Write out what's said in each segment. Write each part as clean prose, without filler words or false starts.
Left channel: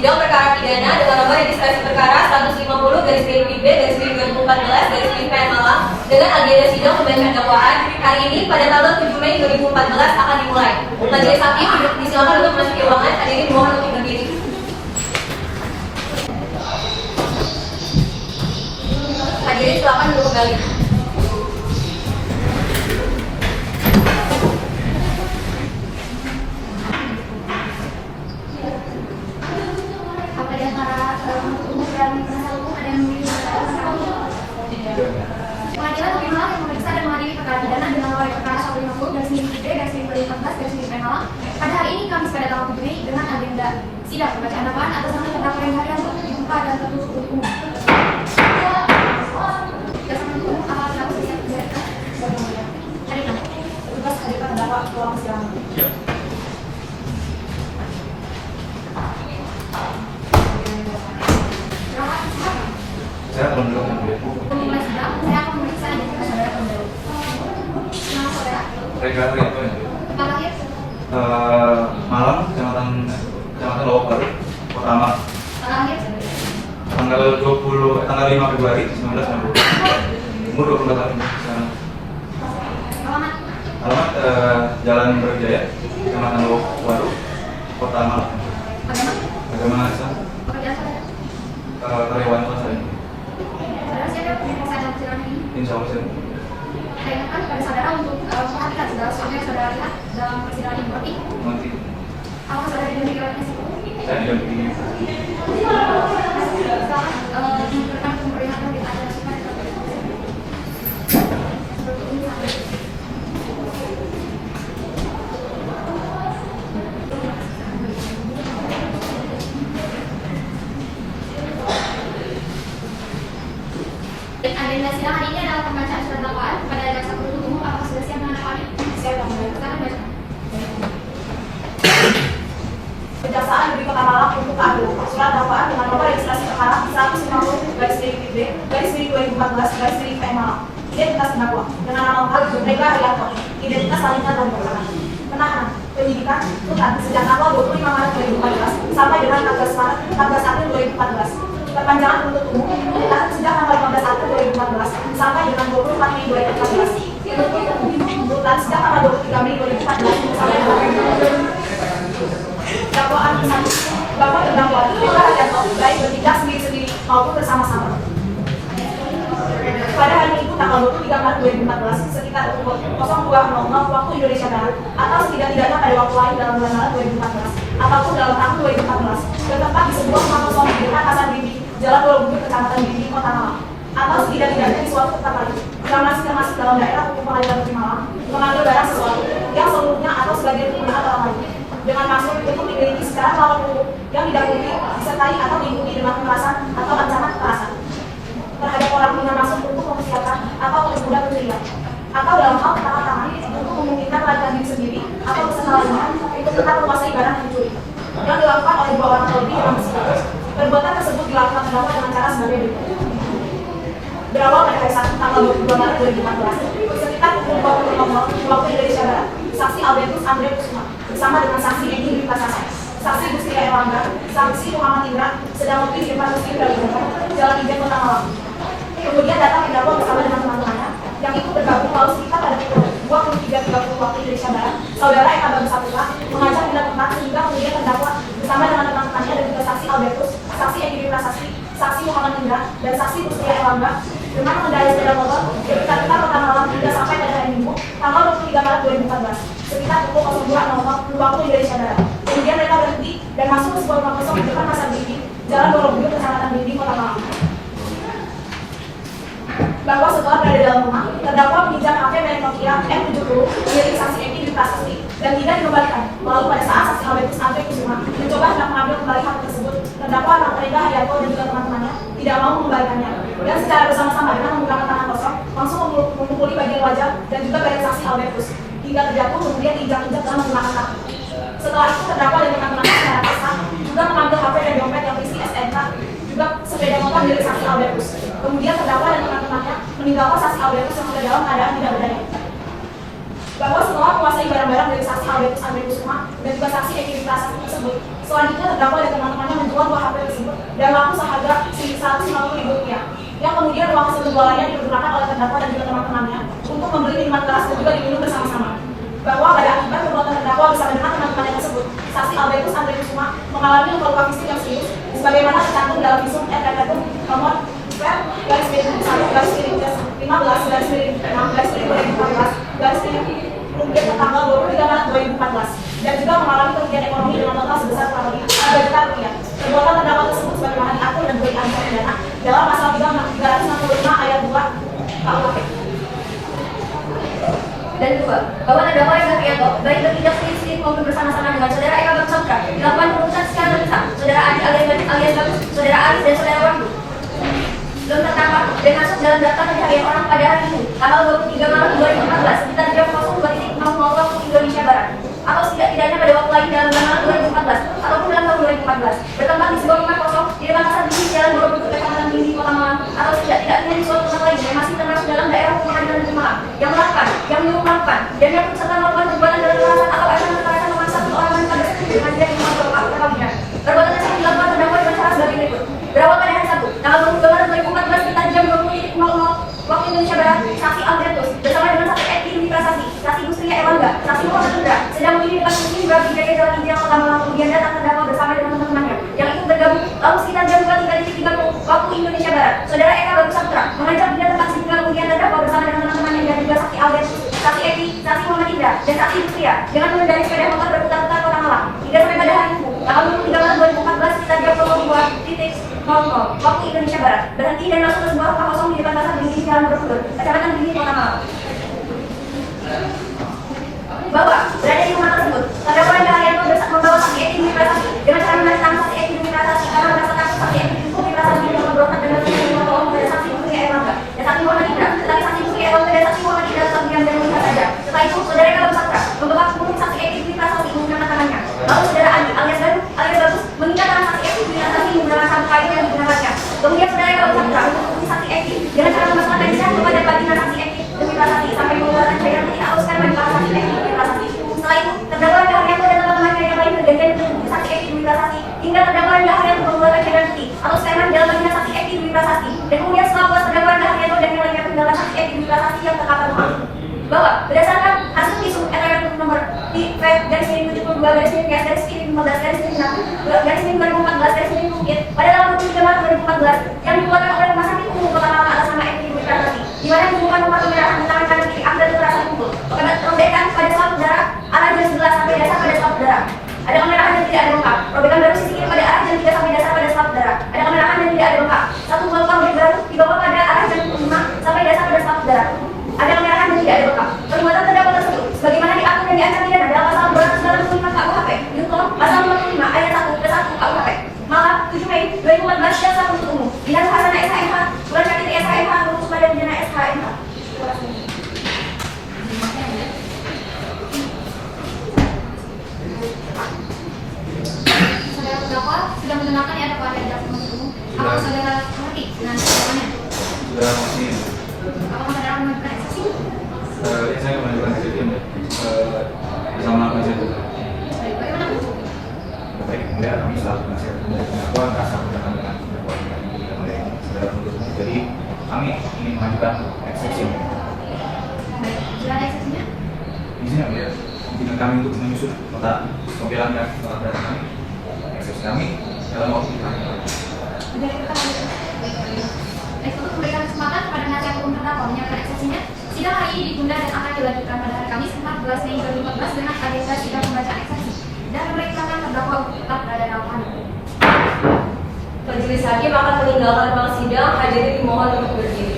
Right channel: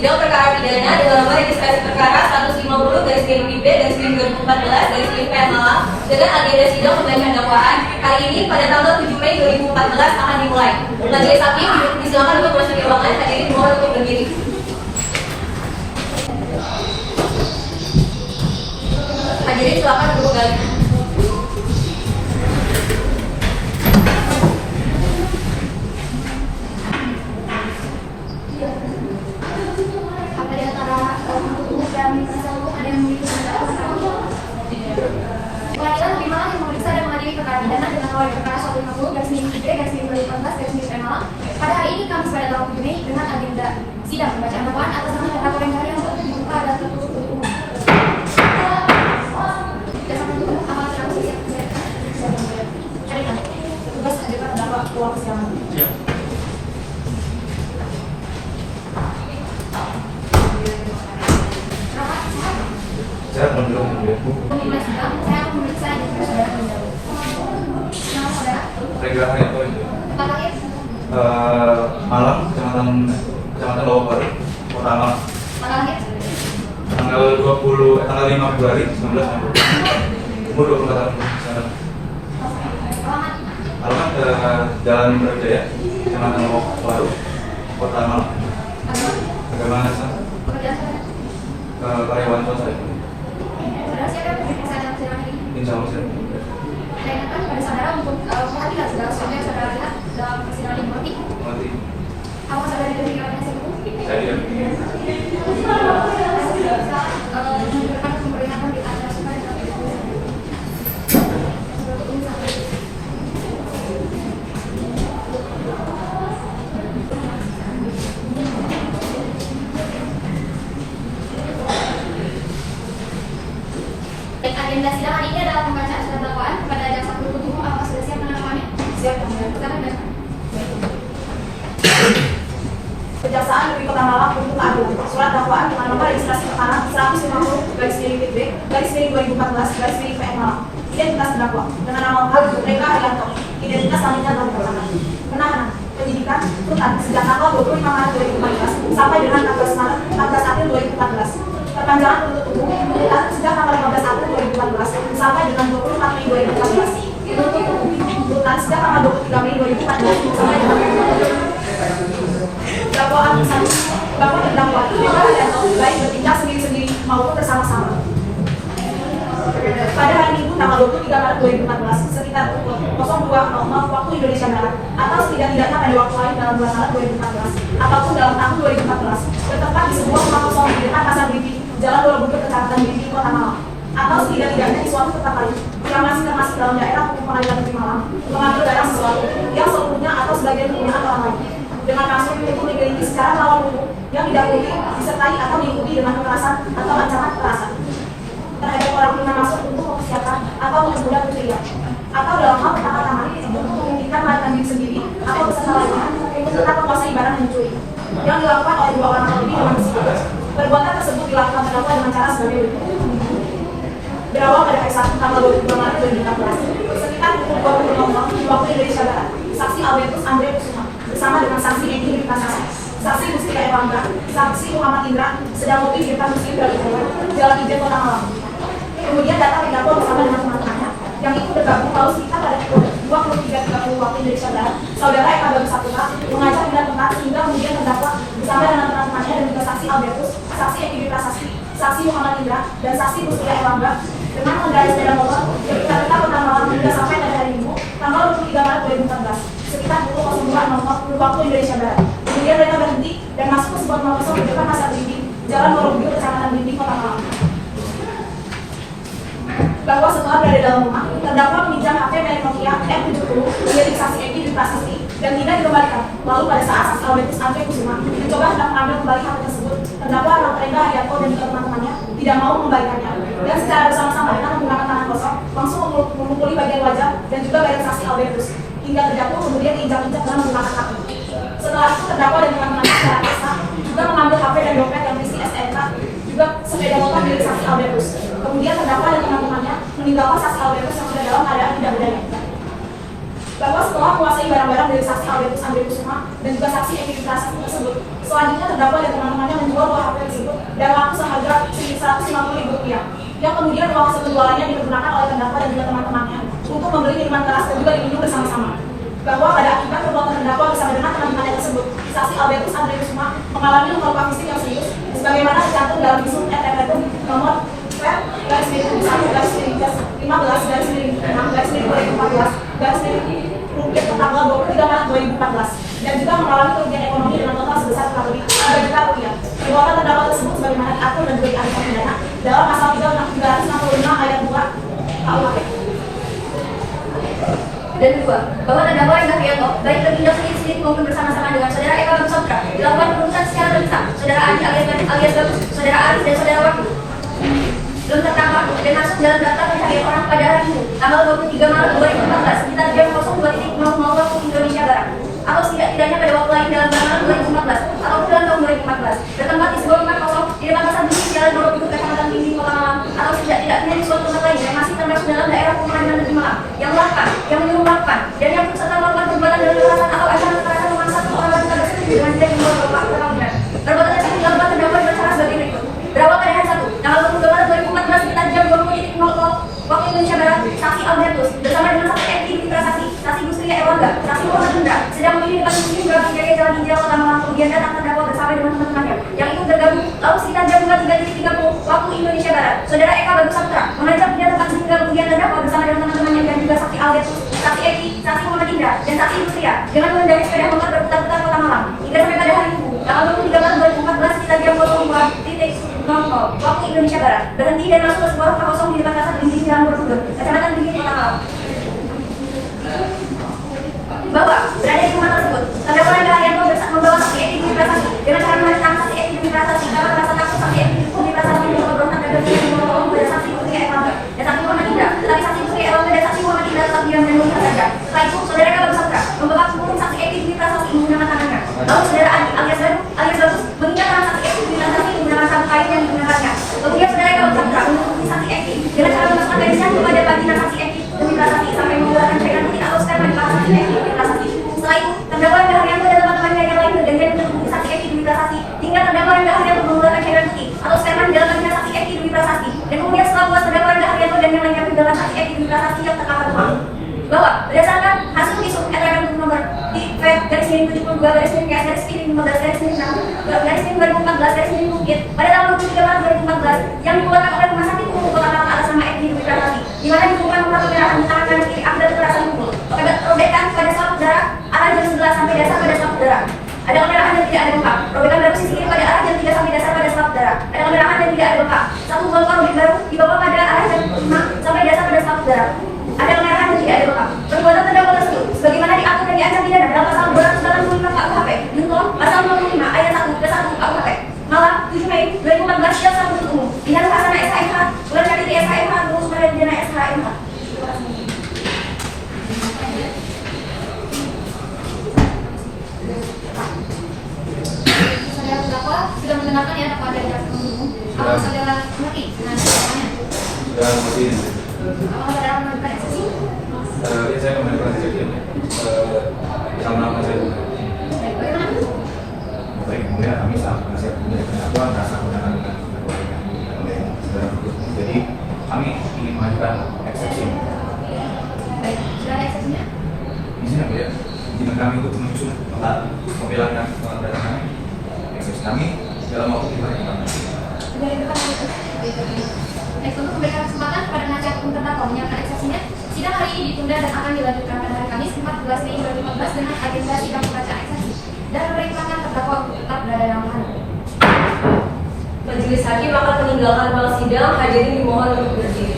Sidang perkara pidana dengan nomor registrasi perkara 150/B/2014 Malang dengan agenda sidang pembacaan dakwaan hari ini pada tanggal 7 Mei 2014 akan dimulai. Majelis hakim disilakan untuk masuk ke ruangan, hadirin mohon untuk berdiri. Hadirin silakan duduk kembali. Pengadilan Negeri Malang yang memeriksa dan mengadili perkara pidana dengan nomor perkara 150/2014 Malang pada hari ini Kamis pada tanggal 7 Mei dengan agenda sidang pembacaan dakwaan atas nama terdakwa yang harian untuk dibuka dan tertutup untuk umum. Dasar penuntut umum amal transaksi yang terjadi. Hari ini tugas hadirkan terdakwa keluar persidangan. Saya belum Saya akan memeriksa dan saudara kembali. Nama saudara? Regan Rianto itu. Tempat lahir? Malang, Kecamatan Lombok Baru, Kota Malang. Tanggal lahir? Tanggal 5 Februari 1960. Umur 24 tahun. Alamat? Alamat Jalan Brawijaya, Kecamatan Lombok Baru, Kota Malang. Agama Islam. Pekerjaan saudara? Karyawan swasta. Saudara siapa yang memeriksa dalam persidangan ini? Insya Allah saya. Saya ingatkan kepada saudara untuk memperhatikan segala sesuatu yang saudara lihat dalam persidangan ini. Mengerti? Nanti Apakah saudara didampingi oleh penasihat hukum? saya didampingi. Menunjukkan keberpihakan di atas suka dan agenda sidang hari ini adalah pembacaan surat dakwaan kepada jaksa penuntut umum. Apakah sudah siap menandatangani? Siap. Silakan baca. Kejaksaan Negeri Kota Malang untuk adu surat dakwaan dengan nomor registrasi perkara 150/2014 Malang. Identitas terdakwa dengan nama lengkap Regan Rianto. Identitas selanjutnya dalam belakang. Penahanan penyidikan Kutan sejak tanggal 25 Maret 2014 sampai dengan 14 April 2014. Perpanjangan penuntut umum Kutan sejak tanggal 15 April 2014 sampai dengan 24 Mei 2014. Penuntut umum Kutan sejak tanggal 23 Mei 2014 sampai dengan dakwaan satu bahwa terdakwa perkara dan baik bertindak sendiri-sendiri maupun bersama-sama. Pada hari Minggu tanggal 23 Maret 2014 sekitar pukul 02.00 waktu Indonesia Barat atau setidak-tidaknya pada waktu lain dalam bulan Maret 2014 ataupun dalam tahun 2014 bertempat di sebuah rumah kosong di dekat Pasar Bibi, Jalan Borobudur, Kecamatan Bibi, Kota Malang, atau setidak-tidaknya di suatu tempat lain yang masih termasuk dalam daerah hukum Pengadilan Negeri Malang mengambil barang sesuatu yang seluruhnya atau sebagian menggunakan orang lain dengan maksud untuk dimiliki secara melawan hukum yang didahului, disertai atau diikuti dengan kekerasan atau ancaman kekerasan terhadap orang dengan maksud untuk mempersiapkan atau mempermudah pencurian atau dalam hal pertama-tama untuk memungkinkan melarikan diri sendiri atau beserta lainnya untuk tetap menguasai barang yang dicuri yang dilakukan oleh dua orang lebih dengan tersebut. Perbuatan tersebut dilakukan terdakwa dengan cara sebagai berikut. Berawal pada hari Sabtu tanggal 22 Maret 2014 sekitar pukul 20.00 waktu Indonesia Barat, saksi Albertus Andre Kusuma bersama dengan saksi Dendi Prasasa, saksi Gustia Ewangga, saksi Muhammad Indra sedang waktu di depan Muslim Brawijaya, Jalan Ijen, Kota Malang. Kemudian datang terdakwa bersama dengan teman-temannya yang ikut bergabung lalu sekitar pada pukul 23.30 waktu Indonesia Barat, saudara Eka Bagus Satria mengajak pindah tempat sehingga kemudian terdakwa bersama dengan teman-temannya dan juga saksi Albertus, saksi Dendi Prasasa, saksi Muhammad Indra dan saksi Gustia Ewangga dengan mengendarai sepeda motor dari Kota Malang hingga sampai pada hari Minggu tanggal 23 Maret 2014 sekitar pukul 02.00 waktu Indonesia Barat. Kemudian mereka berhenti dan masuk ke sebuah rumah kosong di depan Pasar Bibi, Jalan Borobudur, Kecamatan Bibi, Kota Malang. Bahwa setelah berada dalam rumah, terdakwa meminjam HP dari Nokia M70 milik saksi Eki di Prasasti dan tidak dikembalikan. Lalu pada saat saksi Albertus Andre Kusuma mencoba hendak mengambil kembali HP tersebut, terdakwa Regan Rianto dan juga teman-temannya tidak mau mengembalikannya dan secara bersama-sama dengan menggunakan tangan kosong langsung memukuli bagian wajah dan juga bagian saksi Albertus hingga terjatuh kemudian diinjak-injak dengan menggunakan kaki. Setelah itu terdakwa dan teman-temannya secara paksa juga mengambil HP dan dompet yang berisi STNK juga sepeda motor milik saksi Albertus. Kemudian terdakwa dan teman-temannya meninggalkan saksi Albertus yang sudah dalam keadaan tidak berdaya. Bahwa setelah menguasai barang-barang dari saksi Albertus Andre Kusuma dan juga saksi Eki Prasasti tersebut, Selanjutnya terdakwa dan teman-temannya menjual dua HP tersebut dan laku seharga Rp150.000 yang kemudian uang hasil penjualannya digunakan oleh terdakwa dan juga teman-temannya untuk membeli minuman keras dan juga diminum bersama-sama. Bahwa pada akibat perbuatan terdakwa bersama dengan teman-temannya tersebut, saksi Albertus Andriusma mengalami luka fisik yang serius sebagaimana tercantum dalam visum et repertum nomor garis miring 15 garis miring 2014 garis miring publik tanggal 23 Maret 2014 dan juga mengalami kerugian ekonomi dengan total sebesar kurang lebih Rp3 juta. Perbuatan terdakwa tersebut sebagaimana diatur dan diberi ancaman pidana dalam pasal 365 ayat 2 KUHP. Dan kedua, bahwa terdakwa Indra baik bertindak sendiri maupun bersama-sama dengan saudara Eka Bagusotra dilakukan pemecahan secara terpisah, saudara Adi alias Bagus, saudara Aris dan saudara Wahyu belum tertangkap dan masuk dalam daftar pencarian orang pada hari itu, tanggal 23 Maret 2014 sekitar jam 02.00 waktu Indonesia Barat, atau setidak-tidaknya pada waktu lain dalam bulan 2014 atau bulan tahun 2014, bertempat di sebuah tempat kosong di Makassar di Jalan Borobudur, Kecamatan Tinggi, Kota Malang, atau setidak-tidaknya di suatu tempat lain yang masih termasuk dalam daerah pengadilan negeri Malang, yang melakukan, yang menyumbangkan, dan yang serta melakukan perbuatan dengan kekerasan atau ancaman kekerasan memaksa seseorang wanita bersekutu dengan tidak dibuat bapak perkawinan. Perbuatan tersebut dilakukan terdakwa dengan cara sebagai berikut. Berawal pada hari Sabtu, tanggal 22 Maret 2014 sekitar jam 20.00 waktu Indonesia Barat, saksi Albertus bersama dengan saksi Edi Dwi Prasasti, saksi Nusria Erlangga, saksi Muhammad Indra sedang menginap di depan musim berarti dari Jalan Hijau Kota Malang, kemudian datang terdakwa bersama dengan teman-temannya yang ikut bergabung. Lalu sekitar jam 23.30 waktu Indonesia Barat, saudara Eka Bagusotra mengajar di tempat sehingga kemudian terdakwa bersama dengan teman-temannya dan juga saksi Albertus, saksi Edi, saksi Muhammad Indra, dan saksi Nusria dengan mengendarai sepeda motor berputar-putar Kota Malang hingga sampai pada hari Minggu tanggal 23 Maret 2014 sekitar jam 22.00 waktu Indonesia Barat berhenti dan masuk ke sebuah rumah kosong di depan pasar Tinggi Jalan Borobudur, Kecamatan Tinggi, Kota Malang. Bahwa berada di rumah tersebut, terdakwa yang Arianto membawa saksi Edi Dwi Prasasti dengan cara menantang saksi Edi Dwi Prasasti karena merasa takut saksi Edi Dwi Prasasti berontak dan bertemu pada saksi Nusria Erlangga dan saksi Muhammad Indra, tetapi saksi Nusria Erlangga dan saksi Muhammad Indra tetap diam dan melihat saja. Setelah itu, saudara Eka Bagusotra membawa punggung saksi Edi Dwi Prasasti menggunakan tangannya. Lalu saudara Adi alias Bagus mengingat tangan saksi Edi Dwi Prasasti menggunakan sabuk kain dan menggunakannya. Kemudian saudara Eka Bagusotra menghukum saksi Edi dengan cara memasukkan talisnya kepada baginda saksi Edi Dwi Prasasti sampai mengeluarkan cairan yang dihaluskan pada saksi Edi Dwi Prasasti. Setelah itu, terdakwa yang Arianto dan teman-temannya yang lain bergantian menghukum saksi Edi Dwi Prasasti hingga terdakwa yang Arianto mengeluarkan cairan putih atau sperma di dalam baginda saksi Edi Dwi Prasasti. Dan kemudian setelah puas terdakwa yang Arianto dan yang lainnya meninggalkan saksi Edi Dwi Prasasti yang terkapar rumah. Bahwa berdasarkan hasil visum et repertum nomor garis miring 72 garis miring garis miring 15 garis miring 6 garis miring 2014 garis miring pada tanggal 23 Maret 2014 yang dikeluarkan oleh Rumah Sakit Umum Kota Malang atas nama Edi Dwi Prasasti, di mana ditemukan luka pemerahan di tangan kanan kiri akibat kekerasan pukul, robekan pada selaput darah arah jari sebelah sampai dasar pada selaput darah. Ada kemerahan dan tidak ada luka. Robekan baru sisi kiri pada arah jari 3 sampai dasar pada selaput darah. Ada kemerahan dan tidak ada luka. Satu buah luka robek baru dibawa pada arah jari 5 sampai dasar pada selaput darah. Ada kemerahan dan tidak ada luka. Perbuatan terdakwa tersebut sebagaimana diatur dan diancam pidana dalam pasal 265 KUHP junto pasal 25 ayat 1 ke 1 KUHP. Malam 7 Mei 2014 Jaksa Penuntut Umum Dinas Sarana SHMH Bulan Syariti SHMH Lulus Pada Pidana SHMH. Saudara terdakwa sudah mendengarkan ya dakwaan dari jaksa penuntut umum. Apakah saudara mengerti dengan dakwaannya? Sudah ngerti. Apakah saudara menentukan eksepsi? Ya saya nggak menentukan eksepsi bersama saya juga. Baik, bagaimana? Baik, kemudian kami selalu kasih pendakwaan kasar keterangan oleh saudara penuntut. Jadi kami ingin mengajukan eksepsi. Baik, silakan eksepsinya. Izin kami untuk menyusun nota pembelaan dan pembelaan kami. Eksepsi kami dalam waktu 5 hari. Sudah dibuka untuk memberikan kesempatan kepada penasihat hukum terdakwa menyampaikan eksepsinya. Sidang hari ini ditunda dan akan dilanjutkan pada hari Kamis 14 Mei 2014 dengan agenda sidang pembacaan eksepsi dan memerintahkan terdakwa untuk tetap berada dalam tahanan. Majelis hakim akan meninggalkan ruang sidang, hadirin dimohon untuk berdiri.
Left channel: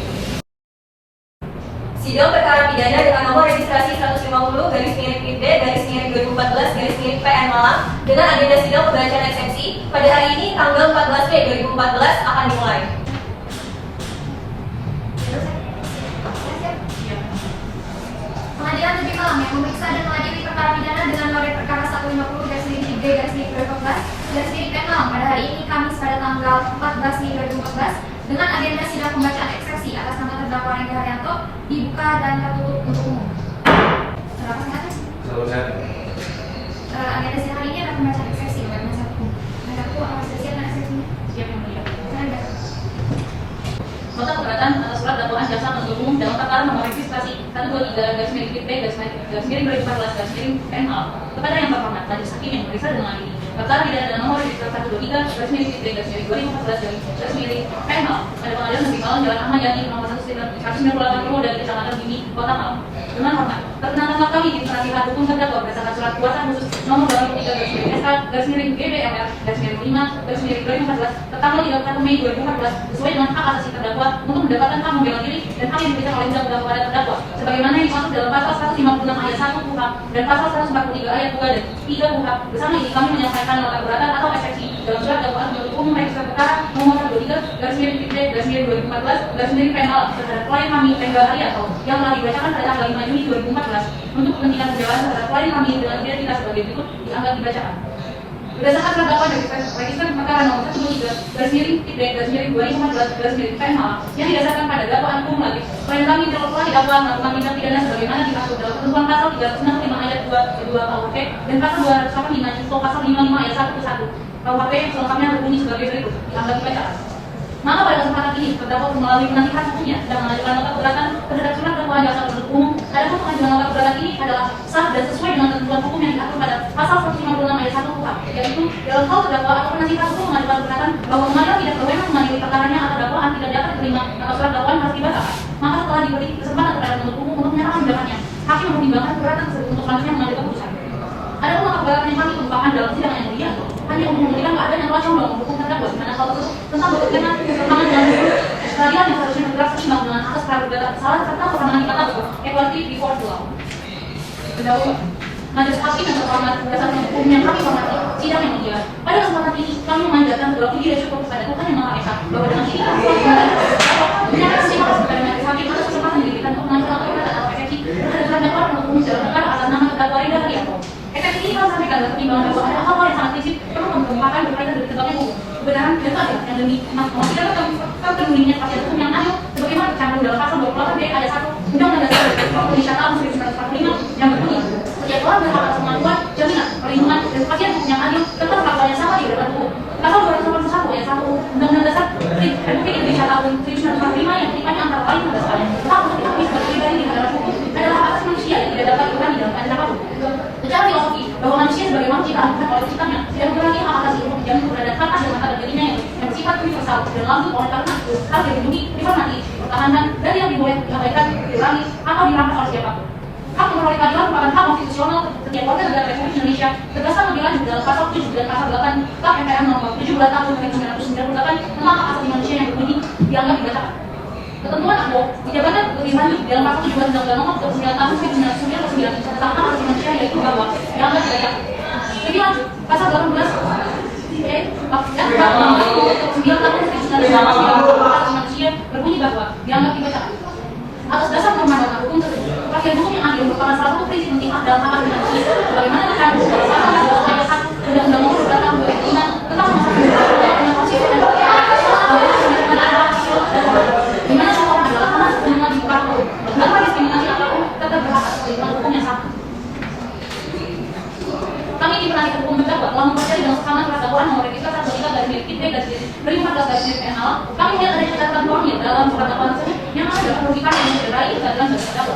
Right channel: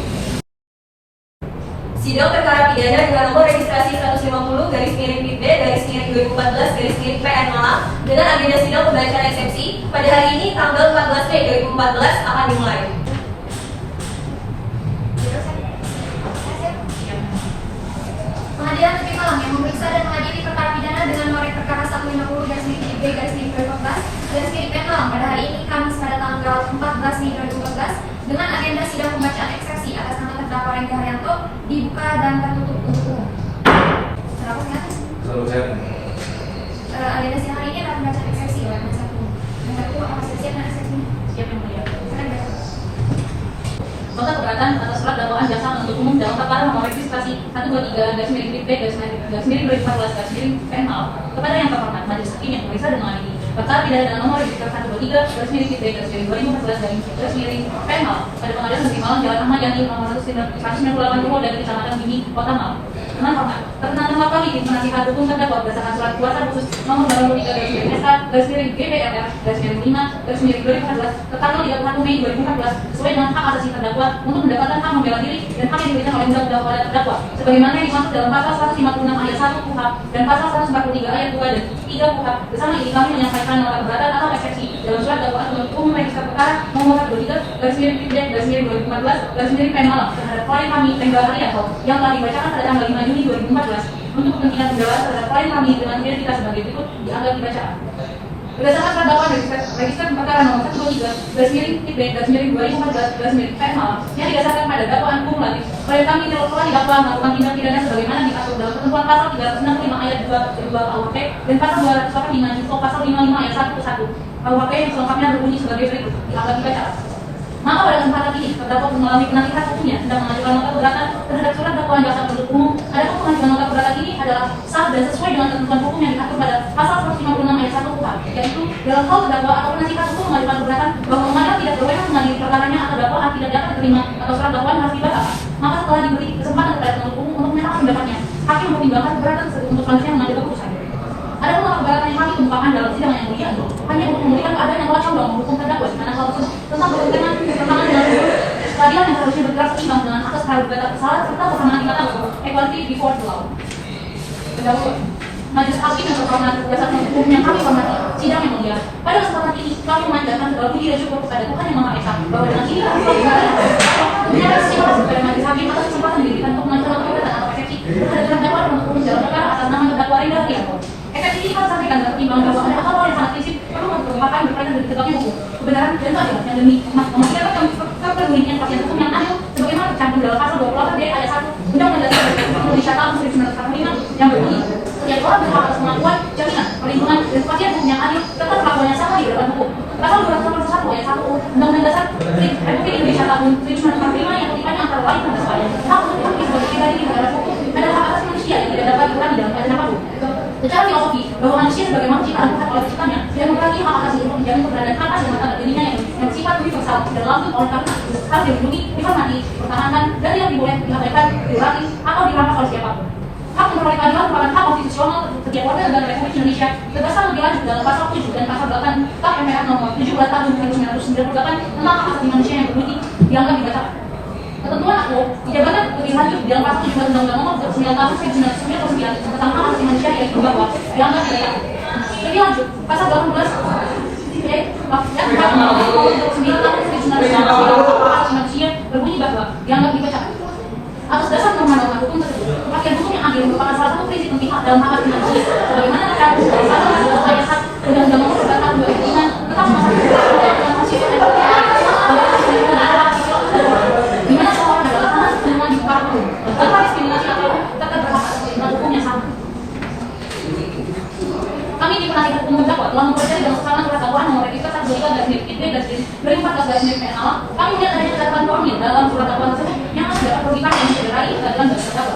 Sidang perkara pidana dengan nomor registrasi 150 garis miring PP garis miring 2014 garis miring PN Malang dengan agenda sidang pembacaan eksepsi pada hari ini tanggal 14 Mei 2014 akan dimulai. Pengadilan Negeri Malang yang memeriksa dan mengadili perkara pidana dengan nomor perkara 150 garis miring B garis miring 2014 garis miring PN Malang pada hari ini Kamis pada tanggal 14 Mei 2014 dengan agenda sidang pembacaan eksepsi atas nama terdakwa Rengga Haryanto dibuka dan tertutup untuk umum. Terdakwa silakan. Selalu saya. Agenda sidang hari ini adalah pembacaan eksepsi oleh Majelis Hakim. siap yang mulia. Nota keberatan atas surat dakwaan jaksa penuntut umum dalam perkara nomor registrasi 123/B/2014/PML kepada yang terhormat majelis hakim yang memeriksa dan mengadili perkara pidana dengan nomor registrasi 123/B/2014/PML pada Pengadilan Negeri Malang Jalan Ahmad Yani nomor 198 Purwo dan Kecamatan Mini, Kota Malang. Dengan hormat, perkenalkan kami di penasihat hukum terdakwa berdasarkan surat kuasa khusus nomor 23/SK/GBMR/5/2014 tertanggal 31 Mei 2014 sesuai dengan hak asasi terdakwa untuk mendapatkan hak membela diri dan hak yang diberikan oleh undang-undang kepada terdakwa sebagaimana dimaksud dalam pasal 156 ayat 1 KUHP dan pasal 143 ayat 2 dan 3 KUHP. Bersama ini kami menyampaikan nota keberatan atau eksepsi dalam surat dakwaan penuntut umum register perkara nomor 23/B/2014/PML terhadap klien kami Tenggal Haryanto yang telah dibacakan pada tanggal 5 Juni 2014 untuk kepentingan pembelaan terhadap klien kami dengan identitas sebagai berikut dianggap dibacakan. Berdasarkan terdakwa register perkara nomor 123/B/2014/PML yang didasarkan pada dakwaan kumulatif, klien kami telah didakwa melakukan tindak pidana sebagaimana diatur dalam ketentuan pasal 365 ayat 2 KUHP dan pasal 285 junto pasal 55 ayat 1 ke 1 KUHP selengkapnya berbunyi sebagai berikut dianggap dibacakan. Maka pada kesempatan ini terdakwa melalui penasihat hukumnya sedang mengajukan nota keberatan terhadap surat dakwaan jaksa penuntut umum. Adapun pengajuan nota keberatan ini adalah sah dan sesuai dengan ketentuan hukum yang diatur pada pasal 156 ayat 1 KUHP, yaitu dalam hal terdakwa atau penasihat hukum mengajukan keberatan bahwa mengajukan tidak berwenang mengadili perkaranya atau dakwaan tidak dapat diterima atau surat dakwaan harus dibatalkan. Maka setelah diberi kesempatan kepada penuntut umum untuk menyatakan pendapatnya, hakim mempertimbangkan keberatan tersebut untuk selanjutnya mengambil keputusan. Adapun nota keberatan yang kami kemukakan dalam sidang yang mulia hanya untuk memberikan keadaan yang wajar dalam mendukung terdakwa di mana hal tersebut tentang berkaitan perkembangan dengan peradilan yang harusnya bergerak seimbang dengan asas praduga kesalahan serta persamaan tingkat equality before the law. Pendahulu, majelis hakim yang terhormat berdasarkan hukum yang kami hormati, sidang yang mulia. Pada kesempatan ini kami memanjatkan segala puji dan syukur kepada Tuhan yang Maha Esa bahwa dengan ini kami terima kasih kepada majelis hakim atas kesempatan yang diberikan untuk mengajukan keberatan atau eksepsi terhadap terdakwa penuntut umum dalam perkara atas nama terdakwa Rinda Haryanto. Eksepsi ini kami sampaikan dalam pertimbangan bahwa hal-hal yang sangat prinsip perlu mengemukakan berkaitan dengan tegaknya hukum, kebenaran dan keadilan yang demi memastikan kepentingan kepastian hukum yang adil sebagaimana tercantum dalam pasal 28 D ayat 1 Undang-Undang Dasar Indonesia tahun 1945 yang berbunyi setiap orang berhak atas kemampuan, jaminan, perlindungan dan kepastian hukum yang adil serta perlakuan yang sama di hadapan hukum. Pasal 281 ayat 1 Undang-Undang Dasar Republik Indonesia tahun 1945 yang tipe antara lain pada sekalian hak untuk aktif sebagai pribadi di hadapan hukum adalah hak asasi manusia yang tidak dapat dikurangi dalam keadaan apapun. Secara filosofi bahwa manusia sebagai makhluk ciptaan oleh ciptaannya tidak mengurangi hak asasi untuk menjamin keberadaan hak asasi mata dirinya yang sifat universal dan lanjut oleh karena itu harus dilindungi, dihormati, dipertahankan dan tidak boleh diabaikan, dikurangi atau dirampas oleh siapapun. Hak memperoleh keadilan merupakan hak konstitusional setiap warga negara Republik Indonesia berdasarkan lebih lanjut dalam pasal 7 dan pasal 8 KUHP MPR nomor 17 tahun 1998 tentang hak asasi manusia yang berbunyi dianggap dibatalkan. Ketentuan aku dijabarkan lebih lanjut dalam pasal 17 Undang-Undang Nomor 29 tahun 1999 tentang hak asasi manusia yang dibawa dianggap dibatalkan. Lebih lanjut pasal 18 dan pasal 9 tahun 1999 tentang hak asasi manusia berbunyi bahwa dianggap dibatalkan. Atas dasar norma-norma hukum tersebut, kepastian hukum yang adil merupakan salah satu prinsip penting dalam hak asasi manusia, sebagaimana tercantum dalam pasal 1 ayat 1 Undang-Undang Nomor 2 tahun 2005 tentang hak asasi manusia, di mana semua orang adalah sama semua di muka hukum, tanpa diskriminasi apapun, tetap berhak atas perlindungan hukum yang sama. Kami di penasihat hukum terdakwa telah mempercayai dalam kesalahan surat dakwaan nomor register 123/B/2014/PML. Kami melihat adanya catatan formil dalam surat dakwaan tersebut yang harus dapat merugikan dan mencederai keadilan bagi terdakwa.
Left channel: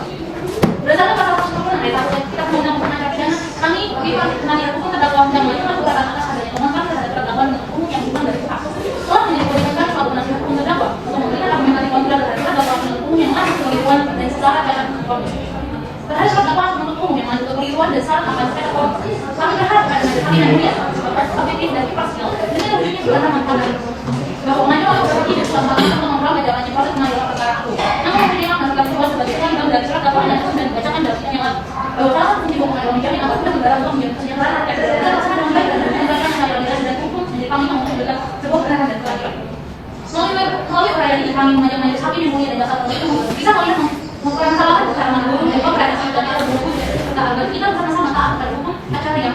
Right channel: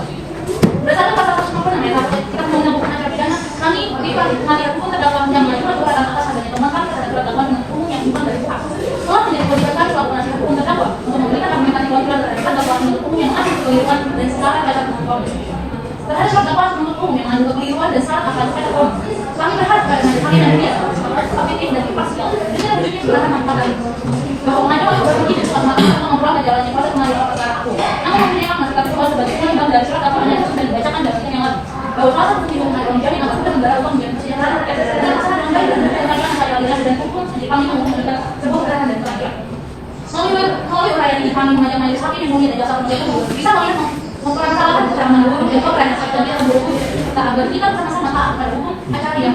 Berdasarkan pasal 146 ayat 1 Kitab Undang-Undang Acara Pidana, kami di penasihat hukum terdakwa dan mengajukan keberatan atas adanya temuan terhadap surat dakwaan penuntut umum yang dibuat dari pihak. Setelah menjadi komitmen kami selaku penasihat hukum terdakwa untuk memberikan argumentasi kontra terhadap surat dakwaan penuntut umum yang mengandung kekeliruan dan sesara pada penuntut umum. Terhadap surat dakwaan penuntut umum yang mengandung kekeliruan dan sesara pada penuntut umum, kami berharap pada majelis hakim dan dia objektif dan imparsial dan tidak wujudnya sebenarnya manfaat lain bahwa pengajuan berbagi dan suatu hal atau memperoleh jalannya proses pengajuan perkara aku. Namun mempertimbangkan naskah tersebut sebagai kewajiban dari surat dakwaan yang sudah dibacakan dalam sidang yang lalu bahwa salah satu fungsi pengajuan menjalin atau tidak membara untuk menjalin kesejahteraan dan melaksanakan dengan baik dan menyampaikan keadilan dan hukum menjadi kami untuk memberikan sebuah kebenaran dan keadilan. Melalui uraian ini kami mengajak majelis hakim yang mulia dan jaksa penuntut umum bisa memperoleh kesalahan secara menyeluruh dan komprehensif dan tidak berhukum serta agar kita bersama-sama taat pada hukum acara yang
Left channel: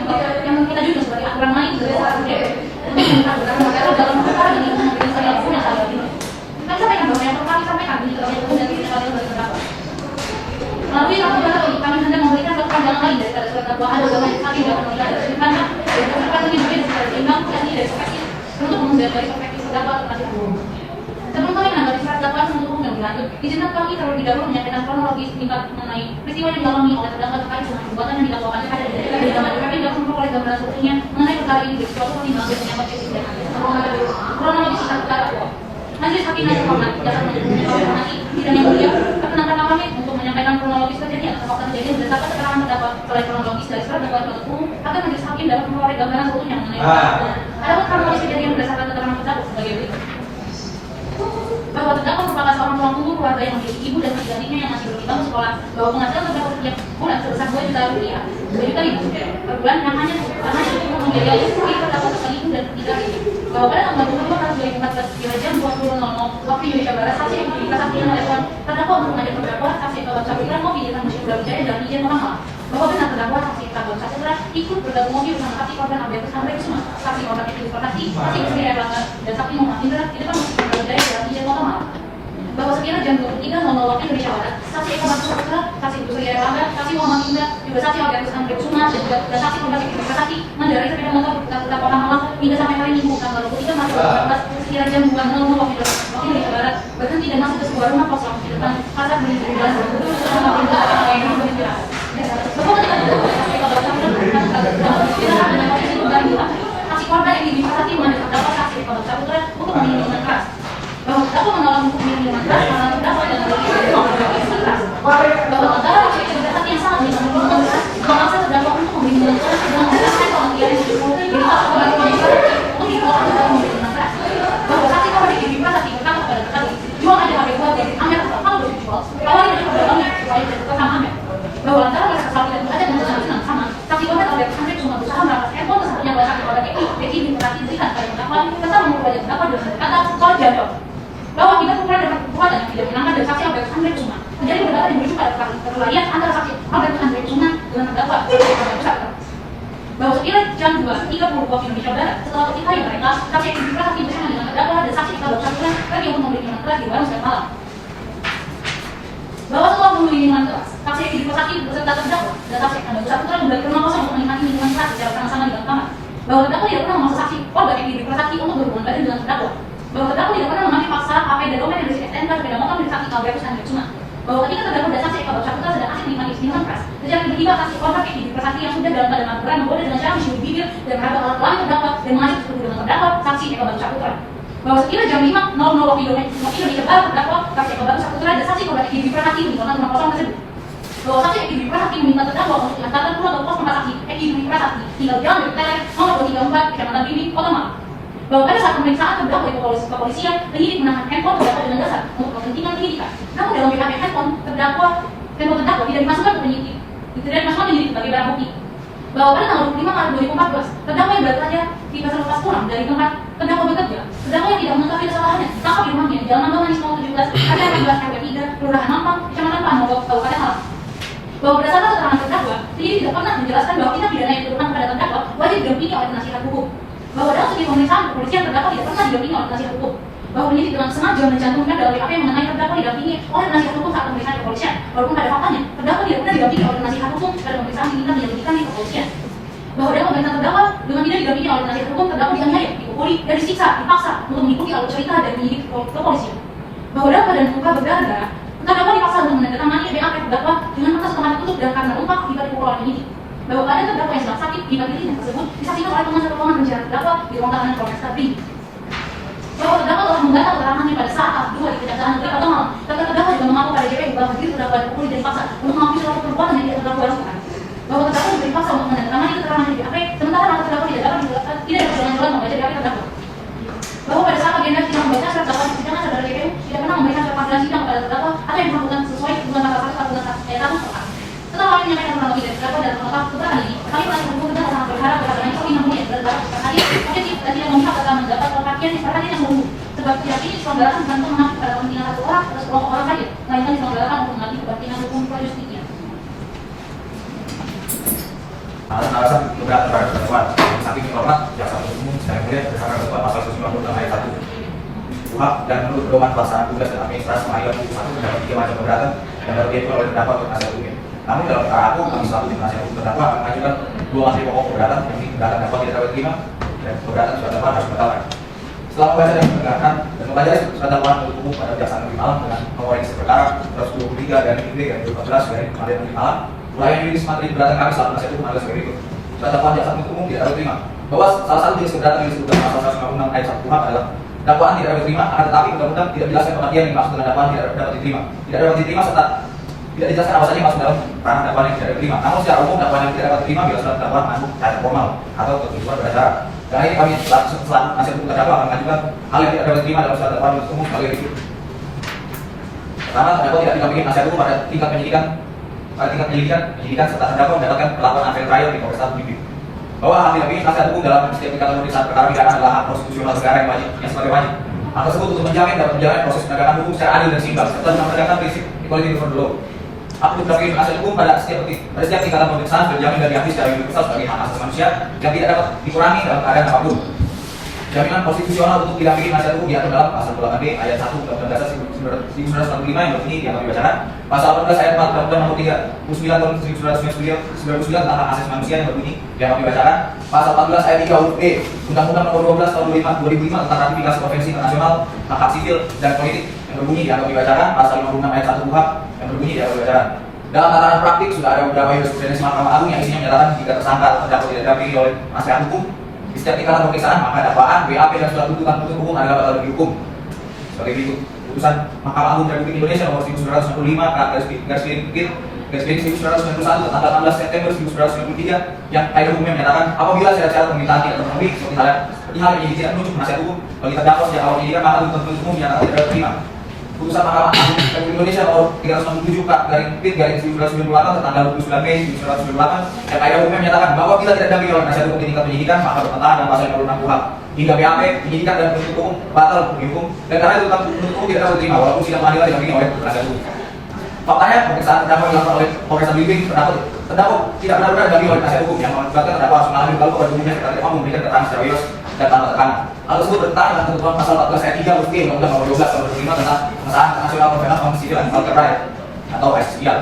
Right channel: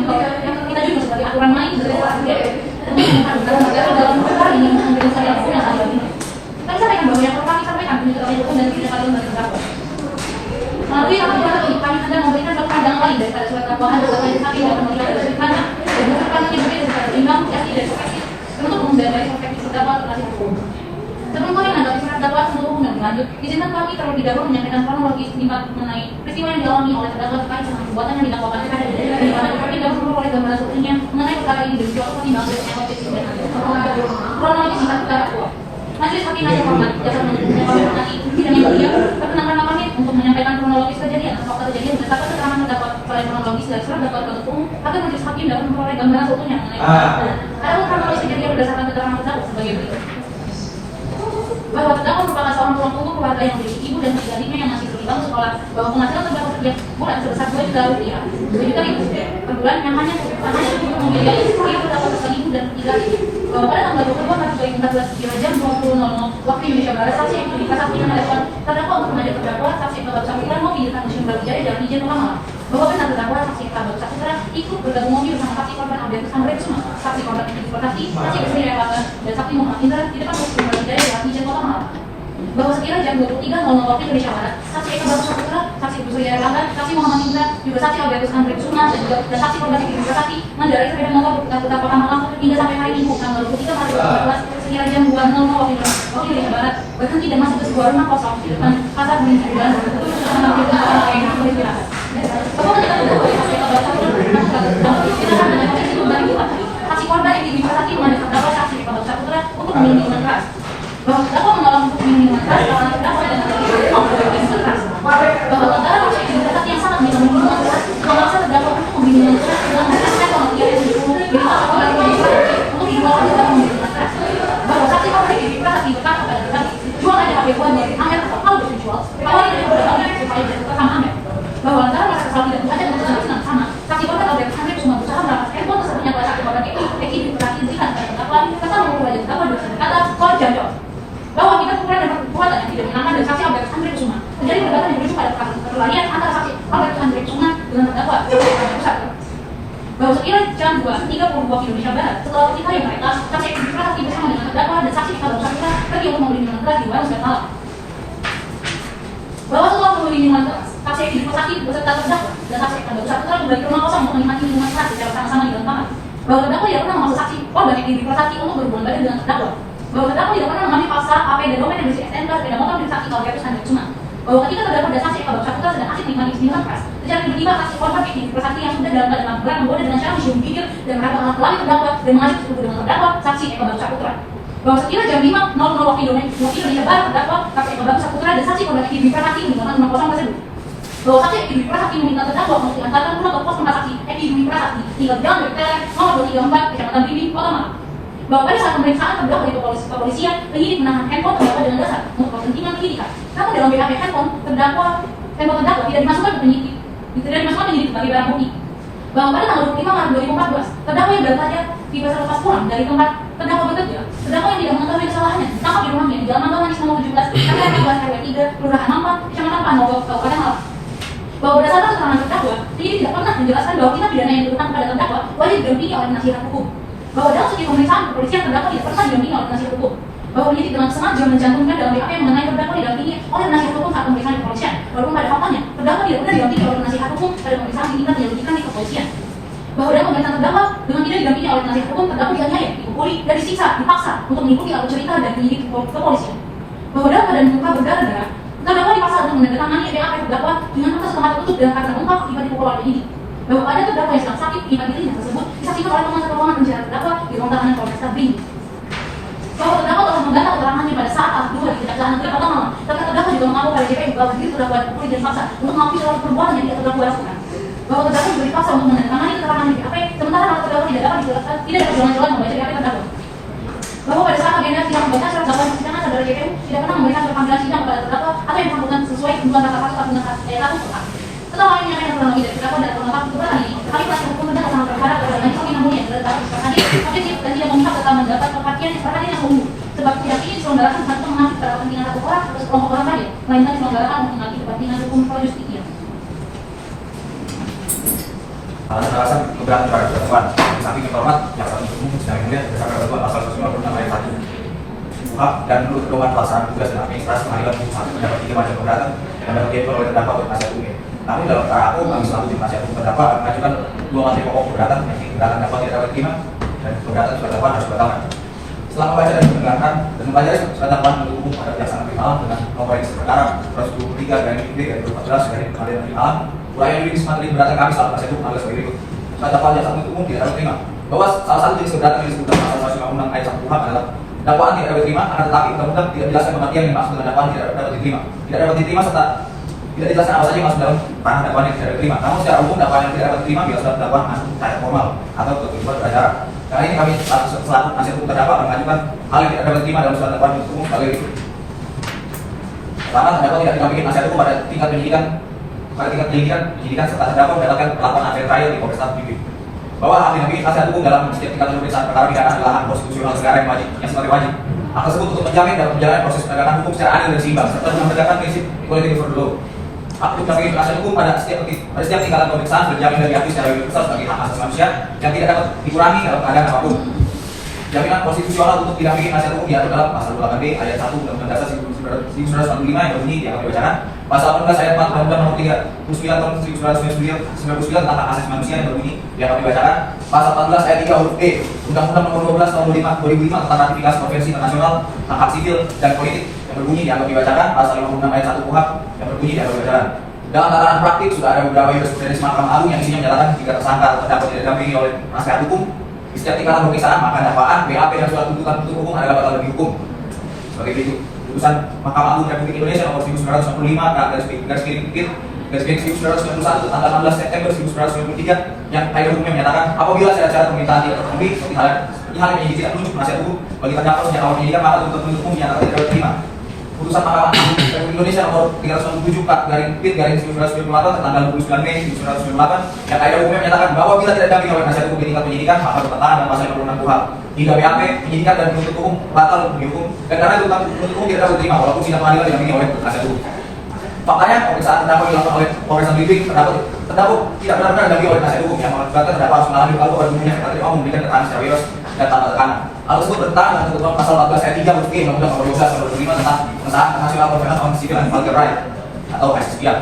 kita juga sebagai aturan main dari seorang DPR untuk mengajukan materi dalam perkara ini menjadi segala hukum yang adil. Kami sampaikan bahwa yang perlu kami sampaikan ini terkait hukum dan tidak adil dan terdakwa. Melalui argumentasi ini kami hendak memberikan satu pandangan lain dari surat dakwaan dan majelis hakim yang menilai dari perkara dan berpendapat yang berbeda secara seimbang, yakni dari perspektif penuntut umum dan dari perspektif terdakwa dakwaan penasihat hukum. Sebelum kami menanggapi surat dakwaan untuk hukum yang berlanjut, izinkan kami terlebih dahulu menyampaikan kronologis tingkat mengenai peristiwa yang dialami oleh terdakwa terkait dengan perbuatan yang didakwakan kepada kami dan seluruh oleh gambaran seutuhnya mengenai perkara ini dan suatu pertimbangan dan evaluasi kronologis singkat perkara kuat. Majelis Hakim yang terhormat, jasa menyebutnya kami menghormati sidang yang mulia, perkenankan kami untuk menyampaikan kronologis kejadian atau fakta kejadian berdasarkan keterangan terdakwa oleh kronologis dari surat dakwaan penuntut umum agar majelis hakim dapat memperoleh gambaran seutuhnya mengenai perkara. Adapun kronologis kejadian berdasarkan keterangan terdakwa sebagai berikut. Bahwa terdakwa merupakan seorang tulang punggung keluarga yang memiliki ibu dan tiga adiknya yang masih belum dibangun sekolah, bahwa penghasilan terdakwa setiap bulan sebesar 2 juta rupiah, 2 juta ribu per bulan yang hanya cukup membiayai istri terdakwa bersama ibu dan tiga adik. Bahwa pada tanggal 22 Maret 2014 jam 20.00 waktu Indonesia Barat, saksi yang diberikan saksi menghadapkan terdakwa untuk mengajak terdakwa saksi Kabak Saputra mau pinjamkan Museum Brawijaya dan izin orang malam. Bahwa benar terdakwa saksi Kabak Saputra ikut bergabung mobil bersama saksi korban Albertus Andre Kusuma, saksi korban itu Pertati, saksi Istri Erlangga dan saksi Muhammad Indra di depan Museum Brawijaya dan izin orang malam. Bahwa sekira jam 23.00 waktu Indonesia Barat, saksi Eka Batu Saputra, saksi Istri Erlangga, saksi Muhammad Indra, juga saksi Albertus Andre Kusuma dan saksi korban itu Pertati mengendarai sepeda motor terdakwa malam hingga sampai hari Minggu tanggal 23 Maret 2014 sekira jam 2.00 waktu Indonesia Barat berhenti dan masuk ke sebuah rumah kosong di depan pasar menuju jalan saksi korban yang diminta mengenai terdakwa saksi Kabak Saputra untuk meminum minuman keras. Bahwa terdakwa menolak untuk minum minuman keras karena terdakwa dan terdakwa mau berbagi minuman keras. Bahwa terdakwa masih juga saksi yang sangat minum minuman keras memaksa terdakwa untuk meminum minuman keras dengan menggunakan kalau dia untuk dibawa ke dalam minuman keras. Bahwa saksi korban yang diminta saksi pertama pada terdakwa jual aja pakai buat dari Amer atau kalau dijual bahwa tidak bertanggung supaya tidak terkena Amer. Bahwa antara mereka saksi dan belajar menggunakan dengan sama saksi korban oleh Amer cuma berusaha merapat handphone tersebutnya pada saksi korban Eki berarti berikan pada terdakwa serta mengukur wajah terdakwa dengan kata soal jawab bahwa kita ukuran dapat kekuatan yang tidak menyenangkan dari saksi Albertus Andre Kusuma menjadi perdebatan yang berujung pada perkelahian antara saksi Albertus Andre Kusuma dengan terdakwa bahwa sekira jam 2.30 waktu Indonesia Barat setelah peristiwa yang mereka saksi Eki berarti bersama dengan terdakwa dan saksi Kabak Saputra pergi untuk membeli minuman keras di warung dan malam. Bahwa setelah membeli minuman keras, saksi Eki bersaksi beserta terdakwa dan saksi Kabak Saputra kembali ke rumah kosong untuk menikmati minuman keras secara sama-sama di dalam kamar. Bahwa terdakwa tidak pernah memaksa saksi korban Eki bersaksi untuk berhubungan badan dengan terdakwa. Bahwa terdakwa tidak pernah mengambil paksa HP dan dokumen yang berisi STNK sepeda motor milik saksi Albertus Andre Kusuma. Bahwa ketika terdakwa dan saksi Kabak Saputra sedang asik menikmati minuman keras, secara tiba-tiba saksi korban Eki bersaksi yang sudah dalam keadaan mabuk memboleh dengan cara mencium bibir dan meraba alat kelamin terdakwa dan mengajak bertemu dengan terdakwa saksi Kabak Saputra. Bahwa sekira jam 5.00 waktu Indonesia Barat terdakwa saksi Kabak Saputra dan saksi korban Eki bersaksi meninggalkan rumah kosong tersebut. Bahwa saksi Eki bersaksi meminta terdakwa untuk diantarkan pulang ke pos rumah saksi Eki bersaksi hingga jalan dari Teler nomor 234 Kecamatan Bibi, Kota Malang. Bahwa pada saat pemeriksaan terdakwa di kepolisian penyidik menahan handphone terdakwa dengan dasar untuk kepentingan penyidikan. Namun dalam BHP handphone terdakwa tidak dimasukkan ke penyidik, tidak dimasukkan penyidik sebagai barang bukti. Bahwa pada tanggal 25 Maret 2014 terdakwa yang baru saja tiba lepas pulang dari tempat terdakwa bekerja, terdakwa yang tidak mengetahui kesalahannya ditangkap di rumahnya di Jalan Mampang Manis 17 RT 13 RW 3 Kelurahan Mampang Kecamatan Panogok Kabupaten Malang. Bahwa berdasarkan keterangan terdakwa, penyidik tidak pernah menjelaskan bahwa tindak pidana yang dituduhkan kepada terdakwa wajib didampingi oleh penasihat hukum. Bahwa dalam segi pemeriksaan kepolisian terdakwa tidak pernah didampingi oleh penasihat hukum. Bahwa penyidik dengan sengaja mencantumkan dalam BAP yang mengenai terdakwa didampingi oleh penasihat hukum saat pemeriksaan di kepolisian. Walaupun pada faktanya terdakwa tidak pernah didampingi oleh penasihat hukum pada pemeriksaan diminta dilakukan di kepolisian. Bahwa dalam pemeriksaan terdakwa dengan tidak didampingi oleh penasihat hukum terdakwa dianiaya, dipukuli, dan disiksa, dipaksa untuk mengikuti alur cerita dan penyidik kepolisian. Bahwa dalam keadaan muka berdarah-darah, terdakwa dipaksa untuk menandatangani BAP terdakwa dengan mata setengah tertutup dan karena lengkap akibat dipukul oleh penyidik. Bahwa ada terdakwa yang sedang sakit akibat dirinya tersebut disaksikan oleh penasihat hukum penjara terdakwa di ruang tahanan Polres Tabing. Bahwa terdakwa telah menggantar keterangannya pada saat tahap 2 di Kejaksaan Negeri Kota Malang. Terdakwa juga mengaku pada JPU bahwa diri terdakwa dipukuli dan dipaksa untuk mengakui seluruh perbuatan yang dia terdakwa lakukan. Bahwa terdakwa dipaksa untuk menandatangani keterangan di BAP, sementara mata terdakwa tidak dapat dijelaskan, tidak dapat jalan-jalan membaca BAP terdakwa. Bahwa pada saat agenda sidang membaca surat dakwaan persidangan saudara JPU tidak pernah memberikan surat panggilan sidang kepada terdakwa atau yang bersangkutan sesuai ketentuan kata pasal 1 ayat 1. Setelah kami menyampaikan kronologi dari terdakwa dan mengungkap keterangan ini, kami merasa hukum dan sangat berharap kepada majelis yang mulia dan terdakwa berhadir, objektif dan tidak memihak serta mendapat perhatian yang menunggu. Sebab tidak ini diselenggarakan bukan untuk menangkap pada kepentingan satu orang atau sekelompok orang saja, melainkan diselenggarakan untuk mengambil kepentingan hukum projustitia. Alasan beberapa cara ketentuan, tapi hormat jaksa penuntut umum secara mulia berdasarkan ketentuan pasal 196 ayat 1 KUHP dan menurut pedoman pelaksanaan tugas dan administrasi pengadilan umum satu terhadap 3 macam keberatan dan diatur oleh terdakwa untuk penasihat hukum. Namun dalam perkara aku kami selaku tim penasihat hukum terdakwa akan mengajukan 2 materi pokok keberatan, yakni keberatan dakwaan tidak dapat diterima dan keberatan surat dakwaan harus batalkan. Setelah membaca dan mendengarkan dan mempelajari surat dakwaan penuntut umum pada berdasarkan malam dengan nomor register perkara 123 dan MIB dari 2014 dari Pengadilan Negeri Malang, uraian yuridis materi keberatan kami saat penasihat hukum adalah sebagai berikut. Surat dakwaan jaksa penuntut umum tidak dapat diterima bahwa salah satu jenis keberatan yang disebutkan pasal 156 ayat 1 KUHP adalah dakwaan tidak dapat diterima, akan tetapi undang-undang tidak menjelaskan pengertian yang dimaksud dengan dakwaan tidak dapat diterima. Tidak dapat diterima serta tidak dijelaskan apa saja yang masuk dalam ranah dakwaan yang tidak dapat diterima. Namun secara umum dakwaan yang tidak dapat diterima bila surat dakwaan masuk tahap formal atau ketentuan beracara. Karena ini kami selaku penasihat hukum terdakwa akan mengajukan hal yang tidak dapat diterima dalam surat dakwaan penuntut umum sebagai berikut. Pertama, terdakwa tidak didampingi penasihat hukum pada tingkat penyidikan serta terdakwa mendapatkan perlakuan adil trial di Polresta Mimpi. Bahwa hal didampingi penasihat hukum dalam setiap tingkat pemeriksaan perkara pidana adalah hak konstitusional negara yang sifatnya wajib. Hal tersebut untuk menjamin dapat berjalan proses penegakan hukum secara adil dan seimbang serta mempertegakkan prinsip equality before the law. Hak didampingi penasihat hukum pada setiap tingkatan pemeriksaan berjamin dan diakui secara universal sebagai hak asasi manusia yang tidak dapat dikurangi dalam keadaan apapun. Jaminan konstitusional untuk didampingi penasihat hukum diatur dalam pasal 28B ayat 1 Undang-Undang Dasar 1945 yang berbunyi dianggap dibacakan, pasal 18 ayat 4 Undang-Undang Nomor 39 Tahun 1999 tentang hak asasi manusia yang berbunyi dianggap dibacakan, pasal 14 ayat 3 huruf B Undang-Undang Nomor 12 Tahun 2005 tentang ratifikasi konvensi internasional hak sipil dan politik yang berbunyi dianggap dibacakan, pasal 56 ayat 1 KUHP yang berbunyi dianggap dibacakan. Dalam tataran praktik sudah ada beberapa jurisprudensi Mahkamah Agung yang isinya menyatakan jika tersangka terdakwa tidak didampingi oleh penasihat hukum di setiap tingkatan pemeriksaan maka dakwaan, BAP dan surat tuntutan penuntut umum adalah bakal dihukum. Sebagai berikut. Putusan Mahkamah Agung Republik Indonesia nomor 1995 garis miring 1991 tanggal 16 September 1993 yang kaidah umumnya menyatakan apabila syarat-syarat permintaan tidak terpenuhi seperti hal yang menyimpulkan penuntut penasihat hukum bagi terdakwa sejak awal penyidikan maka tuntutan penuntut umum dinyatakan tidak diterima. Putusan Mahkamah Agung Republik Indonesia nomor 397 1998 tertanggal 29 Mei 1998 yang kaidah umumnya menyatakan bahwa bila tidak didampingi oleh penasihat hukum di tingkat penyidikan maka bertentangan dengan pasal 56 KUHP hingga BAP, penyidikan dan penuntut umum batal dihukum dan karena itu penuntut umum tidak dapat diterima walaupun sidang pengadilan didampingi oleh penasihat hukum. Faktanya pemeriksaan terdakwa dilakukan oleh Polresta Mimpi terdakwa tidak benar-benar didampingi oleh penasihat hukum yang mengakibatkan terdakwa harus mengalami kalau dunia karena tidak mau memberikan keterangan secara bebas dan tanpa tekanan. Hal tersebut bertentangan dengan ketentuan pasal 14 ayat 3 huruf B Undang-Undang Nomor 12 Tahun 2005 tentang pengesahan nasional perbedaan kaum sipil dan human rights atau HSPR.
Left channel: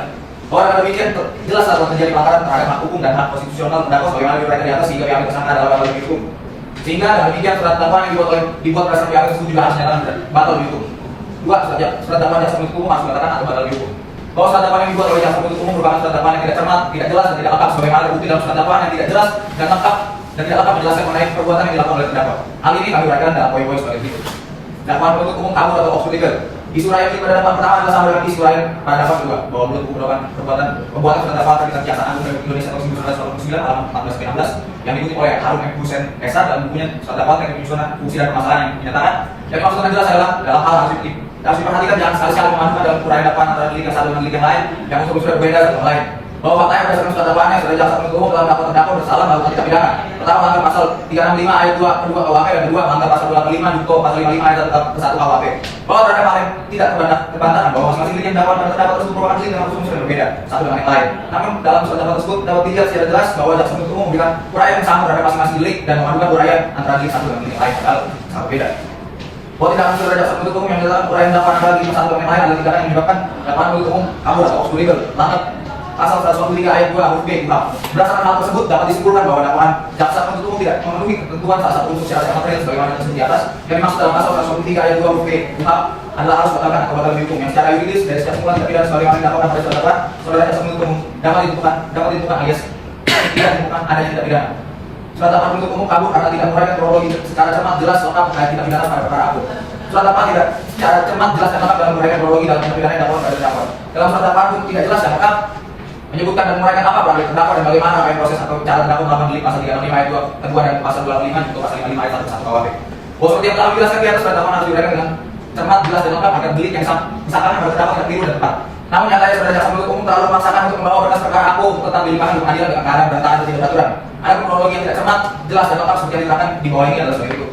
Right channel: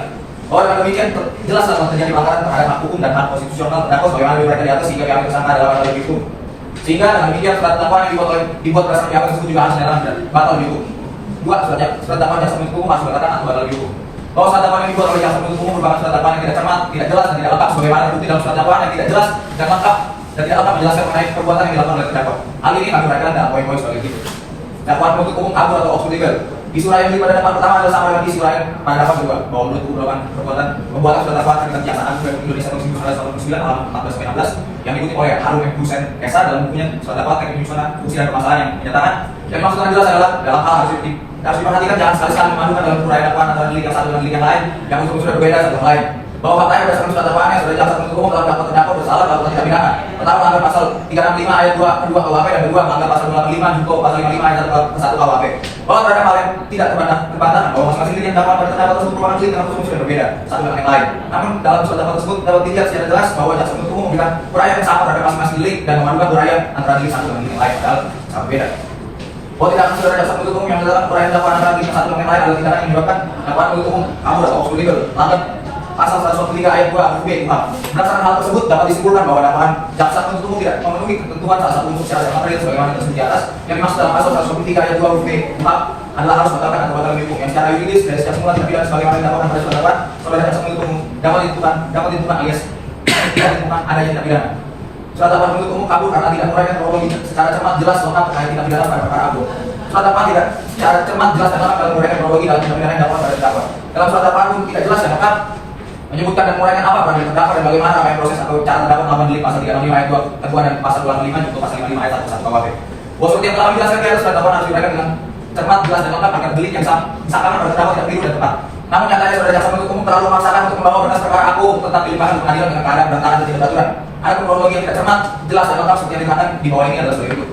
Bahwa dengan demikian jelas telah terjadi pelanggaran terhadap hak hukum dan hak konstitusional terdakwa sebagaimana diuraikan di atas sehingga pihak tersangka dalam hal hukum. Sehingga dengan demikian surat dakwaan yang dibuat berdasarkan pihak tersebut juga harus dinyatakan batal dihukum. Dua, surat dakwaan jaksa penuntut umum harus dibatalkan atau batal dihukum. Bahwa surat dakwaan yang dibuat oleh jaksa penuntut umum merupakan surat dakwaan yang tidak cermat, tidak jelas dan tidak lengkap sebagaimana terbukti dalam surat dakwaan yang tidak jelas dan lengkap dan tidak lengkap menjelaskan mengenai perbuatan yang dilakukan oleh terdakwa. Hal ini kami uraikan dalam poin-poin sebagai berikut. Dakwaan penuntut umum kabur atau obstruksi legal. Isu lain pada dakwaan pertama adalah sama dengan isu lain pada dakwaan kedua bahwa menuntut umum melakukan perbuatan pembuatan surat dakwaan terkait kejaksaan agung Republik Indonesia tahun 1989 halaman 14-16 yang diikuti oleh Harun M. Hussein Esa dalam bukunya surat dakwaan terkait penyusunan fungsi dan permasalahan yang menyatakan yang dimaksudkan jelas adalah dalam hal harus diperhatikan jangan sekali-sekali memadukan dalam uraian dakwaan antara delik yang satu dan delik yang lain yang unsur-unsur berbeda satu sama lain. Bahwa faktanya berdasarkan surat dakwaannya sudah jaksa penuntut umum telah mendakwa terdakwa bersalah dalam tindak pidana. Pertama melanggar pasal 365 ayat 2 KUHP dan kedua melanggar pasal 25 junto pasal 55 ayat 1 KUHP. Bahwa terhadap hal yang tidak terbantahkan bahwa masing-masing delik yang dakwaan pada terdakwa tersebut merupakan delik dengan unsur yang berbeda satu dengan yang lain. Namun dalam surat dakwaan tersebut dapat dilihat secara jelas bahwa jaksa penuntut umum memberikan uraian yang sama terhadap masing-masing delik dan memadukan uraian antara delik satu dengan delik yang lain padahal sangat berbeda. Bahwa tidak saudara jaksa penuntut umum yang menyatakan uraian dakwaan antara delik satu dengan yang lain adalah tindakan yang menyebabkan dakwaan penuntut umum kabur atau obstruksi legal. Pasal 123 ayat 2 huruf B KUHP. Berdasarkan hal tersebut dapat disimpulkan bahwa dakwaan jaksa penuntut umum tidak memenuhi ketentuan salah satu unsur syarat material sebagaimana tersebut di atas yang dimaksud dalam pasal 123 ayat 2 huruf B KUHP adalah harus dibatalkan atau batal hukum yang secara yuridis dari setiap kumpulan tindak pidana sebagaimana dilakukan pada surat dakwaan saudara jaksa penuntut umum dapat ditentukan alias tidak ditentukan adanya tindak pidana. Surat dakwaan penuntut umum kabur karena tidak menguraikan kronologi secara cermat jelas lengkap terkait tindak pidana pada perkara agung. Surat dakwaan tidak secara cermat jelas dan lengkap dalam menguraikan kronologi dalam tindak pidana yang dakwaan pada terdakwa. Dalam surat dakwaan pun tidak jelas dan lengkap menyebutkan dan menguraikan apa peran terdakwa dan bagaimana apa yang proses atau cara terdakwa melakukan delik pasal 365 ayat 2 kedua dan pasal 25 junto pasal 55 ayat 1 KUHP. Bahwa seperti yang telah dijelaskan di atas surat dakwaan harus diuraikan dengan cermat, jelas dan lengkap agar delik yang disangkakan pada terdakwa tidak keliru dan tepat. Namun nyatanya saudara jaksa penuntut umum terlalu memaksakan untuk membawa berkas perkara agung tentang dilimpahkan ke pengadilan dengan keadaan berantakan dan tidak beraturan. Ada kronologi yang tidak cermat, jelas dan lengkap seperti yang diterangkan di bawah ini adalah seperti itu.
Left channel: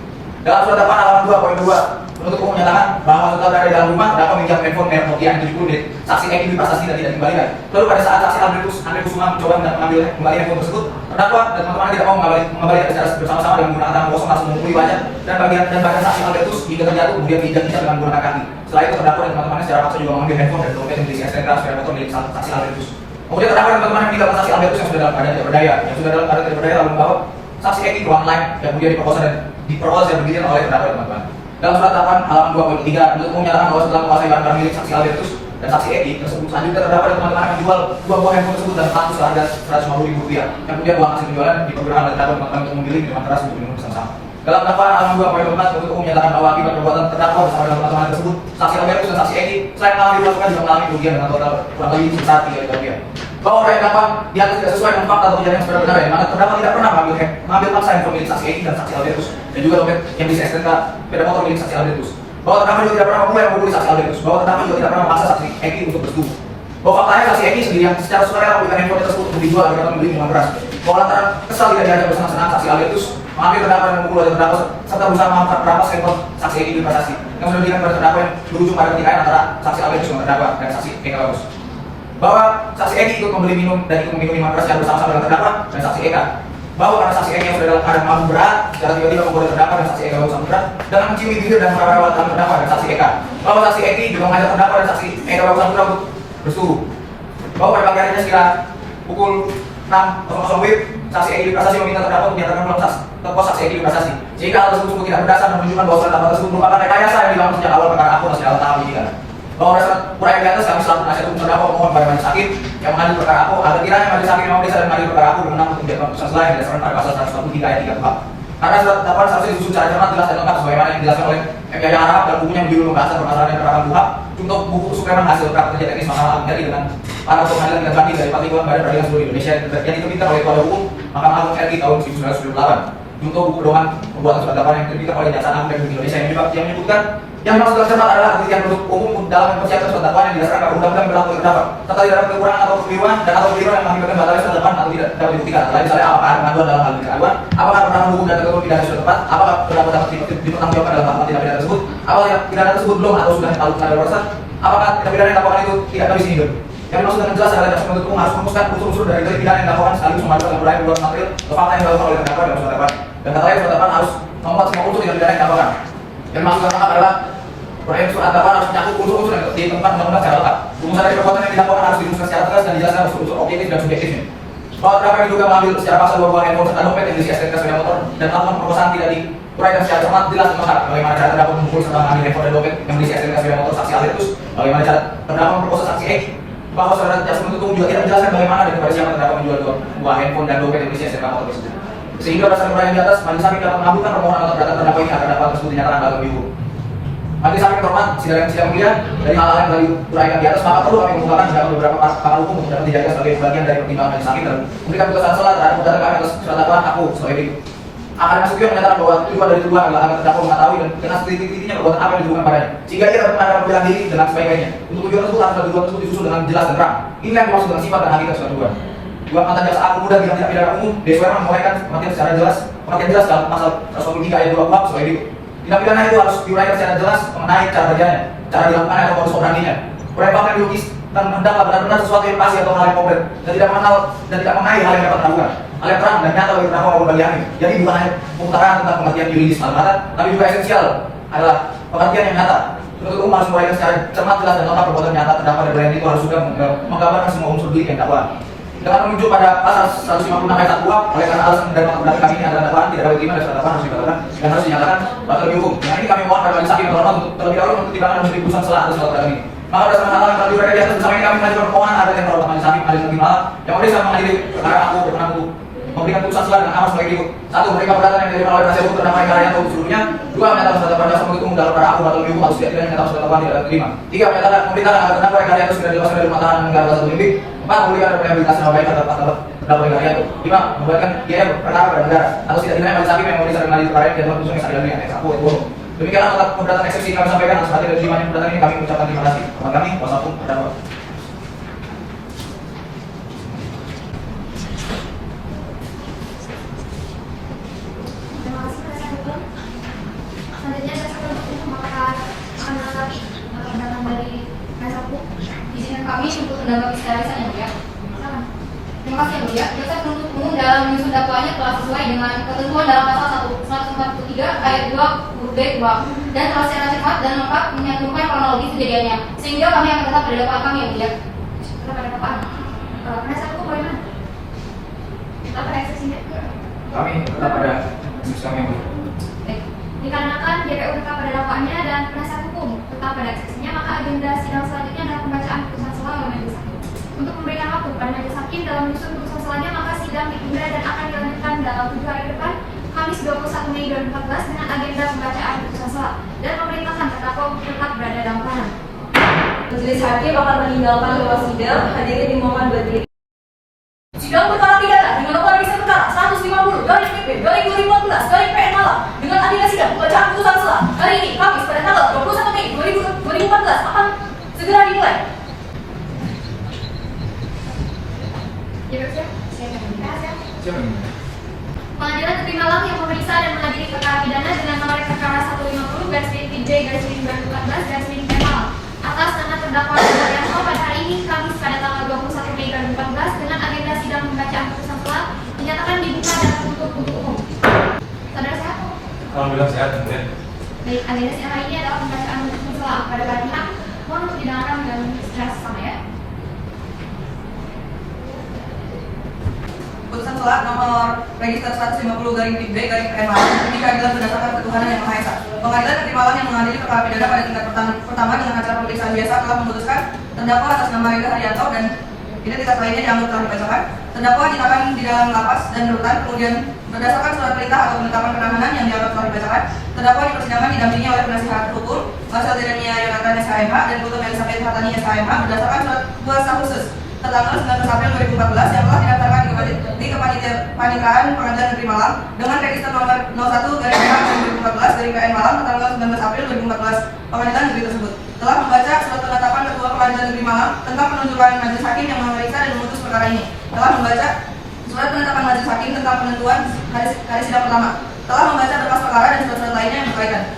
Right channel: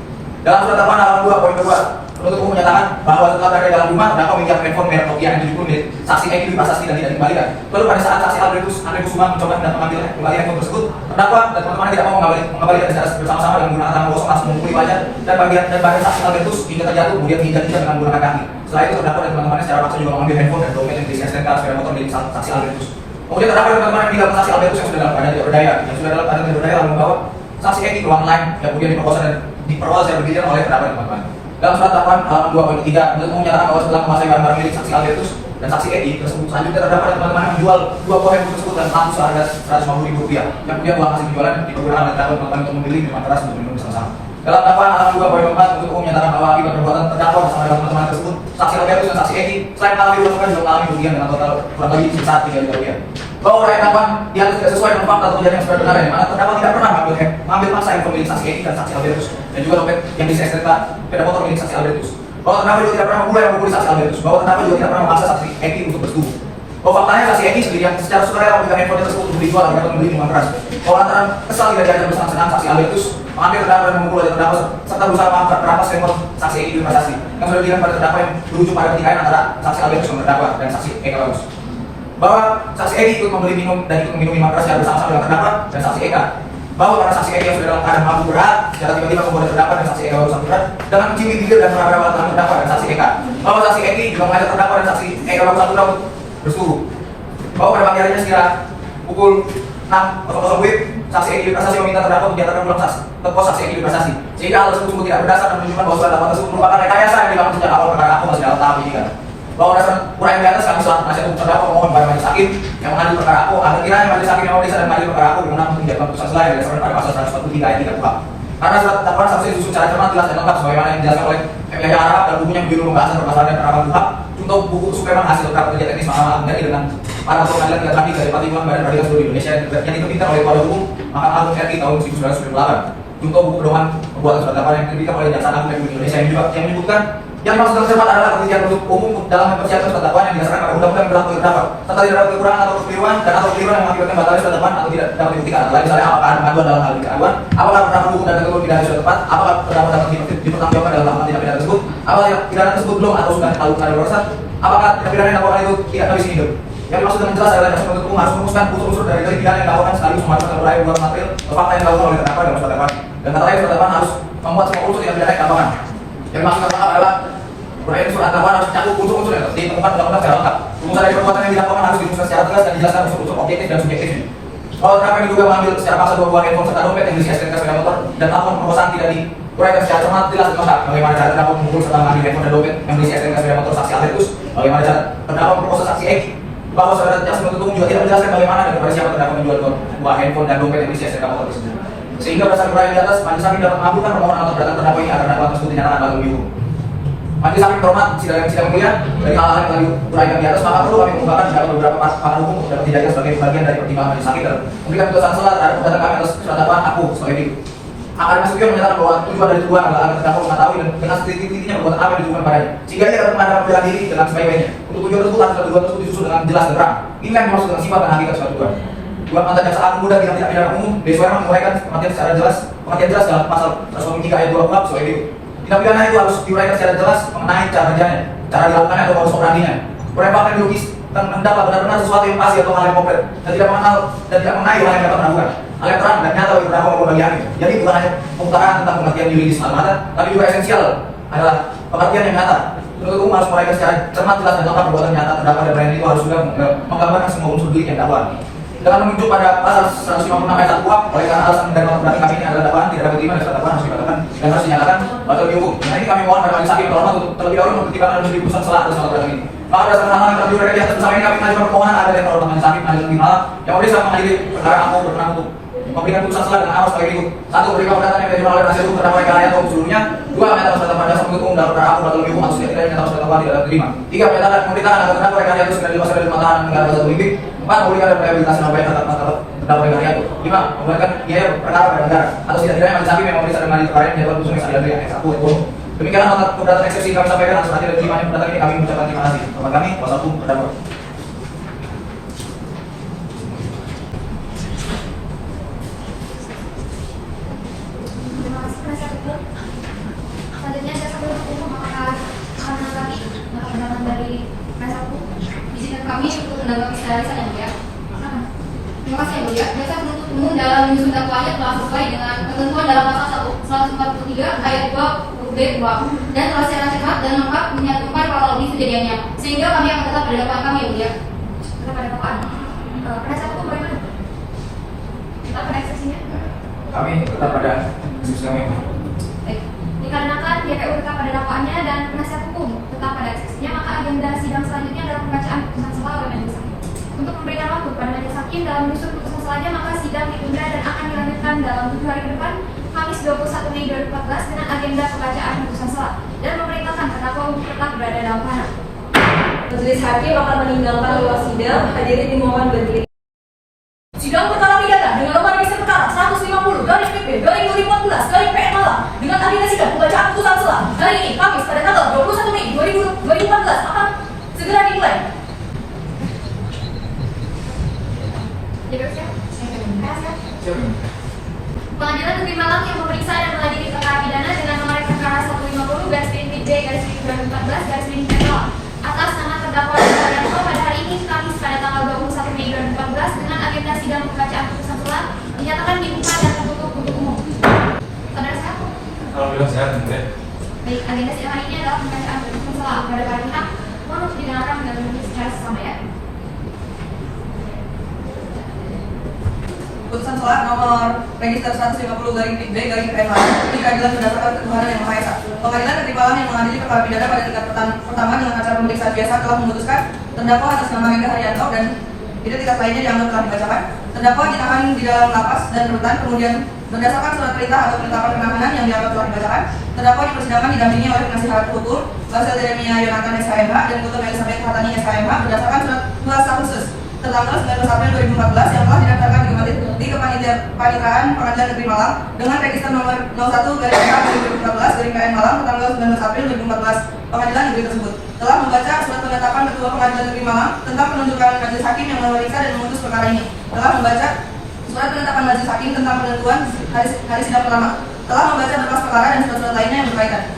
Dalam surat dakwaan halaman 2 poin 2 penuntut umum menyatakan bahwa setelah berada di dalam rumah terdakwa meminjam handphone merek Nokia yang 70 milik saksi Eki Prasasti dan tidak dikembalikan. Lalu pada saat saksi Andreus Suma mencoba mengambil ulangi handphone tersebut, terdakwa dan teman-teman tidak mau mengembalikan secara bersama-sama dengan menggunakan tangan kosong langsung memukuli wajah dan bagian saksi Andreus hingga terjatuh kemudian diinjak-injak dengan menggunakan kaki. Setelah itu terdakwa dan teman-temannya secara paksa juga mengambil handphone dan dompet yang berisi STNK sepeda motor milik saksi Andreus. Kemudian terdakwa dan teman-teman yang meninggalkan saksi Andreus yang sudah dalam keadaan tidak berdaya lalu membawa saksi Eki ke ruangan lain dan kemudian diperkosa dan diperoleh saya bergilir oleh terdakwa teman-teman. Dalam surat dakwaan halaman 2.3 penuntut umum menyatakan bahwa setelah menguasai barang milik saksi Albertus dan saksi Eki tersebut, selanjutnya terdakwa dan teman-teman akan menjual 2 buah handphone tersebut dan satu seharga Rp150.000 yang kemudian uang hasil penjualan dipergunakan oleh terdakwa teman-teman untuk membeli minuman keras untuk minum bersama-sama. Dalam dakwaan halaman 2.4 penuntut umum menyatakan bahwa akibat perbuatan terdakwa bersama dengan teman-teman tersebut, saksi Albertus dan saksi Eki selain mengalami dilakukan juga mengalami kerugian dengan total kurang lebih sebesar 3 juta rupiah. Bahwa orang yang dakwaan diatur tidak sesuai dengan fakta atau kejadian yang sebenarnya, maka terdakwa tidak pernah mengambil paksa handphone milik saksi Eki dan saksi Albertus dan juga dompet yang bisa STNK sepeda motor milik saksi Albertus. Bahwa terdakwa juga tidak pernah memulai saksi Albertus. Bahwa terdakwa juga tidak pernah memaksa saksi Eki untuk bersetubuh. Bahwa faktanya saksi Eki sendiri yang secara sukarela memberikan handphone tersebut untuk dijual agar membeli minuman keras. Bahwa lantaran kesal tidak diajak bersenang-senang saksi Albertus mengambil terdakwa dan memukul wajah terdakwa serta berusaha merampas handphone saksi Eki di transaksi yang menunjukkan pada terdakwa yang berujung pada pertikaian antara saksi Albertus dan terdakwa dan saksi Eki Albertus. Bahwa saksi Eki ikut membeli minum dan ikut meminum minuman keras secara bersama-sama dengan terdakwa dan saksi Eka. Bahwa karena saksi Eki yang sudah dalam keadaan mabuk berat, secara tiba-tiba kemudian terdakwa dan saksi Eka baru sama berat dengan mencium bibir dan mengarah tangan terdakwa dan saksi Eka. Bahwa saksi Eki juga mengajak terdakwa dan saksi Eka baru sama berat bersetubuh. Bahwa pada pagi harinya sekira pukul 6.00 WIB, saksi Eki Prasasi meminta terdakwa untuk dinyatakan pulang ke pos saksi Eki Prasasi. Sehingga hal tersebut tidak berdasar dan menunjukkan bahwa surat dakwaan tersebut merupakan rekayasa yang dilakukan sejak awal perkara aku masih dalam tahap penyidikan. Bahwa dasar uraian di atas kami selaku penasihat hukum terdakwa memohon pada majelis hakim yang mengadil perkara aku agar kiranya majelis hakim yang memeriksa dan mengadil perkara aku berwenang untuk menjatuhkan putusan selain dari dasarkan pada pasal 143 ayat 3 kuhap. Karena surat dakwaan saksi disusun secara cermat, jelas dan lengkap sebagaimana yang dijelaskan oleh M. Yahya Arab dalam bukunya Judul Pembahasan Permasalahan dan Penerapan kuhap untuk buku kesukaran hasil praktek kerja teknis Mahkamah Agung RI dengan para pengadilan tidak terakhir dari Partai Badan Peradilan seluruh Indonesia yang diterbitkan oleh Kuala Hukum Mahkamah Agung RI tahun 1998 untuk buku pedoman pembuatan surat dakwaan yang diterbitkan oleh Jaksa Agung Republik Indonesia yang menyebutkan yang dimaksud dalam cermat adalah penelitian produk umum dalam mempersiapkan surat dakwaan yang didasarkan pada undang-undang yang berlaku terdakwa serta tidak dapat kekurangan atau kekeliruan dan atau kekeliruan yang mengakibatkan batalnya surat dakwaan atau tidak dapat dibuktikan. Lain misalnya apakah ada keraguan dalam hal keraguan, apakah penerapan hukum dan ketentuan pidana sudah tepat, apakah terdakwa dapat dipertanggungjawabkan dalam hal tindak pidana tersebut, apakah pidana tersebut belum atau sudah dipalukan dalam proses, apakah tindak pidana yang dilakukan itu tidak habis ini. Yang dimaksud dengan jelas adalah jaksa penuntut umum harus merumuskan unsur-unsur dari delik pidana yang dilakukan sekaligus mengajukan uraian berupa material atau fakta yang dilakukan oleh terdakwa dalam surat dakwaan. Dan kata lain surat dakwaan harus membuat semua unsur tindak pidana yang dilakukan. Yang dimaksud adalah uraian surat dakwaan harus mencakup unsur-unsur yang ditemukan undang-undang secara lengkap. Unsur dari perbuatan yang dilakukan harus dirumuskan secara tegas dan dijelaskan unsur-unsur objektif dan subjektifnya. Bahwa terdakwa yang diduga mengambil secara paksa 2 buah handphone serta dompet yang diisi STNK sepeda motor dan melakukan perkosaan tidak diuraikan secara cermat, jelas lengkap bagaimana cara terdakwa memukul serta mengambil handphone dan dompet yang diisi STNK sepeda motor saksi Albertus, bagaimana cara terdakwa memperkosa saksi Eki. Bahwa saudara jaksa penuntut umum juga tidak menjelaskan bagaimana dan kepada siapa terdakwa menjual 2 buah handphone dan dompet yang diisi STNK motor tersebut. Sehingga berdasarkan uraian di atas, majelis hakim dapat mengabulkan permohonan atau keberatan terdakwa ini agar dakwaan tersebut dinyatakan batal demi hukum. Majelis hakim hormat, sidang yang mulia, dari hal-hal yang tadi uraikan di atas, maka perlu kami mengumpulkan dalam beberapa pakar hukum untuk dapat dijadikan sebagai bagian dari pertimbangan majelis hakim dalam memberikan putusan salah terhadap gugatan kami atas surat dakwaan aku sebagai berikut. Akan Nasution menyatakan bahwa tujuan dari tujuan adalah agar terdakwa mengetahui dan dengan titik-titiknya perbuatan apa yang ditujukan padanya, sehingga dia dapat menghadapan bela diri dengan sebaik-baiknya. Untuk tujuan tersebut harus tujuan tersebut disusun dengan jelas dan terang. Inilah yang dimaksud dengan sifat dan hakikat suatu tujuan. Dua mantan jaksa agung muda bidang tindak pidana umum disesuaikan menguraikan pengertian secara jelas, pengertian jelas dalam pasal 123 ayat 2 kuhap sebagai berikut. Tindak pidana itu harus diuraikan secara jelas mengenai cara kerjanya, cara dilakukannya atau modus operandinya. Uraian bahkan dilukis tentang hendaklah benar-benar sesuatu yang pasti atau hal yang konkret dan tidak mengenal dan tidak mengenai hal yang dapat melakukan. Hal yang terang dan nyata bagi terdakwa maupun bagi hakim. Jadi bukan hanya pemutaran tentang pengertian yuridis semata, tapi juga esensial adalah pengertian yang nyata. Penuntut umum harus menguraikan secara cermat, jelas dan lengkap perbuatan nyata terdakwa dan berani itu harus sudah menggambarkan semua unsur delik yang dakwaan. Dengan menunjuk pada pasal 156 ayat 1 kuhap, oleh karena alasan dan nota keberatan kami ini adalah dakwaan tidak dapat diterima dan dakwaan harus dibatalkan dan harus dinyatakan batal demi hukum. Dengan ini kami mohon pada majelis hakim terhormat untuk terlebih dahulu mempertimbangkan unsur putusan selah atas nota ini. Maka berdasarkan hal yang telah di atas bersama ini kami mengajukan permohonan agar yang terhormat majelis hakim Pengadilan Negeri Malang yang memeriksa mengadili perkara aku berkenan untuk memberikan putusan selah dengan amal sebagai berikut. 1. Memberikan keberatan yang diterima oleh penasihat hukum terdakwa yang karya atau seluruhnya. 2. Menyatakan surat dakwaan jaksa penuntut umum dalam perkara aku batal demi hukum atau tidak menyatakan surat dakwaan tidak dapat diterima. 3. Menyatakan pemerintah agar terdakwa yang karya itu sudah dilepaskan dari pengetahuan negara satu lebih. 4. Memberikan rehabilitasi nama baik atas terdakwa yang karya itu. 5. Memberikan biaya perkara pada negara atau tidak-tidaknya majelis hakim yang memeriksa dan mengadili perkara yang dilakukan putusan yang adil dengan aku dan bodoh. Demikianlah nota keberatan eksepsi kami sampaikan atas hati dan terima keberatan ini kami mengucapkan terima kasih. Teman kami, kuasa hukum terdakwa. Terima kasih penasihat hukum. Selanjutnya jaksa penuntut umum apakah akan menanggapi keterangan dari penasihat hukum? Izinkan kami untuk menanggapi secara lisan yang mulia. Silakan. Terima kasih yang mulia. Jaksa penuntut umum dalam menyusun dakwaannya telah sesuai dengan ketentuan dalam pasal 143 ayat 2 huruf B 2 dan telah secara cermat dan lengkap menyantumkan kronologis kejadiannya, sehingga kami akan tetap pada dakwaan kami yang mulia. Kepada dakwaan. Penasihat hukum bagaimana? Apa ekspresinya? Kami tetap pada diskusi kami. Baik. JPU tetap pada dakwaannya dan penasihat hukum tetap pada eksepsinya, maka agenda sidang selanjutnya adalah pembacaan putusan sela oleh majelis hakim. Untuk memberikan waktu kepada majelis hakim dalam menyusun putusan selanya, maka sidang ditunda dan akan dilanjutkan dalam 7 hari ke depan, Kamis 21 Mei 2014 dengan agenda pembacaan putusan sela dan memerintahkan terdakwa untuk tetap berada dalam tahanan. Majelis hakim akan meninggalkan ruang sidang. Hadirin dimohon berdiri. Sidang perkara pidana dengan nomor register perkara 150 garing PP garing 2014 garing PN Malang dengan agenda sidang pembacaan putusan sela hari ini Kamis pada tanggal 21 Mei 2014 akan segera dimulai. JPU siap? Siap. Siapa? Pengadilan Negeri Malang yang memeriksa dan mengadili perkara pidana dengan nomor perkara 150 /B /2014 Malang atas nama terdakwa Supriyanto pada hari ini Kamis pada tanggal 21 Mei 2014 dengan agenda sidang pembacaan putusan sela dinyatakan dibuka dan tertutup untuk umum. Saudara siapa? Alhamdulillah sehat ya. Baik, agenda sidang hari ini adalah pembacaan putusan sela pada para pihak. Mohon untuk didengarkan dengan secara sama ya. Putusan sela nomor register 150 garing PB garing PN Malang di keadilan berdasarkan ketuhanan yang Maha Esa. Pengadilan Negeri Malang yang mengadili perkara pidana pada tingkat pertama dengan acara pemeriksaan biasa telah memutuskan terdakwa atas nama Rida Haryanto dan identitas lainnya dianggap telah dibacakan. Terdakwa ditahan di dalam lapas dan rutan, kemudian berdasarkan surat perintah atau penetapan penahanan yang dianggap telah dibacakan. Terdakwa di persidangan didampingi oleh penasihat hukum Basel Jeremia Yonatan SKMH dan Gutama Elizabeth Hatani SKMH berdasarkan surat kuasa khusus tertanggal 19 April 2014 yang telah didaftarkan di Kepanitiaan Pengadilan Negeri Malang dengan register nomor 01/2014/KN Malang tanggal 19 April 2014. Pengadilan negeri tersebut telah membaca surat penetapan Ketua Pengadilan Negeri Malang tentang penunjukan majelis hakim yang memeriksa dan memutus perkara ini. Telah membaca surat penetapan majelis hakim tentang penentuan hari sidang pertama. Telah membaca berkas perkara dan surat-surat lainnya yang berkaitan.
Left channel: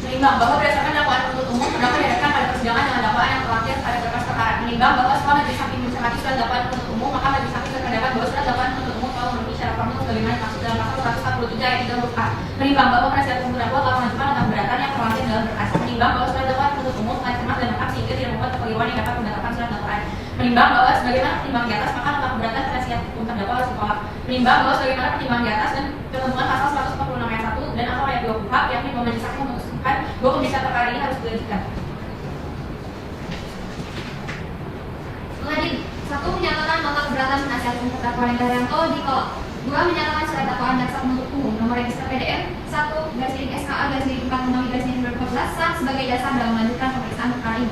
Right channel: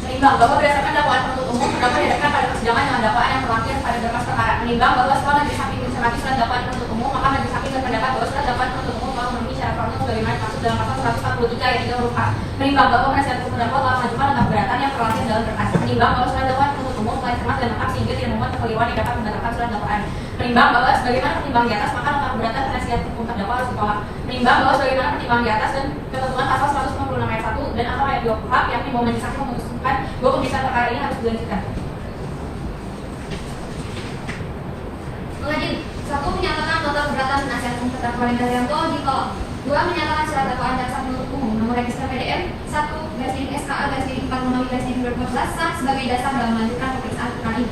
Menimbang bahwa berdasarkan dakwaan penuntut umum terdakwa dihadapkan pada persidangan dengan dakwaan yang terwakil pada berkas perkara. Menimbang bahwa setelah majelis hakim mencermati surat dakwaan penuntut umum, maka majelis hakim berpendapat bahwa surat dakwaan penuntut umum telah memenuhi syarat formil sebagaimana dimaksud dalam pasal 143 ayat 3 huruf A. Menimbang bahwa penasihat hukum terdakwa telah mengajukan nota keberatan yang terwakil dalam berkas. Menimbang bahwa surat dakwaan penuntut umum telah cermat dan lengkap sehingga tidak memuat kekeliruan yang dapat menetapkan surat dakwaan. Menimbang bahwa sebagaimana pertimbang di atas, maka nota keberatan penasihat hukum terdakwa harus ditolak. Menimbang bahwa sebagaimana pertimbang di atas dan ketentuan pasal 156 ayat 1 dan atau ayat 2 KUHP yang dibawa majelis hakim memutuskan bahwa pemeriksaan perkara ini harus dilanjutkan. Mengadili, 1. Menyatakan nota keberatan penasihat hukum terdakwa Rida Haryanto ditolak. 2. Menyatakan surat dakwaan jaksa penuntut umum nomor register PDM 1/SKA/4/2014 sah sebagai dasar dalam melanjutkan pemeriksaan perkara ini.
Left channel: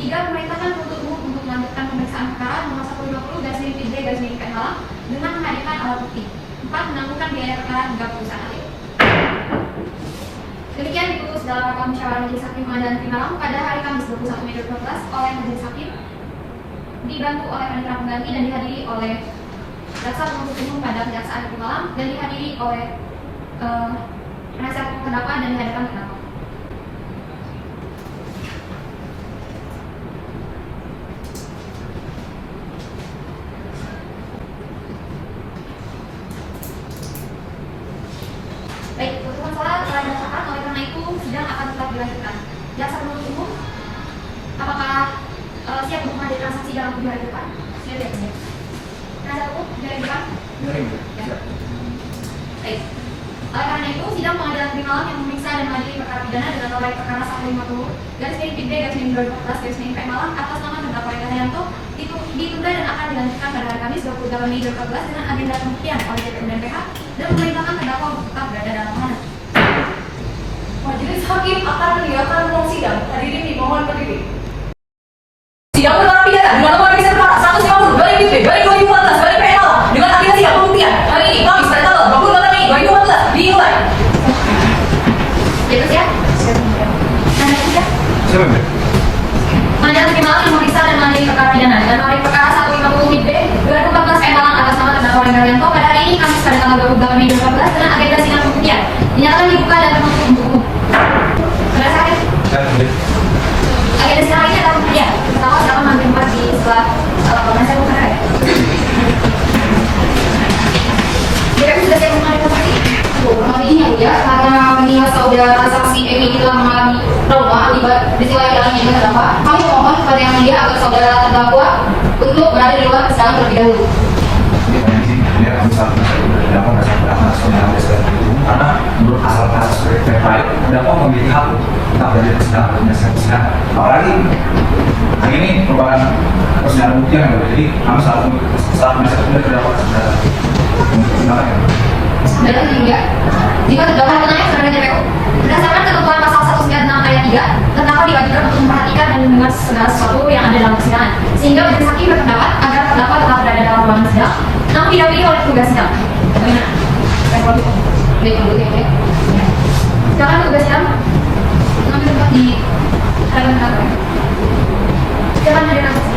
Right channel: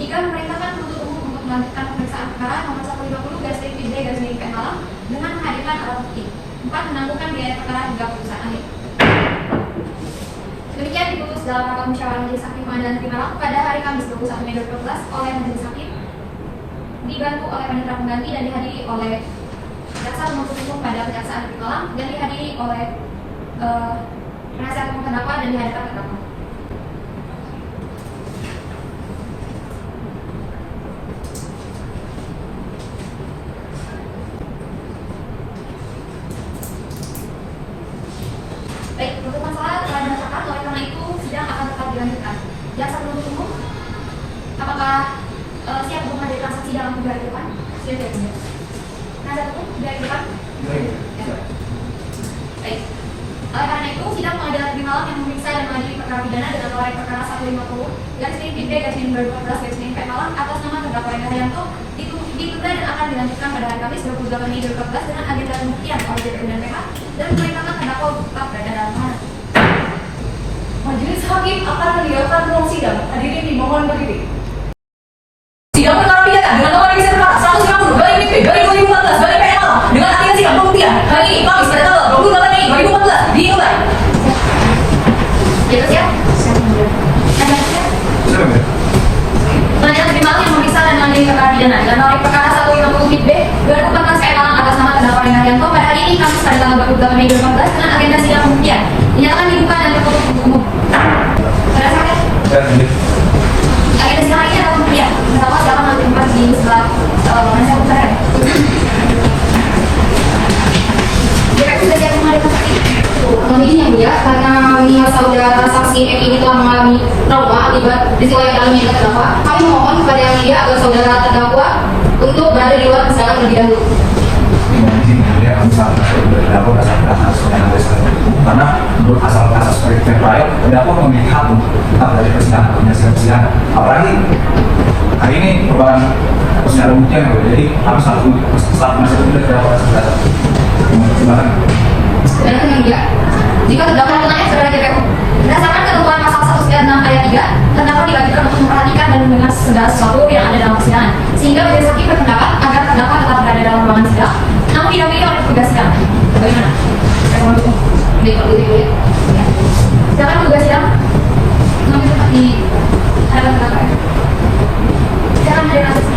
3. Memerintahkan penuntut umum untuk melanjutkan pemeriksaan perkara nomor 150/PN Malang dengan menghadirkan alat bukti. 4. Menangguhkan biaya perkara hingga putusan akhir. Demikian diputus dalam rapat musyawarah majelis hakim Pengadilan Negeri Malang pada hari Kamis 21 Mei 2014 oleh majelis hakim dibantu oleh panitera pengganti dan dihadiri oleh jaksa penuntut umum pada Kejaksaan Negeri Malang dan dihadiri oleh penasihat hukum terdakwa dan dihadirkan terdakwa. Baik, untuk masalah telah didaftarkan, oleh karena itu sidang akan tetap dilanjutkan. Jaksa penuntut umum, apakah siap untuk menghadirkan saksi dalam 3 hari ke depan? Siap ya, ya. Penasihat hukum 3 hari ke depan? Baik. Oleh karena itu, sidang Pengadilan Negeri Malang yang memeriksa dan mengadili perkara pidana dengan nomor perkara 150/PB/2014/PN Malang atas nama terdakwa Rida Haryanto ditunda dan akan dilanjutkan pada hari Kamis 28 Mei 2014 dengan agenda pembuktian oleh JPU dan PH dan memerintahkan terdakwa untuk tetap berada dalam tahanan. Majelis hakim akan meninggalkan ruang sidang. Hadirin dimohon berdiri. Sidang perkara pidana dengan nomor register perkara 150 garing PP garing 2014 garing PN Malang dengan agenda sidang pembuktian hari ini Kamis pada tanggal 28 Mei 2014 dimulai. JPU siap? Anda siap? Pengadilan Negeri Malang yang memeriksa dan mengadili perkara pidana dengan nomor perkara 150/B 2014 PN Malang atas nama terdakwa Rida Haryanto pada hari ini Kamis pada tanggal 28 Mei 2014 dengan agenda sidang pembuktian dinyatakan dibuka dan tertutup untuk umum. Saudara sakit? Agenda sidang ini adalah pembuktian. Pertama silakan nanti di sebelah penasihat hukum ya. JPU sudah siap menghadirkan saksi? Ini yang ya, karena mengingat saudara saksi M ini telah mengalami trauma akibat peristiwa yang dalamnya juga terdakwa, kami memohon kepada yang mulia agar saudara terdakwa untuk berada di luar persidangan terlebih dahulu. Ini ya, kami sangat bersyukur dan dapat menurut asal seperti baik, terdakwa memiliki hak untuk tetap dari persidangan menyelesaikan persidangan. Apalagi hari ini merupakan persidangan pembuktian, jadi harus satu masa tunda terdakwa sudah silakan. Sebenarnya tidak. Jika terdakwa bertanya sebenarnya JPU berdasarkan ketentuan pasal 196 ayat 3, terdakwa diwajibkan untuk memperhatikan dan mendengar segala sesuatu yang ada dalam persidangan, sehingga majelis hakim berpendapat agar terdakwa tetap berada dalam ruangan sidang, namun didampingi oleh petugas sidang. Bagaimana? Saya mau dukung. Baik, kalau begitu ya. Sedangkan petugas sidang mengambil tempat di hadapan terdakwa. Silakan hadirkan saksi.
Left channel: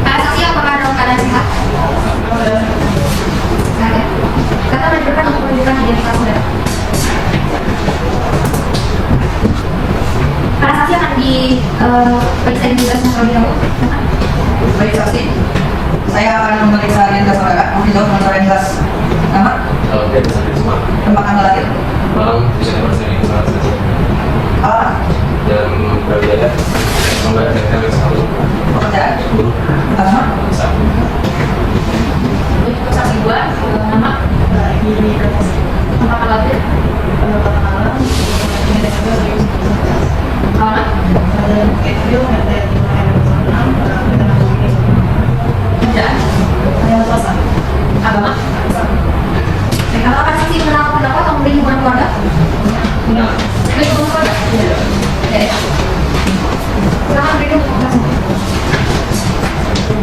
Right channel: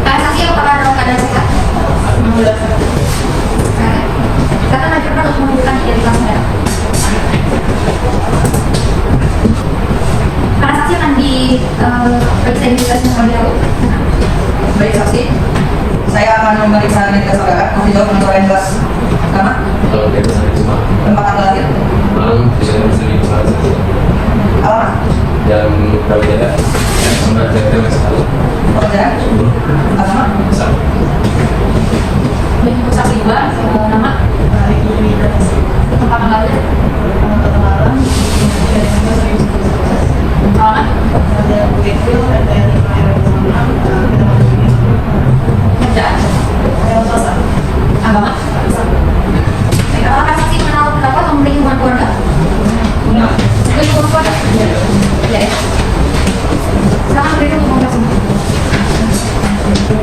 Para saksi apakah dalam keadaan sehat? Kata diperlukan untuk menunjukkan identitas saudara. Para saksi akan diperiksa identitasnya terlebih dahulu. Baik saksi, saya akan memeriksa identitas saudara. Nanti jawab nomor identitas nama, tempat tanggal lahir, Malam bisa bersih di sana. alamat, Dan kerjanya sampai dari satu. pekerjaan, agama, Jadi untuk saksi dua, semua nama, tempat tanggal lahir, alamat, kerjaan, agama. Apakah saksi mengenal terdakwa atau memiliki hubungan keluarga? Memiliki hubungan keluarga? Ya, ya. Silakan beri untuk menjelaskan.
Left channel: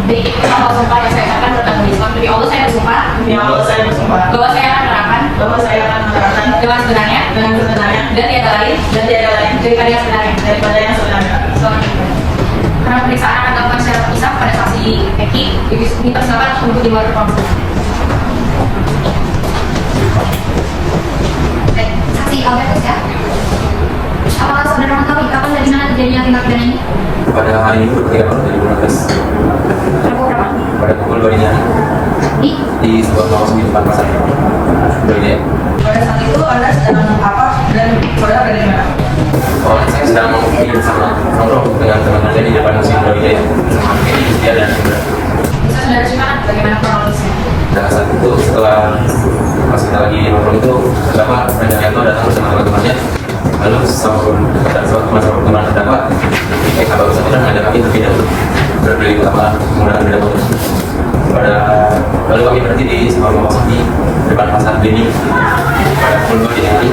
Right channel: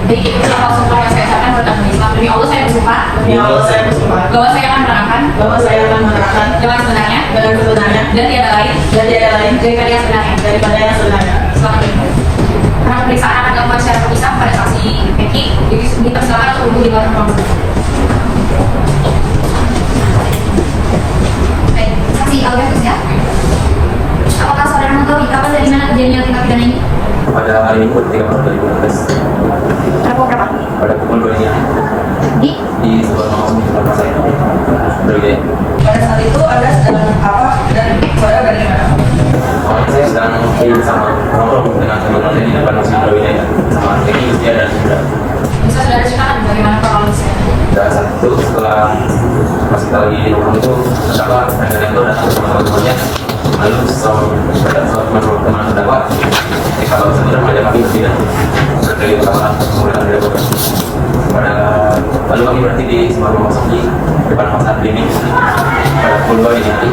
Jadi beberapa sumpah yang saya ucapkan pertama Islam demi Allah saya bersumpah Ya Allah, saya bersumpah bahwa saya akan menerangkan bahwa saya akan menerangkan dengan sebenarnya dengan sebenarnya dan tiada lain daripada yang sebenarnya. daripada yang sebenarnya. Selamat menikmati. Karena pemeriksaan akan dilakukan secara terpisah pada saksi Eki, dipersilakan untuk di luar ruang. Baik, saksi Albertus ya. Apakah saudara mengetahui kapan dan di mana terjadinya tindak pidana ini? Pada hari ini 23 Maret 2016 Pukul berapa? pada pukul 2 dini hari Di di sebuah kawasan di depan pasar Brawijaya. Pada saat itu Anda sedang apa dan saudara berada di mana? Saya sedang bersama nongkrong dengan teman-teman saya di depan museum Brawijaya sama ini Justia dan Indra. Bisa saudara ceritakan bagaimana kronologisnya? Dan saat itu setelah pas kita lagi nongkrong itu terdakwa Randaryanto datang bersama teman-temannya. Lalu teman terdakwa kita baru saja mengajak kami berpindah berkeliling kamar menggunakan beda motor. Lalu kami berhenti di sebuah rumah kosong di depan pasar Beni pada pukul 2 dini hari.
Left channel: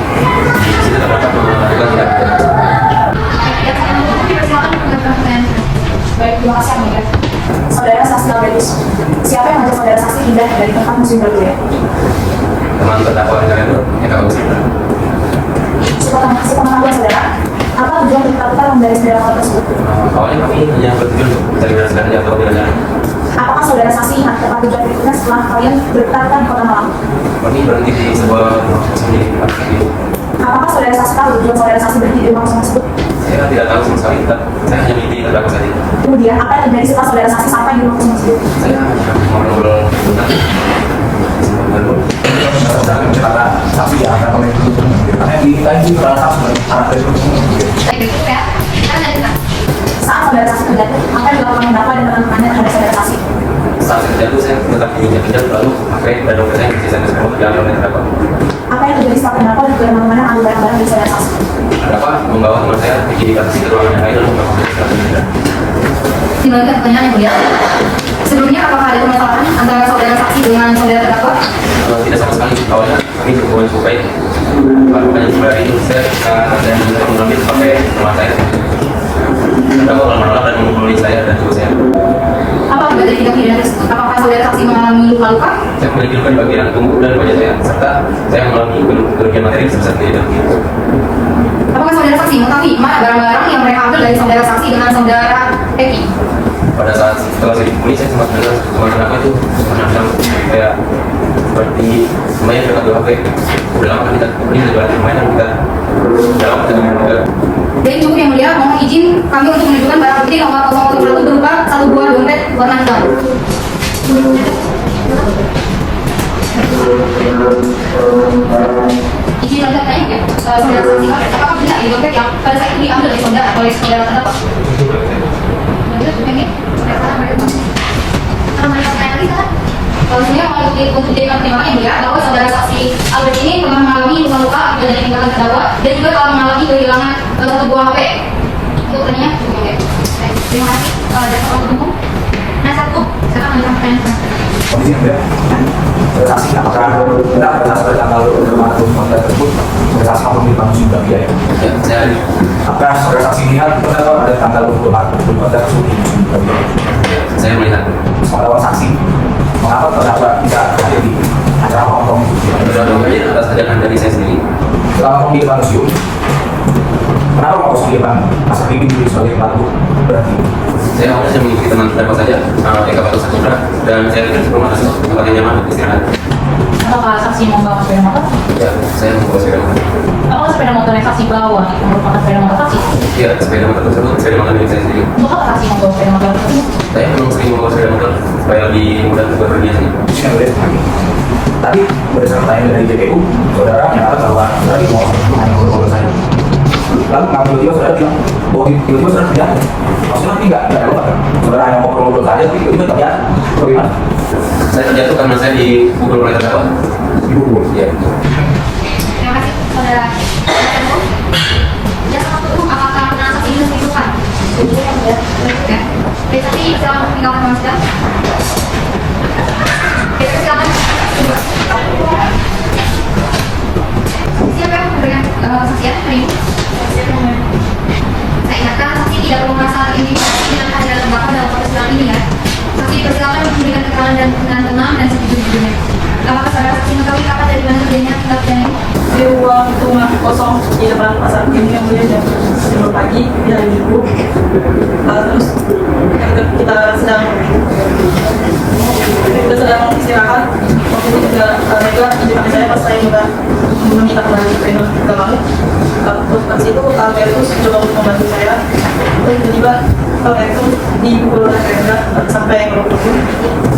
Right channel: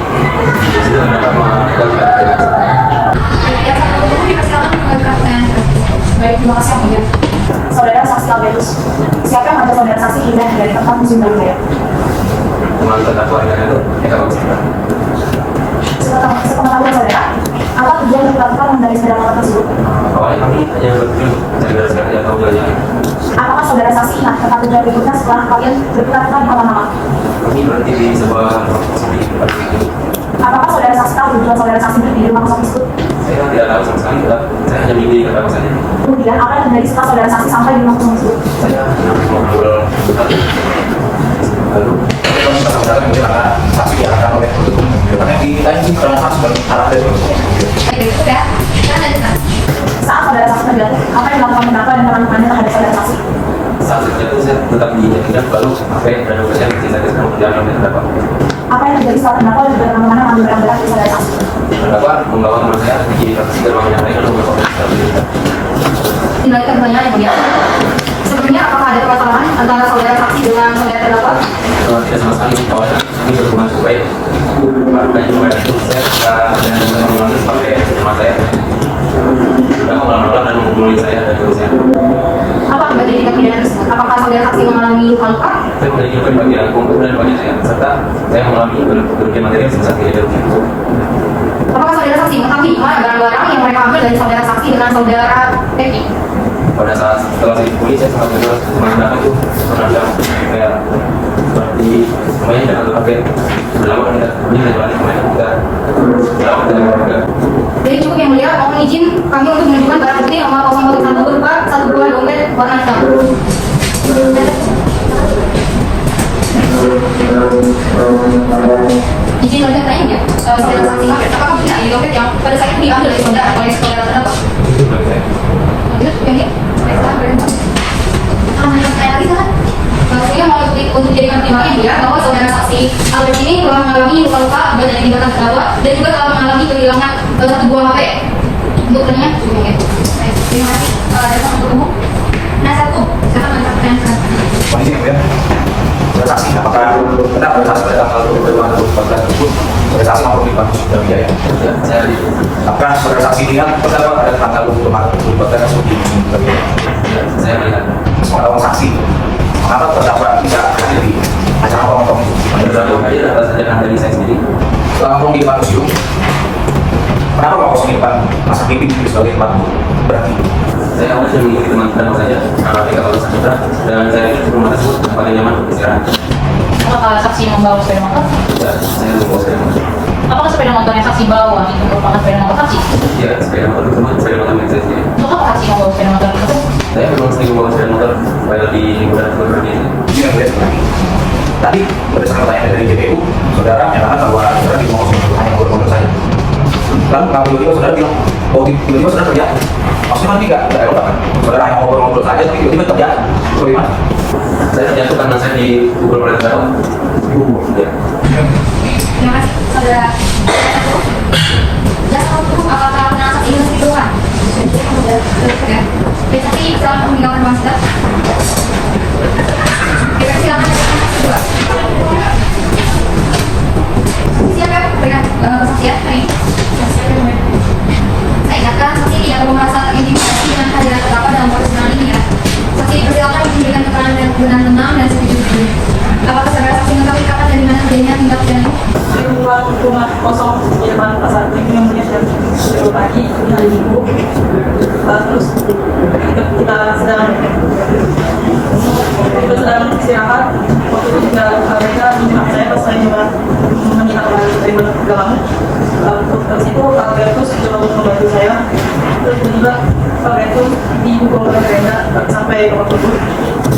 Di situ terdapat melakukan yang saya mau dipersilakan beberapa pertanyaan. Baik, terima kasih Amelia. Saudara saksi Albertus, siapa yang mengajak saudara saksi pindah dari tempat museum Brawijaya? teman terdakwa Randaryanto kita baru saja. Sepengetahuan saudara, apa tujuan dan melakukan menggaris beda motor tersebut? Awalnya kami hanya bertujuan untuk cari beras saja atau jalan-jalan. Apakah saudara saksi ingat tempat tujuan berikutnya setelah kalian berputar-putar di kota malam? Kami berhenti di sebuah kosong milik tempat ini. Apakah saudara saksi tahu tujuan saudara saksi berhenti di rumah kosong tersebut? Saya tidak tahu sama sekali, saya hanya mimpi terdakwa saja. Kemudian, apa yang terjadi setelah saudara saksi sampai di rumah kosong tersebut? Saya hanya ngobrol bentar. Lalu Tapi ya, karena oleh karena di transaksi arah dari Baik, itu ya. Kan ada Saat saudara saksi terjatuh, apa yang dilakukan terdakwa dan teman-temannya terhadap saudara saksi? saat terjatuh saya tetap diinjak-injak lalu sampai dan dokter saya bisa saya semua berjalan oleh terdakwa. Apa yang terjadi setelah terdakwa dan juga teman-temannya mengambil barang-barang dari saudara saksi? Terdakwa membawa teman saya di taksi ke ruangan yang lain lalu melakukan pemeriksaan. dilanjutkan pertanyaan yang mulia. Sebelumnya apakah ada permasalahan antara saudara saksi dengan saudara terdakwa? Tidak sama sekali awalnya ini hubungan supaya banyak mulai itu saya dan mengambil pakai teman saya. Terdakwa malah menolak dan menghubungi saya dan ibu saya. Apa berarti tindak pidana tersebut? Apakah saudara saksi mengalami luka-luka? Saya memiliki luka di bagian punggung dan wajah saya serta saya mengalami kerugian material sebesar 3 juta rupiah. Apakah saudara saksi mengetahui mana barang-barang yang mereka ambil dari saudara saksi dengan saudara Eki? Pada saat setelah saya dipukuli saya sempat dengar teman-teman itu pernah bilang kayak seperti lumayan dengan pakai udah lama kan kita pukuli dan jualan lumayan kita udah lama kita juga. Jadi cukup yang mulia, mohon izin kami untuk menunjukkan barang bukti nomor 011 berupa satu buah dompet warna hitam. Izin dompet lain ya? Saudara saksi apakah tidak ada dompet yang pada saat itu diambil oleh saudara terdakwa? Itu boleh saya. Lanjut, yang ini. Pertanyaan lagi kan? bagi terdakwa dan juga telah mengalami kehilangan satu buah HP untuk ternyata. Oke. Terima kasih. Ada satu umum. Nah, satu silakan menyampaikan. Kondisi kemudian saksi apakah benar pada tanggal 24 tersebut saudara saksi mampu melibatkan sudah bidaya? Ya, saya Apakah saudara saksi lihat benar pada tanggal 24 tersebut di sudah bidaya? ya, saya melihat Seorang saksi mengapa terdakwa tidak hadir di acara potong itu? beberapa kali atas ajakan dari saya sendiri. Selama potong di depan museum, kenapa kok kosong di depan masa pimpin sebagai tempat berarti? Saya awalnya mengikuti teman terdakwa saja, yang kapal saksi berat, dan saya pikir rumah tersebut tempat yang nyaman untuk istirahat. Apakah saksi membawa sepeda motor? Ya, saya membawa sepeda motor. Apakah sepeda motor yang saksi bawa itu merupakan sepeda motor saksi? Ya, sepeda motor tersebut sepeda motor milik saya sendiri. Untuk apa saksi membawa sepeda motor tersebut? Saya memang sering membawa sepeda motor supaya lebih mudah untuk bepergian. Yang kemudian lagi. Tadi berdasarkan pertanyaan dari JPU, saudara menyatakan bahwa saudara di mall itu hanya guru-guru saja. Lalu kenapa tiba-tiba saudara bilang, oh tiba-tiba saudara terjatuh? Maksudnya nanti nggak eropa kan? Saudara hanya ngobrol-ngobrol saja, tapi tiba-tiba terjatuh. Bagaimana? Saya terjatuh karena saya dipukul oleh terdakwa. Dipukul. Ya. Terima kasih. Saudara. Dan satu umum apakah pernah saksi ini ditentukan? Oke. Saksi silakan meninggalkan ruang sidang. Oke, silakan saksi kedua. Siapa yang memberikan kesaksian hari ini? Saya ingatkan saksi tidak perlu merasa terintimidasi dengan kehadiran terdakwa dalam persidangan ini ya. Saksi dipersilakan memberikan keterangan dengan tenang dan sejujurnya. Apakah saudara saksi mengetahui kapan dan di mana terjadinya tindak pidana ini? Di ruang rumah kosong di depan pasar ini yang mulia jam 10 pagi di hari Minggu. Terus kita sedang istirahat. Waktu itu juga mereka menunjukkan saya pas saya juga meminta kembali trainer dalamnya. Terus habis itu Albertus mencoba untuk membantu saya. Terus tiba-tiba Albertus dipukul oleh Renda sampai babak belur.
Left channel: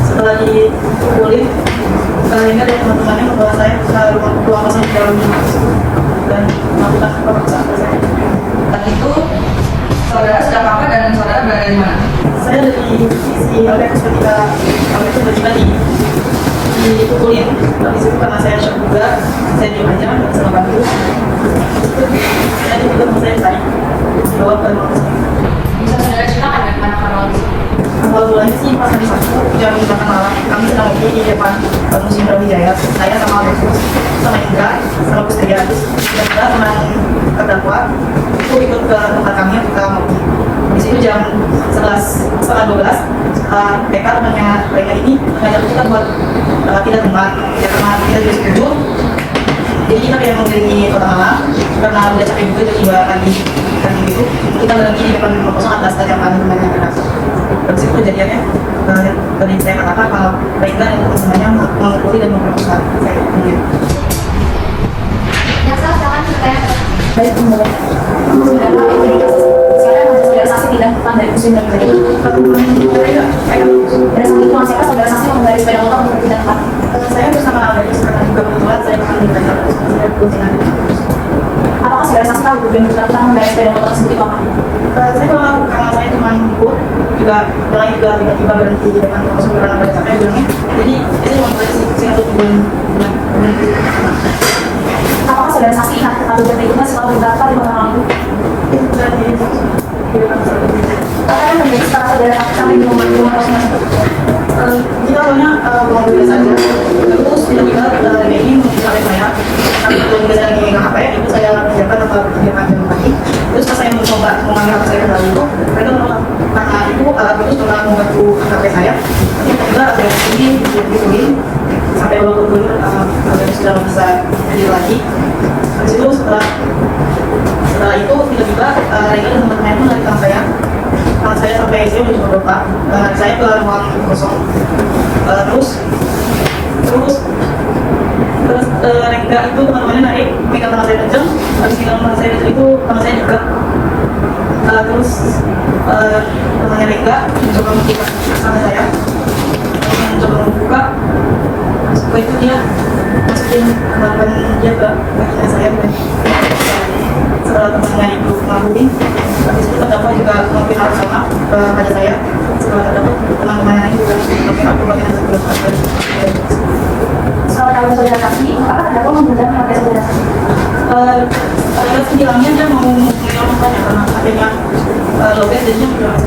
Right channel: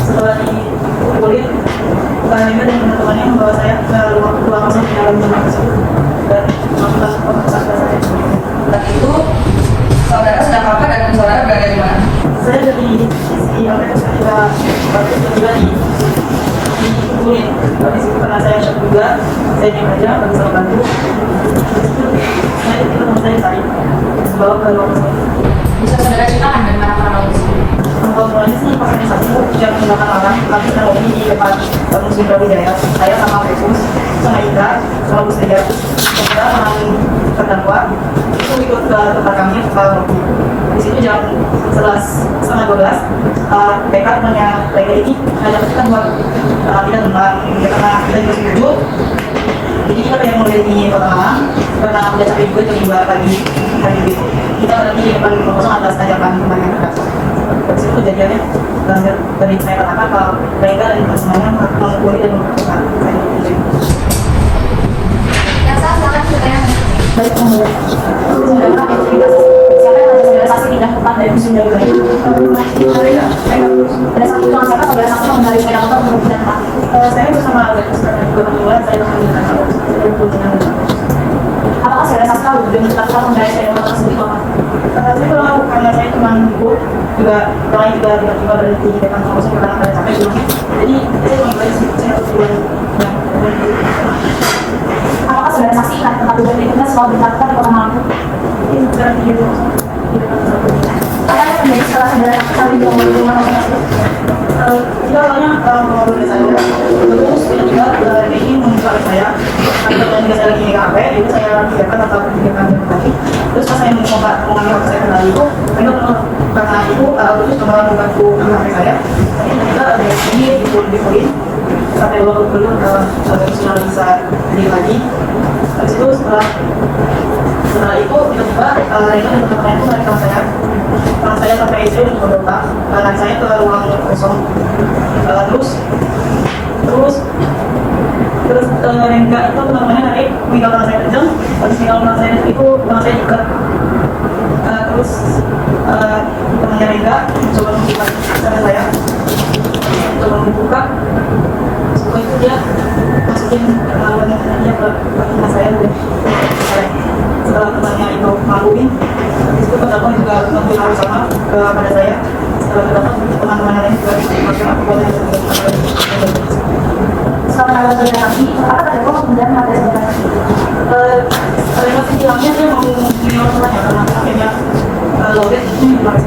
Setelah dipukulin, Renda dan teman-temannya membawa saya ke ruang kosong di dalam rumah tersebut dan melakukan pemeriksaan saya. Dan itu saudara sedang apa dan saudara berada di mana? Saya dari sisi Albertus ketika Albertus tiba-tiba dipukulin. Habis itu karena saya shock juga, saya diam aja, nggak bisa membantu. Saya tiba-tiba mau saya tarik, dibawa ke ruang kosong. Bisa saudara ceritakan bagaimana kronologis? Awal mulanya sih pas hari Sabtu jam 8 malam kami sedang lagi di depan Museum Brawijaya. Saya sama Albertus, sama Indra, sama Gus Tegar, dan juga teman terdakwa itu ikut ke tempat kami yang kita ngopi. Di situ jam 11:30, PK temannya mereka ini ngajak kita buat tidak dengar ya, karena kita juga setuju. Jadi kita pengen membeli kota malam karena udah capek juga jam 2 pagi dan gitu kita berhenti di depan rumah kosong atas ajakan temannya kita. Dari situ kejadiannya dan yang saya katakan kalau mereka dan teman-temannya memukuli dan memperkosa saya. Yang salah silakan bertanya. Baik, kemudian saudara saksi tidak tepat dari musim dari ada saksi cuma siapa saudara saksi mengendarai sepeda motor untuk tidak tepat. Saya bersama Albertus karena juga kebetulan saya bersama dengan Albertus. Saya berusaha. Apakah saudara saksi tahu tujuan tersangka mengendarai sepeda motor tersebut itu apa? Saya belum tahu karena saya cuma ikut juga orang juga tiba-tiba berhenti di depan langsung bilang pada capek bilangnya. Jadi itu cuma tadi sih saya tujuan. Apakah saudara saksi ingat tempat tujuan berikutnya setelah berangkat di kota Malang? Itu sudah di depan satu. Apa yang terjadi setelah saudara saksi sampai ke rumah tersebut? Kita awalnya ngobrol biasa aja. Terus tiba-tiba ini membuka laptop saya. Karena ketika saya lagi megang HP, itu saya kerjakan atau kerjakan jam pagi. Terus pas saya mau mengangkat saya ke dalam itu, mereka menolak karena itu terus pernah membantu angkat HP saya. Tapi tiba-tiba ada yang sini dipukulin sampai dua puluh sampai sudah bisa berdiri lagi. Habis itu setelah itu tiba-tiba Rena dan teman-teman itu menaikkan saya. Kalau saya sampai ICU udah cuma berapa, anak saya ke ruang kosong. Terus Rengga itu teman-temannya naik, megang tangan saya kecil. Habis megang tangan saya kecil itu tangan saya diikat. Terus temannya Rengga mencoba membuka tangan saya. Mencoba membuka. Setelah itu dia masukin tangan dia ke kakinya saya. Setelah temannya itu melakukan, habis itu terdakwa juga melakukan hal sama pada saya. Teman-teman lain juga melakukan hal sama. Setelah saudara saksi, apakah terdakwa menggunakan HP saudara saksi? Ada bilangnya dia mau menyelesaikan ya karena akhirnya lobet jadinya bilang.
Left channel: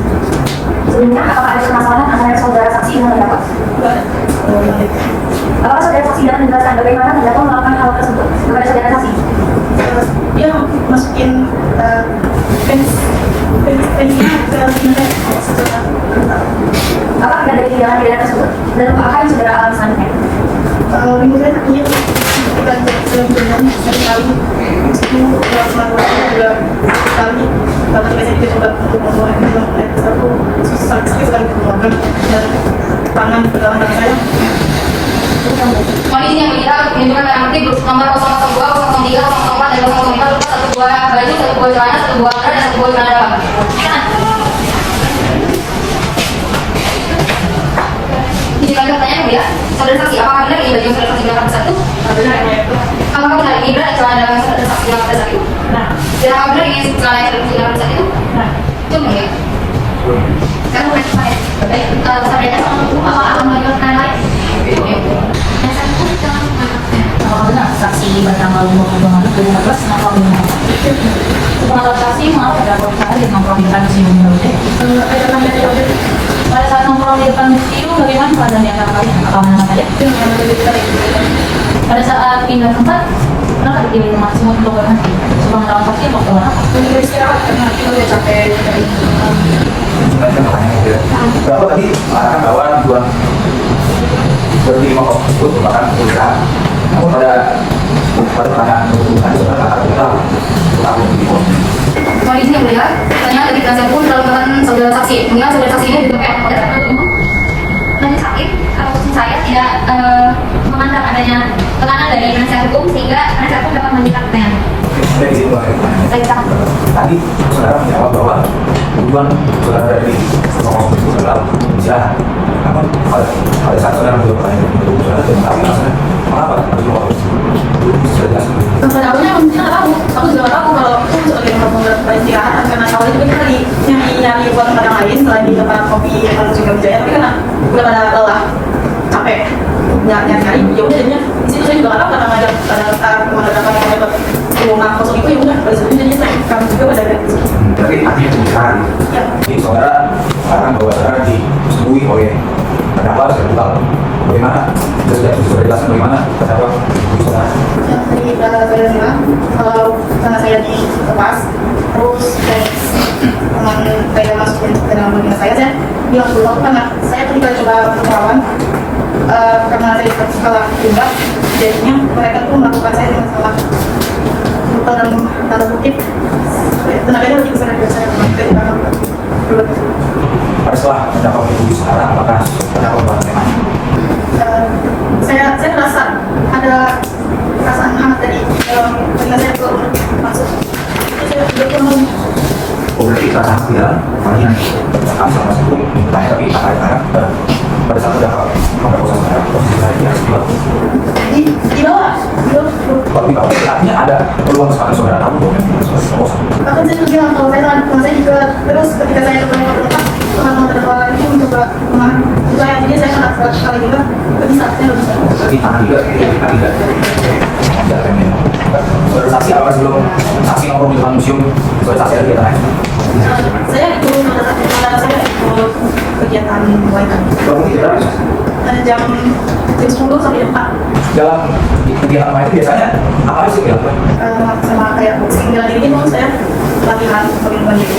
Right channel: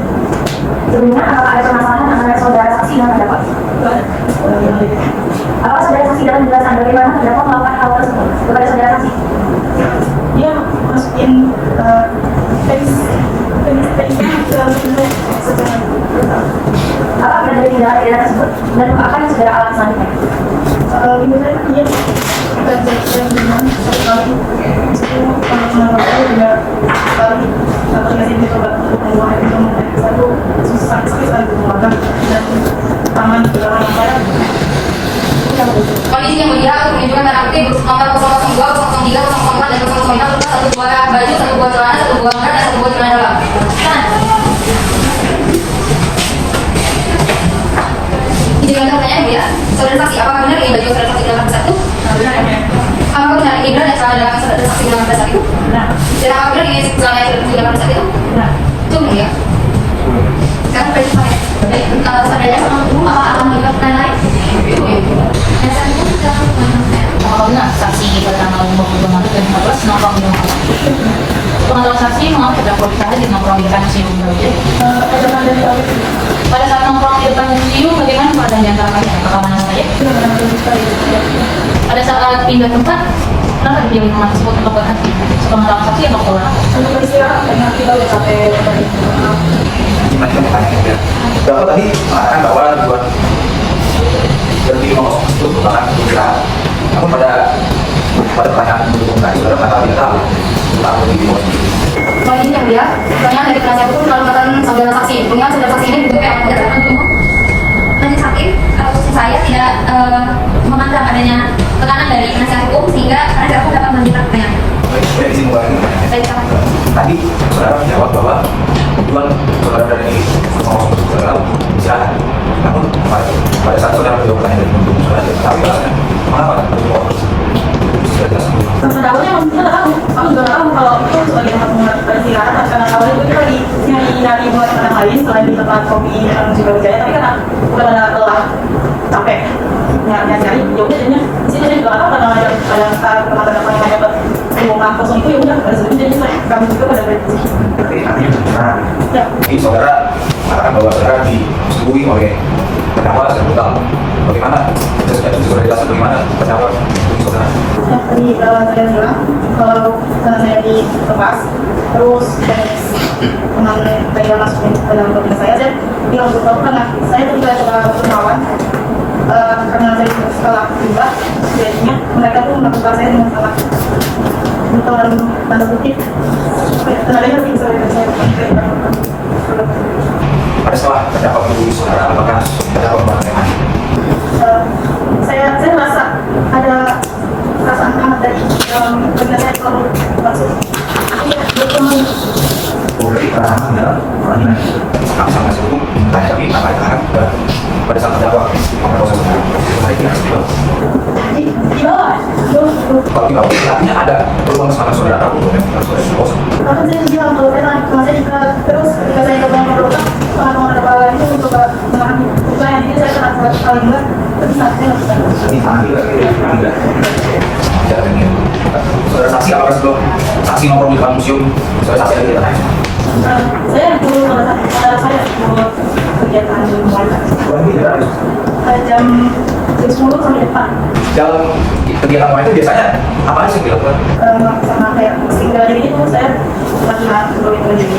Sebelumnya apakah ada permasalahan antara saudara saksi dan terdakwa? Apakah saudara saksi dapat menjelaskan bagaimana terdakwa melakukan hal tersebut kepada saudara saksi? Dia masukin penisnya ke secara brutal. Apakah tidak ada tindakan pidana tersebut dan apa yang saudara alami selanjutnya? Minggu saya kakinya kita berenang satu kali. Itu kemarin juga sekali. Karena biasanya kita coba untuk membuang air satu susah sekali mengeluarkan dan tangan pegangan saya. Kondisi yang berjalan menunjukkan barang bukti nomor 002, 003, 004, dan 005 berupa 1 buah baju, 1 buah celana, 1 buah benar, dan 1 buah celana dalam. Dijelaskan pertanyaan ya, saudara saksi, apakah benar ini baju saudara saksi dalam satu? Benar ya. Apakah benar ini benar dan celana dalam saudara saksi dalam satu itu? Nah, dan apakah benar ini celana yang saudara saksi dalam satu itu? Nah, itu benar ya. Sekarang berarti saya, baik, saudara sama hukum apa akan melibatkan lain? Apabila saksi bernama Umar Muhammad 2014 maka pengetahuan saksi mengapa terdakwa bicara di nongkrong di depan museum Garuda. Pada saat nongkrong di depan museum bagaimana keadaan di antara kalian? Apakah mana saja? Pada saat pindah tempat kenapa dipilih tempat tersebut untuk berhenti? Sepengetahuan saksi atau keluar? Untuk istirahat karena kita udah capek. Gimana kan pertanyaan gitu. Berapa tadi mengatakan bahwa tujuan berhenti di Mongkok itu merupakan istirahat. Namun pada pertanyaan tadi pada kata kita takut di Mongkok. Soal ini yang mulia, pertanyaan dari penasihat hukum selalu melakukan saudara saksi. Mengingat saudara saksi ini juga pada saat itu Majelis hakim atau khusus saya tidak memandang adanya tekanan dari penasihat hukum sehingga penasihat hukum dapat melanjutkan pertanyaan. Dari sini buat tadi saudara menjawab bahwa tujuan saudara dari Mongkok itu adalah istirahat. Namun pada saat saudara menjawab pertanyaan itu saudara tidak mengatakan mengapa berjawab sudah jelas. Awalnya mungkin nggak tahu, aku juga nggak tahu kalau aku sebagai tempat beristirahat karena awalnya itu lagi nyari buat tempat yang lain selain di tempat kopi yang juga Wijaya, tapi karena udah karena lelah, capek, nyari, ya udah jadinya di situ saya juga nggak tahu karena ada saat teman ada kamu dapat ruang kosong itu ya udah pada saat itu jadinya kami juga pada ganti. Berarti artinya pembicaraan. Jadi saudara mengatakan bahwa saudara disetujui oleh terdakwa dan brutal. Bagaimana? Saya sudah jelaskan bagaimana terdakwa saudara. Ya, tadi saya bilang karena saya dilepas, terus teman saya masukin ke dalam mobil saya bilang bahwa karena saya juga coba melawan karena saya setelah juga jadinya mereka tuh melakukan saya dengan salah bukan dalam tanda kutip tenaganya lebih besar dari saya Pada setelah terdakwa menuduh saudara, apakah terdakwa bagaimana? Saya merasa ada perasaan hangat dari dalam ketika saya belum masuk bertemu. Oh, jadi perasaan tidak orangnya kami sama satu tanya tapi tak ada tangan pada saat terdakwa mengatakan saudara saya tidak sedih. Di bawah. Kalau di bawah artinya ada peluang kesalahan saudara untuk kosong. Bahkan saya bilang kalau saya juga terus ketika saya kembali ke rumah teman-teman terdakwa itu mencoba menahan saya akhirnya saya kena sekali juga tapi saatnya Ini tidak. Saudara saksi apakah sebelum saksi nongkrong di depan museum saudara saksi ada kegiatan lain? saya dulu pada saya mau kegiatan lain Berapa tidak ada? jam 10 sampai 4 Dalam kegiatan lain itu biasanya apa aja yang dilakukan? sama kayak boxing bela diri itu saya latihan untuk bela diri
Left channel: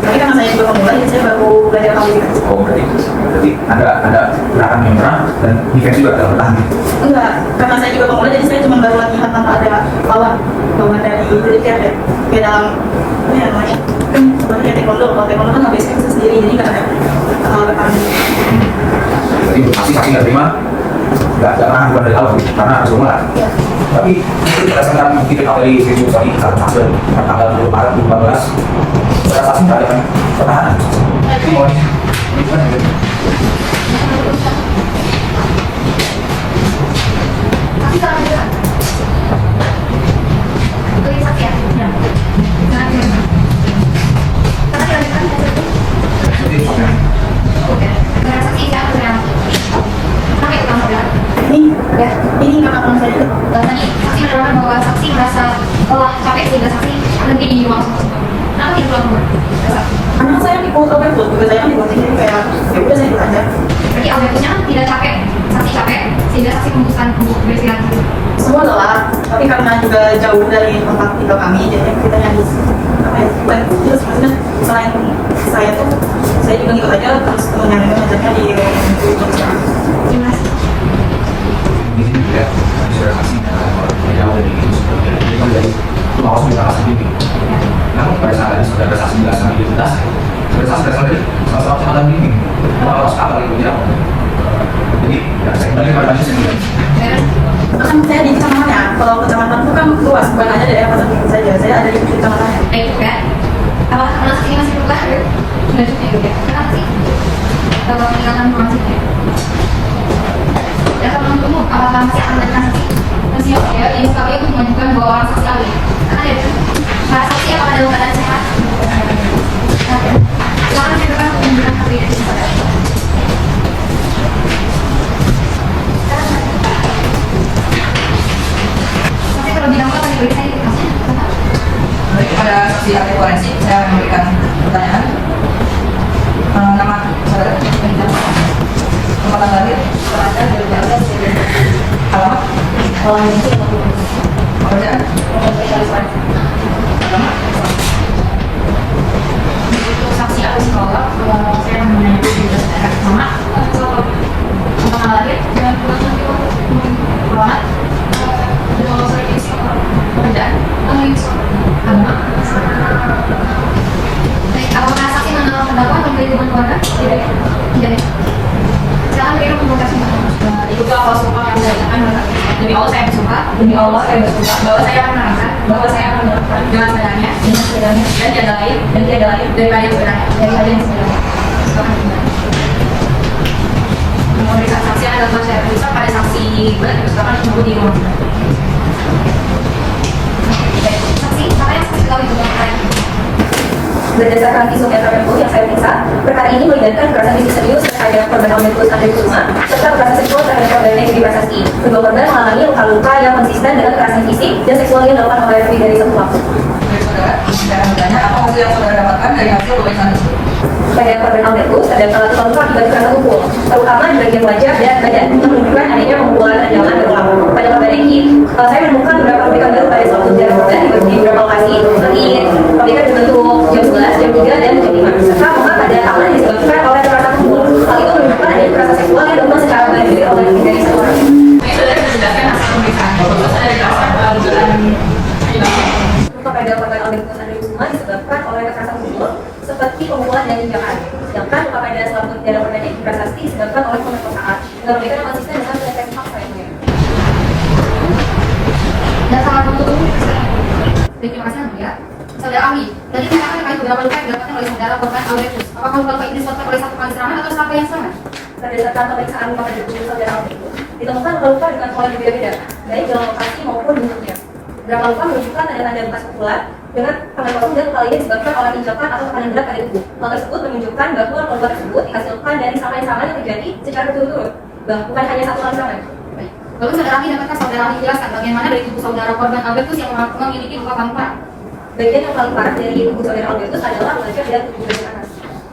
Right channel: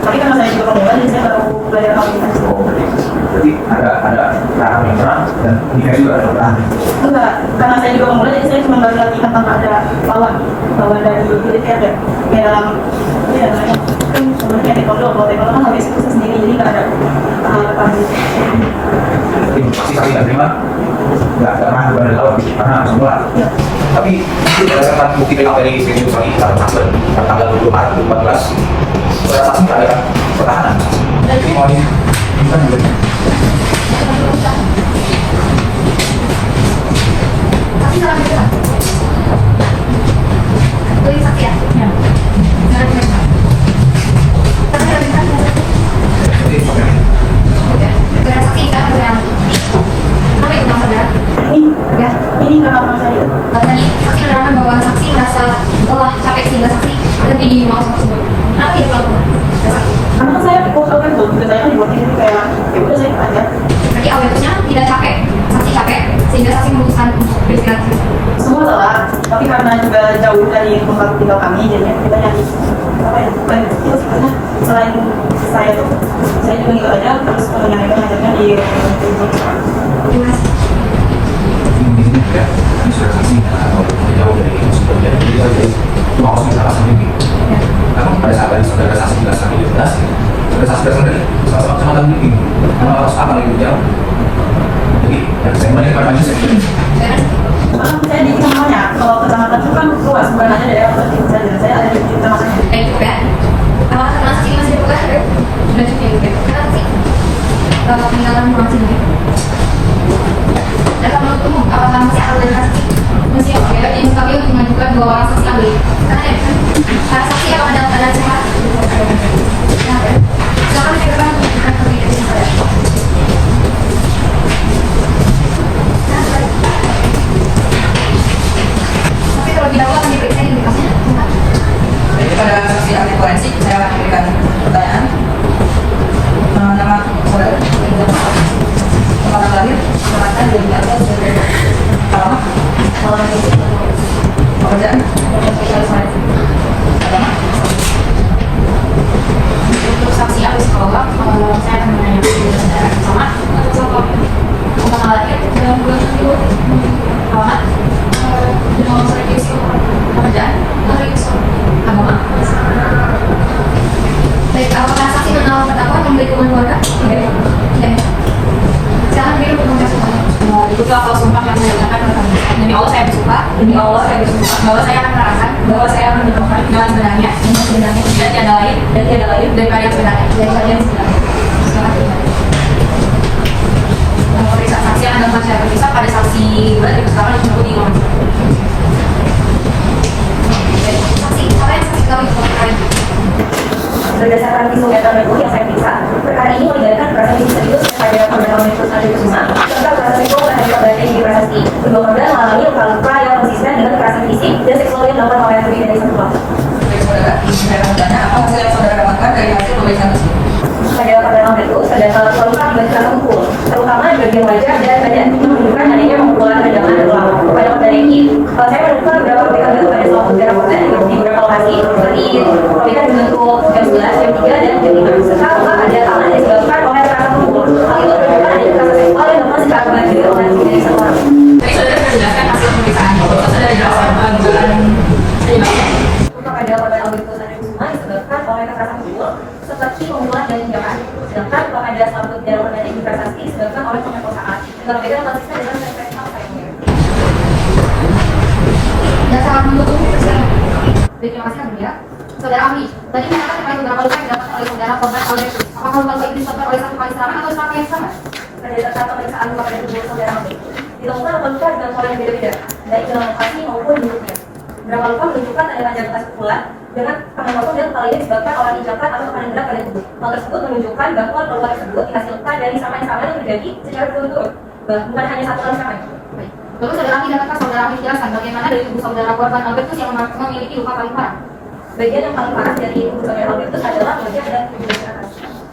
tapi karena saya juga pemula jadi saya baru belajar tahu gitu. Oh, berarti ada gerakan yang berat dan defense juga ada bertahan. Enggak, karena saya juga pemula jadi saya cuma baru latihan tanpa ada lawan dari jadi kayak dalam ya namanya kan seperti taekwondo, kalau taekwondo kan habis itu sendiri jadi nggak ada bertanding. Jadi informasi kami nggak terima, nggak pernah bukan dari awal karena harus mulai. Tapi nanti berdasarkan bukti BK dari video kami dalam hasil tanggal 20 Maret 2014 saudara saksi mengadakan pertahanan. Tapi salah juga. Tulis saksi ya? Ya. Saudara saksi kan yang apa itu saudara? Ini pengalaman saya juga. Tadi saksi adalah membawa saksi merasa lelah, capek sehingga saksi berhenti di rumah kosong tersebut. Kenapa tidak pulang rumah? Dasar. Karena saya dipukul kan juga saya kan dibonceng jadi kayak ya udah saya ikut aja. Berarti awalnya tidak capek, saksi capek sehingga saksi memutuskan untuk beristirahat. Semua lelah, tapi karena juga jauh dari tempat tinggal kami, jadi kita nyari apa ya, terus sebenarnya selain saya tuh, saya juga ngikut aja terus nyari mengajarnya di Jelas. Di sini juga kami sudah kasih jauh dari sumber dana jadi kan dari lolos di salah satu bimbing. Namun pada saat tadi sudah ada saksi jelas kami kita sudah saksi datang dari kalau kecamatan bimbing lolos apa lagi dia. Jadi saya balik kepada pagi sendiri. Kan saya di kecamatan, kalau kecamatan itu kan luas, bukan hanya daerah tertentu saja. Saya ada di kecamatan. Baik, kan? Apakah teman saksi masih berubah? Sudah cukup ya, gitu. Kenapa sih? Kalau meninggalkan maksudnya? Dapat menuntut umum, apakah masih akan ada saksi? Masih ya, jadi kami untuk menunjukkan dua orang saksi ahli. Karena ya, para saksi apakah dalam keadaan sehat? Silakan silakan untuk menunjukkan kepribadian saudara. Saksi terlebih dahulu akan diperiksa identitasnya. Baik, kepada saksi ahli forensik saya akan memberikan pertanyaan. Nama saudara, tempat lahir, alamat, pekerjaan, Untuk saksi ahli psikolog, saya akan menanyakan diri saudara pertama, tempat lahir, dengan bulan itu, alamat, dengan usaha di psikolog, pekerjaan, ahli psikolog, agama. Baik, apakah saksi mengenal terdakwa yang memberi dukungan keluarga? Tidak. Silakan berikan untuk mengucapkan. Ikuti awal sumpah yang saya ucapkan demi Allah saya bersumpah, bahwa saya akan menerangkan, dengan benarnya, dan tiada lain daripada yang sebenarnya, Silakan kembali. Memeriksa saksi yang ada dalam saya periksa pada saksi pertama disebut di rumah. Baik, saksi, apa yang saksi ketahui untuk perkara ini? Berdasarkan visum et repertum yang saya periksa, perkara ini melibatkan kekerasan fisik serius terhadap korban Omnibus Ade Kusuma serta kekerasan seksual terhadap korban Devi Prasasti. Kedua korban mengalami luka-luka yang konsisten dengan kekerasan fisik dan seksual yang dilakukan oleh lebih dari satu pelaku. dari saudara, saya akan bertanya apa hasil yang saudara dapatkan dari hasil pemeriksaan tersebut. Pada korban Omnibus terdapat luka akibat kekerasan pukul, terutama di bagian wajah dan badan menunjukkan adanya pemukulan rendaman berulang. Pada korban Devi, saya menemukan beberapa perbaikan baru pada suatu darah korban di beberapa lokasi, seperti perbaikan berbentuk jam 11, jam 3, dan jam 5. Serta luka pada tangan yang disebabkan oleh kekerasan pukul. Hal itu menunjukkan adanya kekerasan seksual yang dilakukan secara mandiri oleh lebih dari satu orang. Baik, saudara sudah menjelaskan hasil pemeriksaan, bahwa saudara dapat dugaan Luka pada korban Omnibus Ade Kusuma disebabkan oleh kekerasan pukul seperti pemukulan dan injakan. Sedangkan luka pada selaput darah korban Devi Prasasti disebabkan oleh pemerkosaan. Dengan perbaikan yang konsisten dengan preferensi fakta yang mulia. Dan sangat mendukung persidangan. Terima kasih, ya. Saudara Ami, tadi menyatakan terkait beberapa luka yang didapatkan oleh saudara korban Albertus. Apakah luka ini disebabkan oleh satu kali serangan atau serangan yang sama? Berdasarkan pemeriksaan luka pada tubuh saudara Omnibus, ditemukan luka-luka dengan pola yang berbeda, baik dalam lokasi maupun bentuknya. Beberapa luka menunjukkan ada tanda bekas pukulan dengan tangan kosong dan luka ini disebabkan oleh injakan atau tekanan berat pada tubuh. Hal tersebut menunjukkan bahwa luka tersebut dihasilkan dari serangan-serangan yang terjadi secara berturut-turut, bukan hanya satu kali serangan. Baik. Lalu saudara Ami, dapatkah saudara Ami menjelaskan bagaimana dari tubuh saudara korban Albertus yang memiliki luka paling parah? Bagian yang paling parah dari tubuh saudara Albertus adalah wajah dan tubuh bagian atas,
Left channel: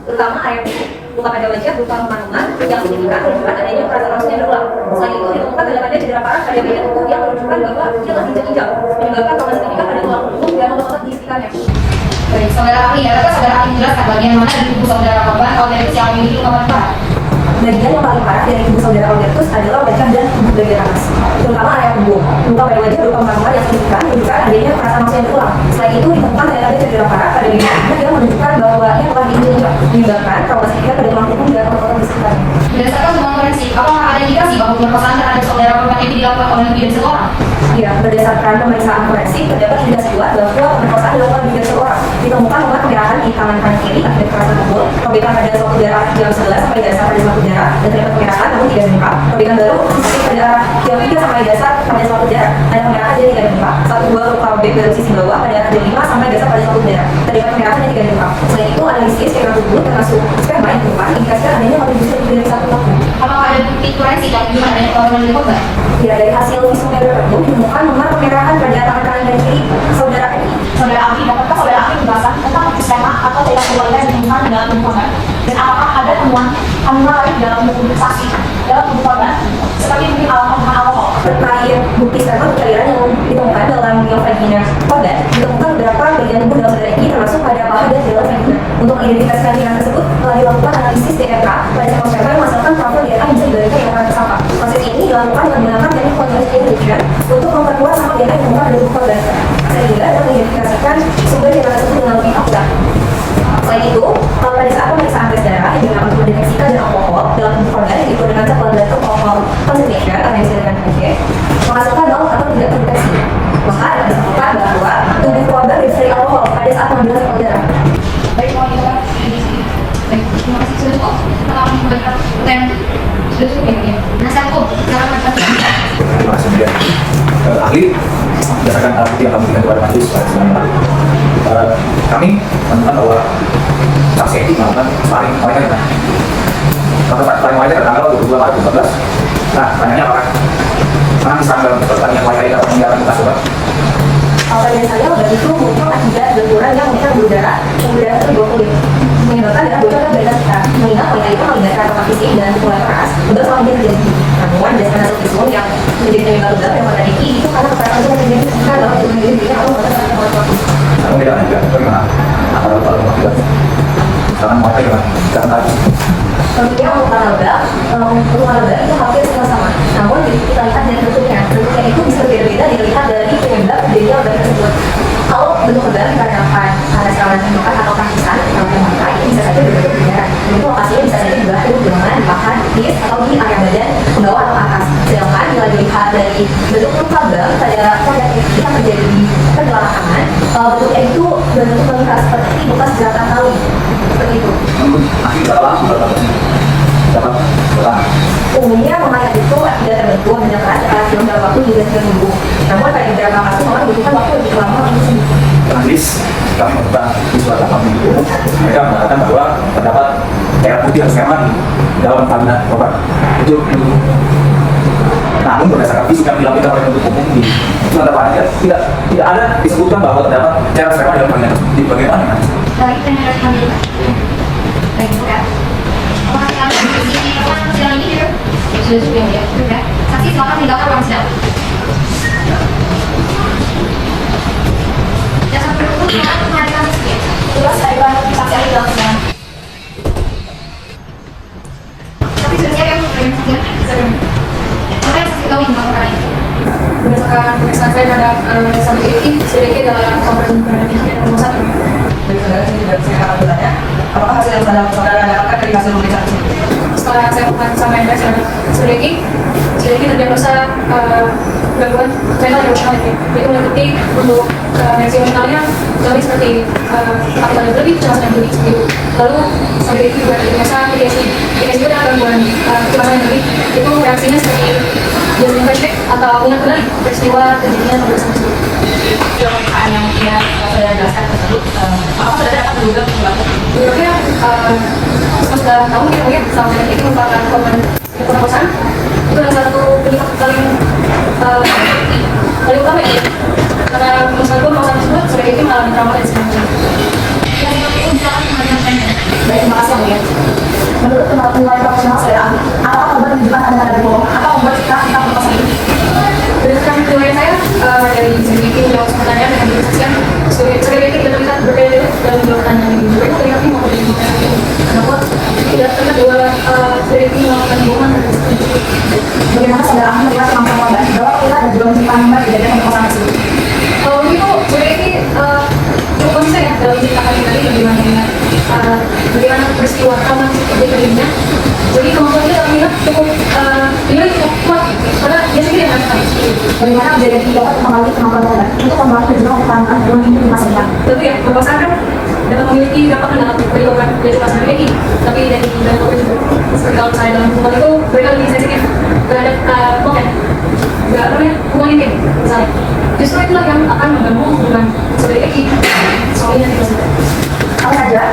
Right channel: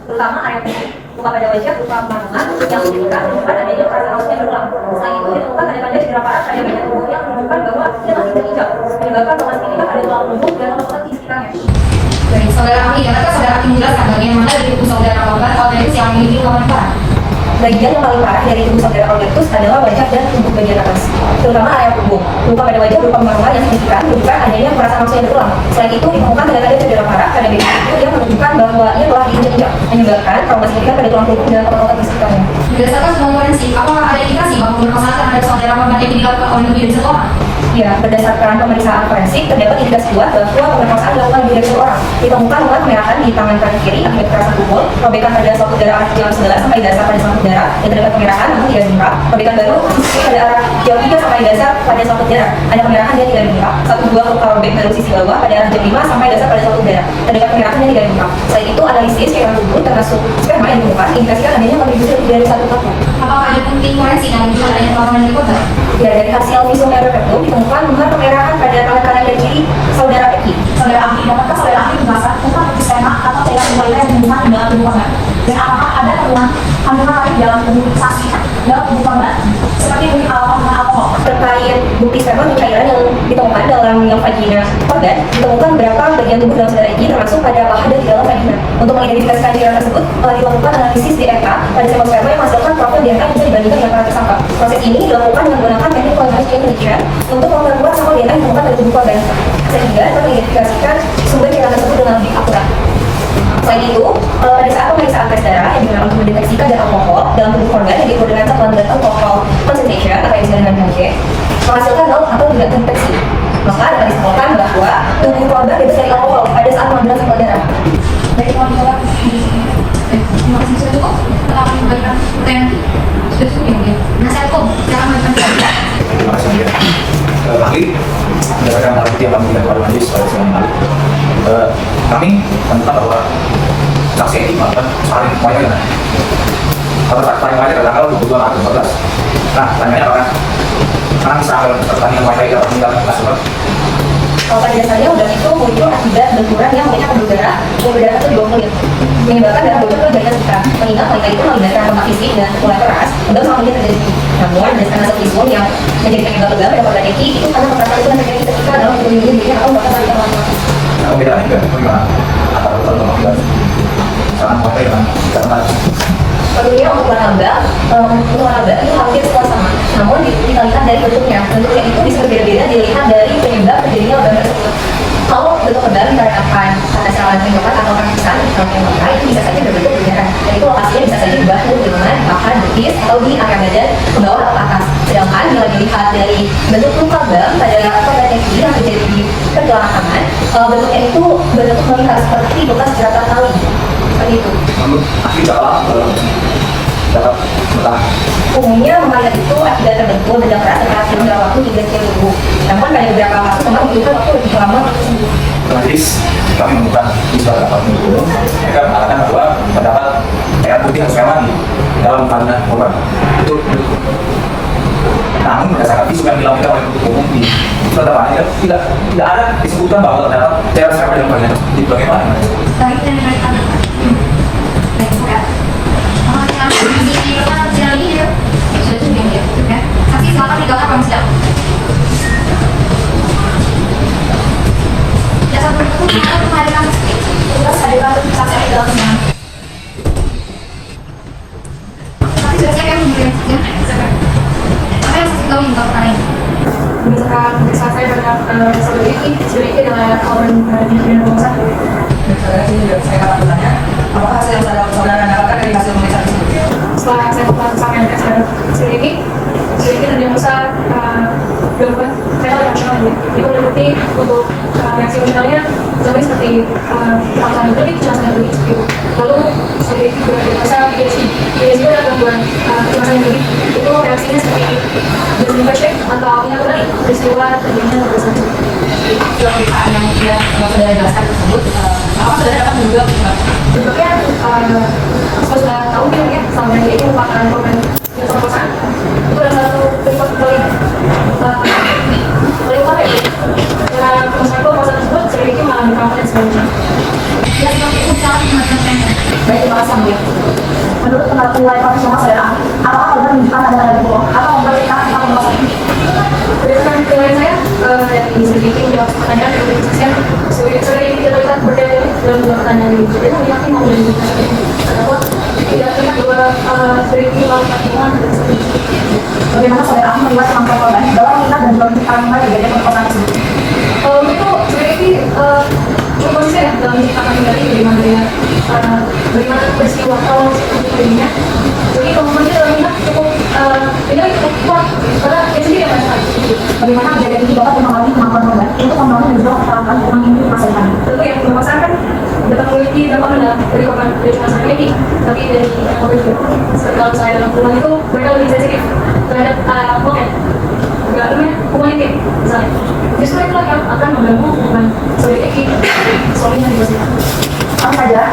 terutama area muka. Luka pada wajah berupa panungan yang signifikan menunjukkan adanya kekerasan yang berulang. Selain itu ditemukan pada cedera parah pada bagian tubuh yang menunjukkan bahwa dia telah diinjak-injak, menyebabkan luka signifikan pada tulang punggung dan otot di sekitarnya. Baik, saudara Ami, dapatkah saudara Ami menjelaskan bagaimana dari tubuh saudara korban Albertus yang memiliki luka paling parah? Bagian yang paling parah dari tubuh saudara Albertus adalah wajah dan tubuh bagian atas, terutama area punggung. Luka pada wajah berupa panungan yang signifikan menunjukkan adanya kekerasan yang berulang. Selain itu ditemukan ada cedera parah pada bagian tubuh yang menunjukkan bahwa ia telah diinjak-injak, menyebabkan trauma signifikan pada tulang punggung dan otot-otot di sekitarnya. Berdasarkan temuan forensik, apakah ada indikasi bahwa pemerkosaan terhadap saudara korban ini dilakukan oleh lebih dari satu orang? Ya, berdasarkan pemeriksaan forensik terdapat indikasi kuat bahwa pemerkosaan dilakukan lebih dari satu orang. Ditemukan luka kemerahan di tangan kanan kiri akibat kekerasan pukul, robekan pada selaput darah arah diam 11 sampai dasar pada selaput darah, yang terdapat kemerahan namun tidak demam. Robekan baru sisi pada arah diam 3 sampai dasar pada selaput darah, ada kemerahan dan tidak demam. Satu buah luka robek baru sisi bawah pada arah diam 5 sampai dasar pada selaput darah, terdapat kemerahan dan tidak demam. Selain itu analisis cairan tubuh termasuk sperma yang ditemukan indikasikan adanya kontribusi lebih dari satu pelaku. Apakah ada bukti forensik yang menunjukkan adanya perlawanan dari korban? Ya, dari hasil visum et repertum ditemukan nomor kemerahan pada tangan kanan dan kiri bukti sampel cairan yang ditemukan dalam vagina korban, ditemukan beberapa bagian tubuh dalam darah ini termasuk pada paha dan di dalam vagina. Untuk mengidentifikasikan cairan tersebut, dilakukan analisis DNA pada sampel sperma yang menghasilkan profil DNA yang bisa dibandingkan dengan para tersangka. Proses ini dilakukan dengan menggunakan teknik quantitative immunization untuk memperkuat sampel DNA yang ditemukan pada tubuh korban, sehingga dapat mengidentifikasikan sumber cairan tersebut dengan lebih akurat. Selain itu, pada saat pemeriksaan tes darah yang digunakan untuk mendeteksi kadar alkohol dalam tubuh korban yang disebut dengan blood alcohol concentration atau yang disebut dengan HB, menghasilkan nol atau tidak terdeteksi. Maka dapat disimpulkan bahwa tubuh korban bebas dari alkohol pada saat mengambil sampel darah. Baik, mohon diulang. Terima kasih sudah cukup. Kalau kami memberikan pertanyaan sudah cukup ya mungkin. Nasihat kok, silakan memberikan pertanyaan. Terima kasih ya. Ahli, berdasarkan alat bukti yang kami berikan kepada majelis pada sidang ini, kami menemukan bahwa saksi ini melakukan paling wajar. Paling wajar adalah tanggal 22 Maret 2015. Nah, pertanyaannya apakah menangis tanggal pertandingan wajar ini atau meninggalkan bekas luka? Kalau pada dasarnya udah itu muncul akibat benturan yang menyerang pembuluh darah itu di bawah kulit, menyebabkan darah bocor ke jaringan kita. Mengingat wanita itu melibatkan lemak fisik dan pukulan keras, udah selalu terjadi. Namun berdasarkan hasil visum yang menjadi penyebab udah pada pada Eki itu karena kekerasan yang terjadi ketika dalam itu menjadi atau bahkan sampai teman-teman. Nah, bedanya juga bagaimana? Apalagi kalau tidak, jangan wajar karena Tentunya untuk olahraga itu hampir sama. Namun kita lihat dari bentuknya itu bisa berbeda-beda dilihat dari penyebab terjadinya organ tersebut. Kalau bentuk organ dikarenakan karena serangan tembakan atau kasisan atau pemakai, bisa saja berbeda berjarak. Dan itu lokasinya bisa saja dibantu dengan bahkan betis atau di area badan ke bawah atau atas. Sedangkan bila dilihat dari bentuk luka bam pada korban yang terjadi di kedua tangan, bentuknya itu berbentuk meningkat seperti bekas jeratan tali. Seperti itu. masih dapat bertahan. Umumnya memakan itu akibat terbentur benda keras setelah jumlah waktu hingga sekian minggu. Namun pada beberapa kasus memang membutuhkan waktu lebih lama untuk sembuh. Majelis kami membuka beberapa minggu itu, mereka mengatakan bahwa terdapat cairan putih atau sperma di dalam vagina korban. Itu namun berdasarkan visum yang dilakukan oleh penuntut umum di penetapan tidak ada disebutkan bahwa terdapat cairan sperma di dalam vagina di bagian mana. Baik, yang dari kami. Baik, ya. Sudah cukup ya, ya. Saksi silakan tinggalkan ruang sidang. Ya, sampai pukul 5 kepada kami. Tugas adalah saksi ahli dalam sidang. Tapi sudah siap kami memberikan saksinya. Apa yang saksi tahu tentang perkara ini? Berdasarkan pemeriksaan saya terhadap saudara Eki, saudara Eki adalah korban pidana nomor 1. Dari sini dan saya akan bertanya, apakah hasil yang saudara dapatkan dari hasil pemeriksaan? Setelah saya melakukan sama MPS dan saudara Eki terdiagnosa gangguan renal emosional ini. Itu berarti untuk reaksi emosionalnya lebih seperti ketakutan yang berlebih, kecemasan yang berlebih seperti itu. Lalu saudara Eki juga terdiagnosa PTSD. PTSD adalah gangguan kecemasan yang berlebih. Itu reaksinya seperti jalan flashback atau ingat kembali peristiwa terjadinya pada saat itu. Dalam pemeriksaan yang dia saudara jelaskan tersebut, apakah saudara dapat menduga sesuatu? Sebenarnya sudah tahu ya banyak sama dari ini merupakan korban pemerkosaan. Itu adalah satu penyebab paling utama ya. Karena pemerkosaan tersebut sudah itu mengalami trauma dan sebagainya. Ya, seperti itu silakan memberikan pertanyaan. Baik, terima kasih kemudian. Menurut penilaian profesional saudara ahli, apakah korban menunjukkan tanda-tanda bohong atau membuat kita pemerkosaan ini? Berdasarkan penilaian saya dari sedikit menjawab pertanyaan yang disaksikan, saudara ini tidak terlihat berbeda dalam dua pertanyaan ini. Berbeda yang ini maupun dari pertanyaan ini. Adapun tidak terlihat dua saudara ini melakukan bohongan pada saat itu. Bagaimana saudara ahli melihat kemampuan korban dalam melihat dan juga menceritakan kembali kejadian pemerkosaan tersebut? Kalau itu saudara ini cukup konsisten ya dalam menceritakan kembali bagaimana peristiwa awal terjadi dirinya. Jadi kemampuan dia dalam minat cukup kuat karena dia sendiri yang merasakan. Bagaimana kejadian itu dapat mempengaruhi kemampuan korban untuk membangun dan juga mempertahankan hubungan ini di masa depan? Tentu ya, pemerkosaan kan dapat memiliki dampak dalam dari korban dari cuma saya ini, tapi dari korban juga. Seperti kalau saya dalam hubungan itu mereka lebih sensitif terhadap hubungan intim misalnya. Justru itulah yang akan mengganggu hubungan saudara Eki suaminya di Brazil. Apa saja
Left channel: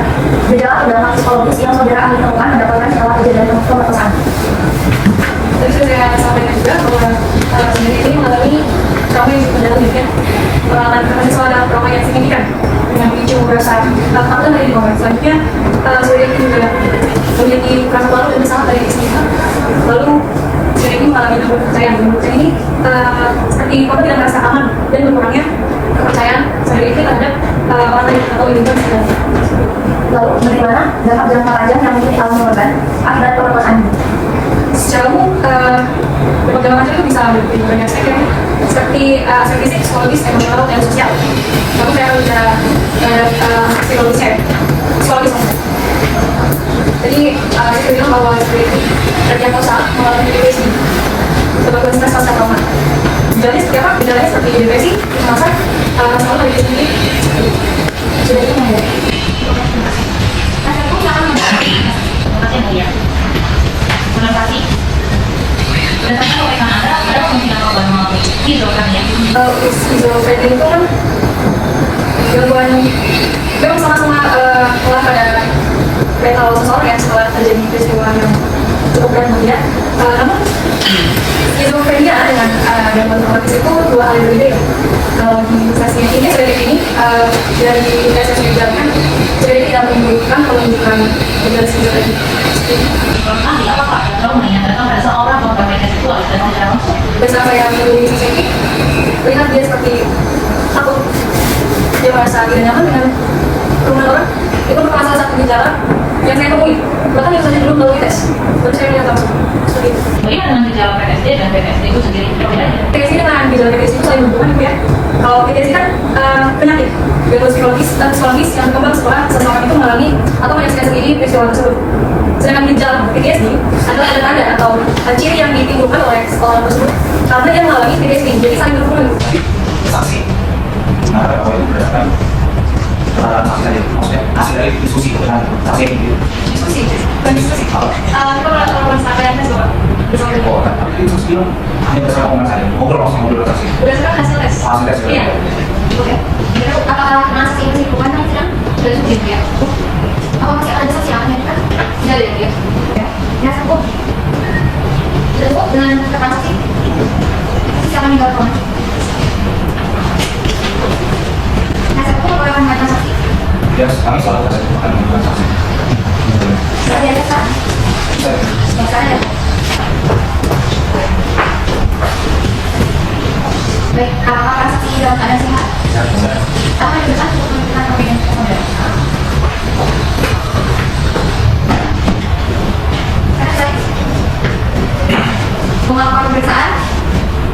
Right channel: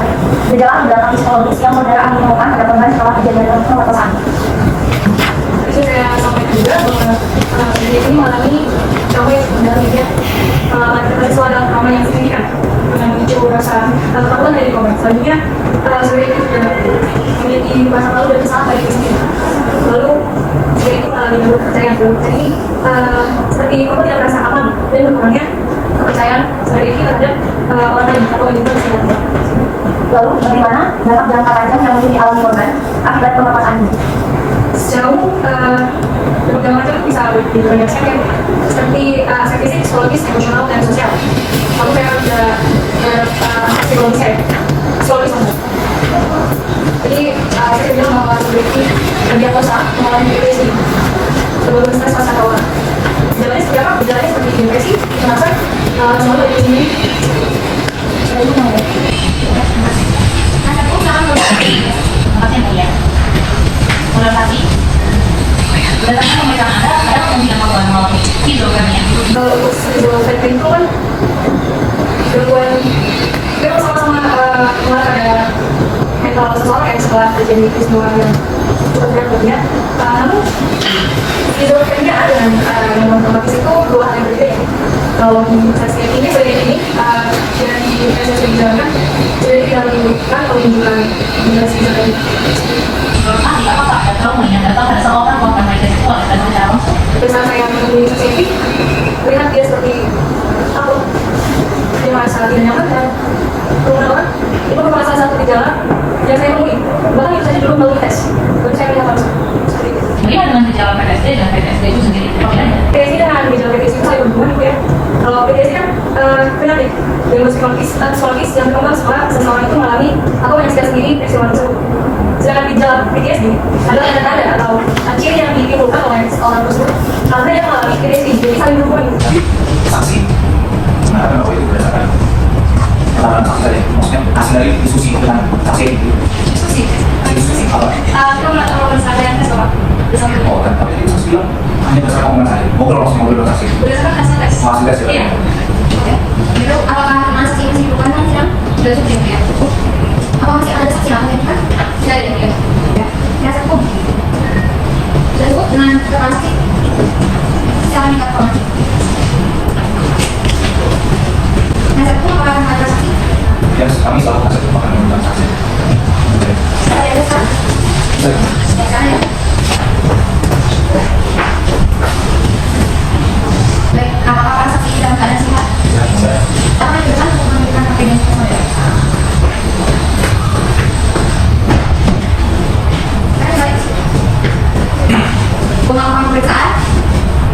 gejala atau dampak psikologis yang saudara ahli temukan pada korban setelah kejadian pemerkosaan? Tadi saya sampaikan juga bahwa saudara Eki ini mengalami trauma yang mendalam dirinya, mengalami suara trauma yang signifikan yang memicu rasa ketakutan dari korban. Selanjutnya saudara Eki juga memiliki rasa malu dan sangat dari diri sendiri. Lalu saudara Eki mengalami mengalami dampak kepercayaan dalam percaya ini seperti apa tidak merasa aman dan berkurangnya kepercayaan sendiri ini terhadap orang lain atau lingkungan sekitarnya. Lalu bagaimana dampak jangka panjang yang mungkin dialami korban akibat penolakan ini? Sejauh dampak jangka panjang itu bisa lebih banyak sektor seperti fisik, psikologis, emosional, dan sosial. Lalu saya sudah psikologis saya, psikologis maksudnya. Jadi kita bilang bahwa sebaiknya terjatuh saat mengalami depresi, sebagai stres pasca trauma. Gejalanya seperti apa? Gejalanya seperti depresi, kecemasan, sama lagi sendiri. Sudah itu mana? Kalau schizophrenia itu kan gangguan memang sama-sama mengarah pada mental seseorang yang setelah terjadi peristiwa yang cukup berat baginya. Namun schizophrenia dengan gangguan traumatis itu dua hal yang berbeda. Kalau sesi ini sebagai ini dari sesi dijalankan jadi tidak menunjukkan gejala schizophrenia. Informasi apakah ada trauma yang datang pada seorang korban pelecehan seksual dan secara langsung? Dan apa yang menemui sesi ini, lihat dia seperti takut, dia merasa tidak nyaman dengan kerumunan orang. Itu merupakan salah satu gejala yang saya temui. Bahkan itu saja belum tahu dites, baru saya melihat langsung seperti itu. Bagaimana dengan gejala PTSD dan PTSD itu sendiri? PTSD dengan gejala PTSD itu saling berhubungan gitu ya. Kalau PTSD kan penyakit gangguan psikologis yang berkembang setelah seseorang itu mengalami atau menyaksikan sendiri peristiwa tersebut. Sedangkan gejala PTSD adalah tanda-tanda atau ciri yang ditimbulkan oleh seorang tersebut karena yang mengalami PTSD, jadi saling berhubungan. Tapi saksi mengatakan bahwa itu berdasarkan keterangan saksi dari maksudnya hasil dari diskusi dengan saksi itu. Diskusi. Kita melakukan sadar tes apa? Berdasarkan Oh, tapi itu saksi bilang hanya berdasarkan omongan saja. Ngobrol langsung ngobrol dengan saksi. berdasarkan hasil tes. Hasil tes. Iya. Oke. Jadi apakah masih dibutuhkan kan tidak? Sudah cukup ya? Apa masih ada saksi yang lain kan? Tidak ada ya? Ya. Ya cukup. Sudah cukup dengan keterangan saksi. Siapa meninggal korban? Nah, saya pun akan mengatakan saksi. Ya, kami selalu akan menggunakan saksi. Saya ada kan? Saya. Ya saya. Baik, apakah para saksi dalam keadaan sehat? Ya, saya. Apa yang benar untuk menentukan perbedaan saudara? Saya baik. Pengakuan pemeriksaan,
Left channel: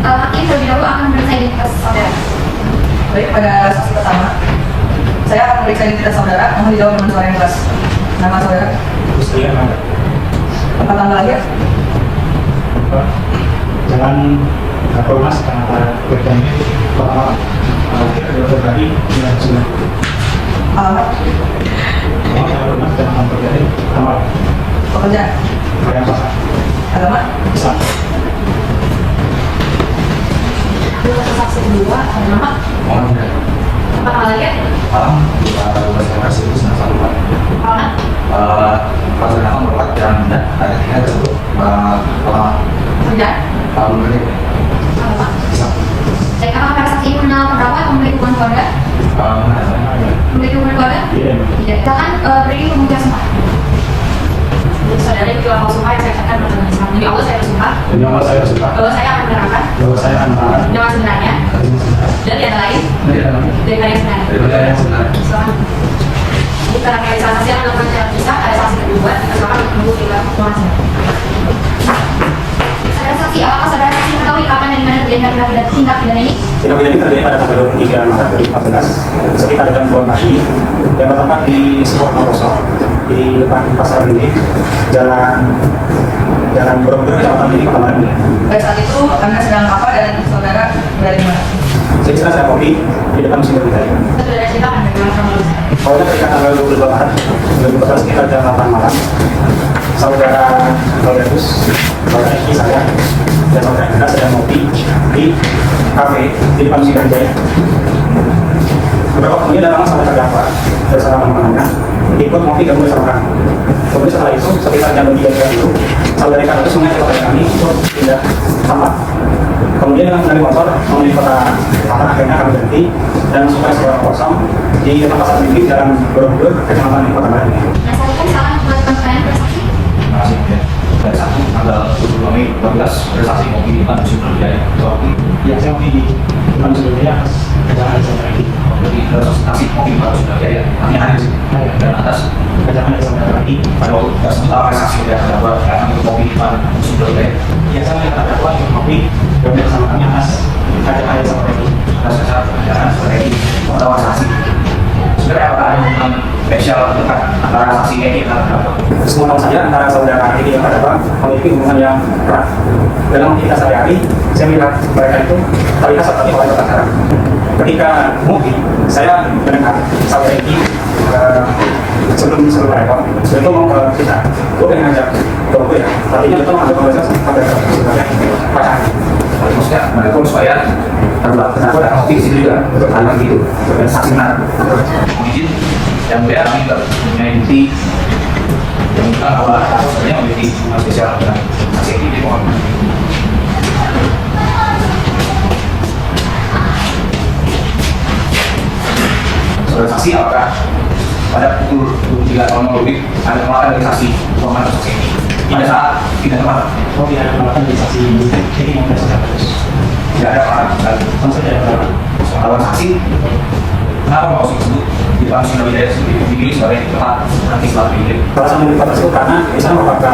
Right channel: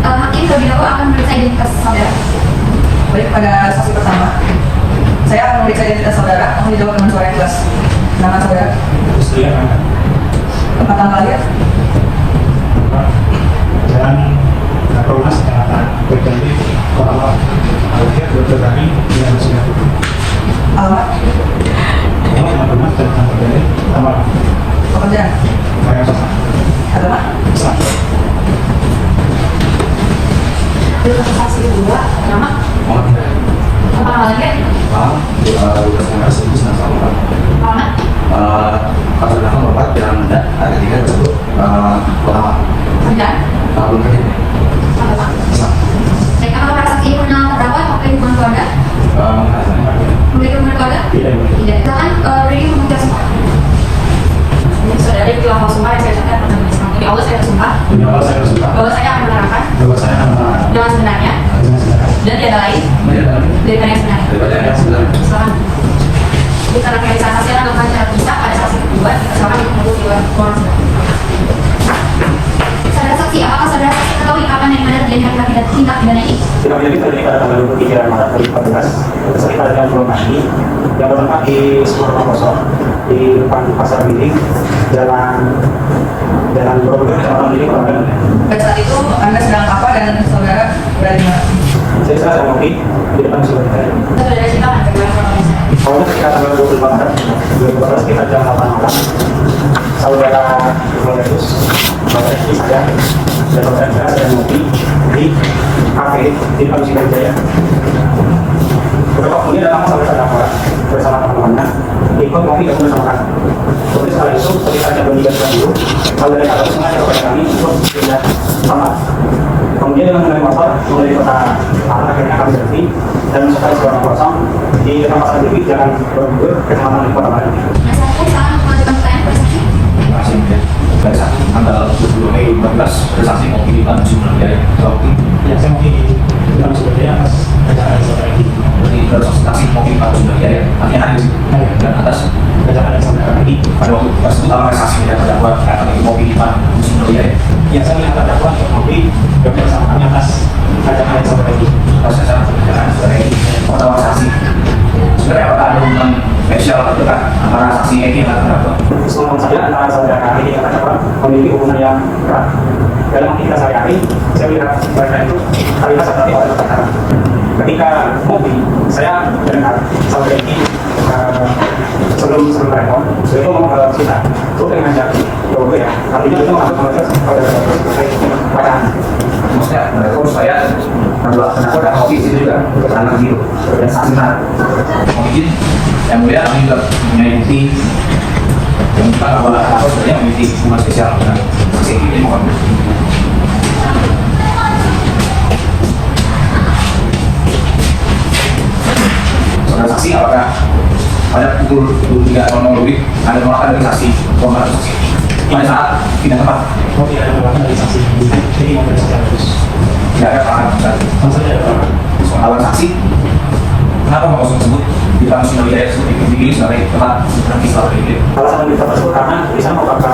hakim terlebih dahulu akan memeriksa identitas saudara. Baik, pada saksi pertama, saya akan memeriksa identitas saudara. Mohon dijawab dengan suara yang jelas. Nama saudara, tempat tanggal lahir, Jalan Polmas, Berjanji, Kepala Dr. Rani, yang Sina. alamat, Jalan Polmas, Jalan Berjanji, Kamar, pekerjaan, Raya Sama, agama, Islam. Dengan saksi kedua, nama, Mohon tidak. tempat lahir, Malam, udah generasi itu senang sama. mana, Pasal nama Bapak dan ada tiga itu pertama dan tahun ini. apa? Islam. Baik, apakah para saksi ini mengenal berapa memiliki hubungan keluarga? Memiliki hubungan keluarga? Tidak. Tidak. Kita kan beri hubungan semua. Saudara yang bilang mau sumpah, saya ucapkan dengan Islam. Jadi Allah saya bersumpah Demi Allah saya bersumpah bahwa saya akan menerangkan bahwa saya akan melakukan dengan sebenarnya dengan sebenarnya dan tiada lain Dia daripada yang sebenarnya. daripada yang sebenarnya. Silahkan. Diterangkan dari saksi yang akan secara pisah pada saksi kedua, dipersilakan untuk informasi. Saudara saksi, apakah saudara saksi mengetahui kapan dan di mana terjadi tindak pidana ini? Tidak pidana terjadi pada tanggal 23 Maret 2014 sekitar jam 2 pagi yang bertempat di Sekolah Kosong di depan Pasar ini Jalan Borobudur Kecamatan Gili Kota Bandung. pada saat itu Anda sedang apa dan saudara berada di mana? Saya sedang kopi di depan Sungai Tari. Saudara silakan bagaimana kronologisnya? Awalnya ketika tanggal 22 Maret 2014 sekitar jam 8 malam saudara Lorentus, saudara istri saya dan saudara kita sedang ngopi di kafe di depan Sungai Jaya. Bro, ini adalah saudara terdakwa bersama teman-temannya ikut ngopi ketemu sama kami. Kemudian setelah itu sekitar jam 3 dulu saudara kata itu sengaja kepada kami untuk pindah kamar. Kemudian dengan mengenai motor menuju kota Tanah, akhirnya kami berhenti dan masuk ke sekolah kosong di depan pasar Tinggi Jalan Borobudur Kecamatan Gili Kota Bandung. Nah, saya pun akan mengajukan pertanyaan pada saksi. Terima kasih ya. Pada saat tanggal 22 Mei 2014 ada saksi mau di mana musim biaya Ya, saya mau di manusia budaya atas kerjaan saudara Eki. berarti ada saksi mau di mana musim biaya kami hadir di sini dan atas Kerjaan dari saudara Eki. pada waktu persidangan saksi dan terdakwa kami mau di mana musim biaya Ya, saya melihat terdakwa Mobi bersama kami atas kerjaan dari saudara Eki. atas saat perjalanan sebagai pertama saksi sebenarnya apakah ada hubungan spesial atau kan antara saksi Eki dan terdakwa? Semua saya antara saudara Eki dan terdakwa memiliki hubungan yang erat. Dalam aktivitas sehari-hari, saya melihat mereka itu terlihat seperti orang bertengkar. Ketika Mobi, saya mendengar saudara Eki sebelum mereka mau ke kita, gue pengen ngajak gue ya, artinya itu masuk ke mereka sebagai pacaran. Maksudnya mereka supaya terdakwa dan kopi di situ juga karena gitu dan saksi benar mungkin yang beda kami juga mempunyai bukti yang bukan bahwa sebenarnya memiliki hubungan spesial dengan saksi ini mohon. Saudara saksi apakah pada pukul 23.00 lebih ada penolakan dari saksi korban atau saksi pada saat tidak tepat? Mobi ada penolakan dari saksi Eki maupun saksi Agus. Tidak ada penolakan. Maksudnya ada penolakan. Soal saksi, kenapa mau tersebut dipanggil oleh dia dipilih sebagai tempat praktis setelah penyidik? Alasan kita tersebut karena di sana merupakan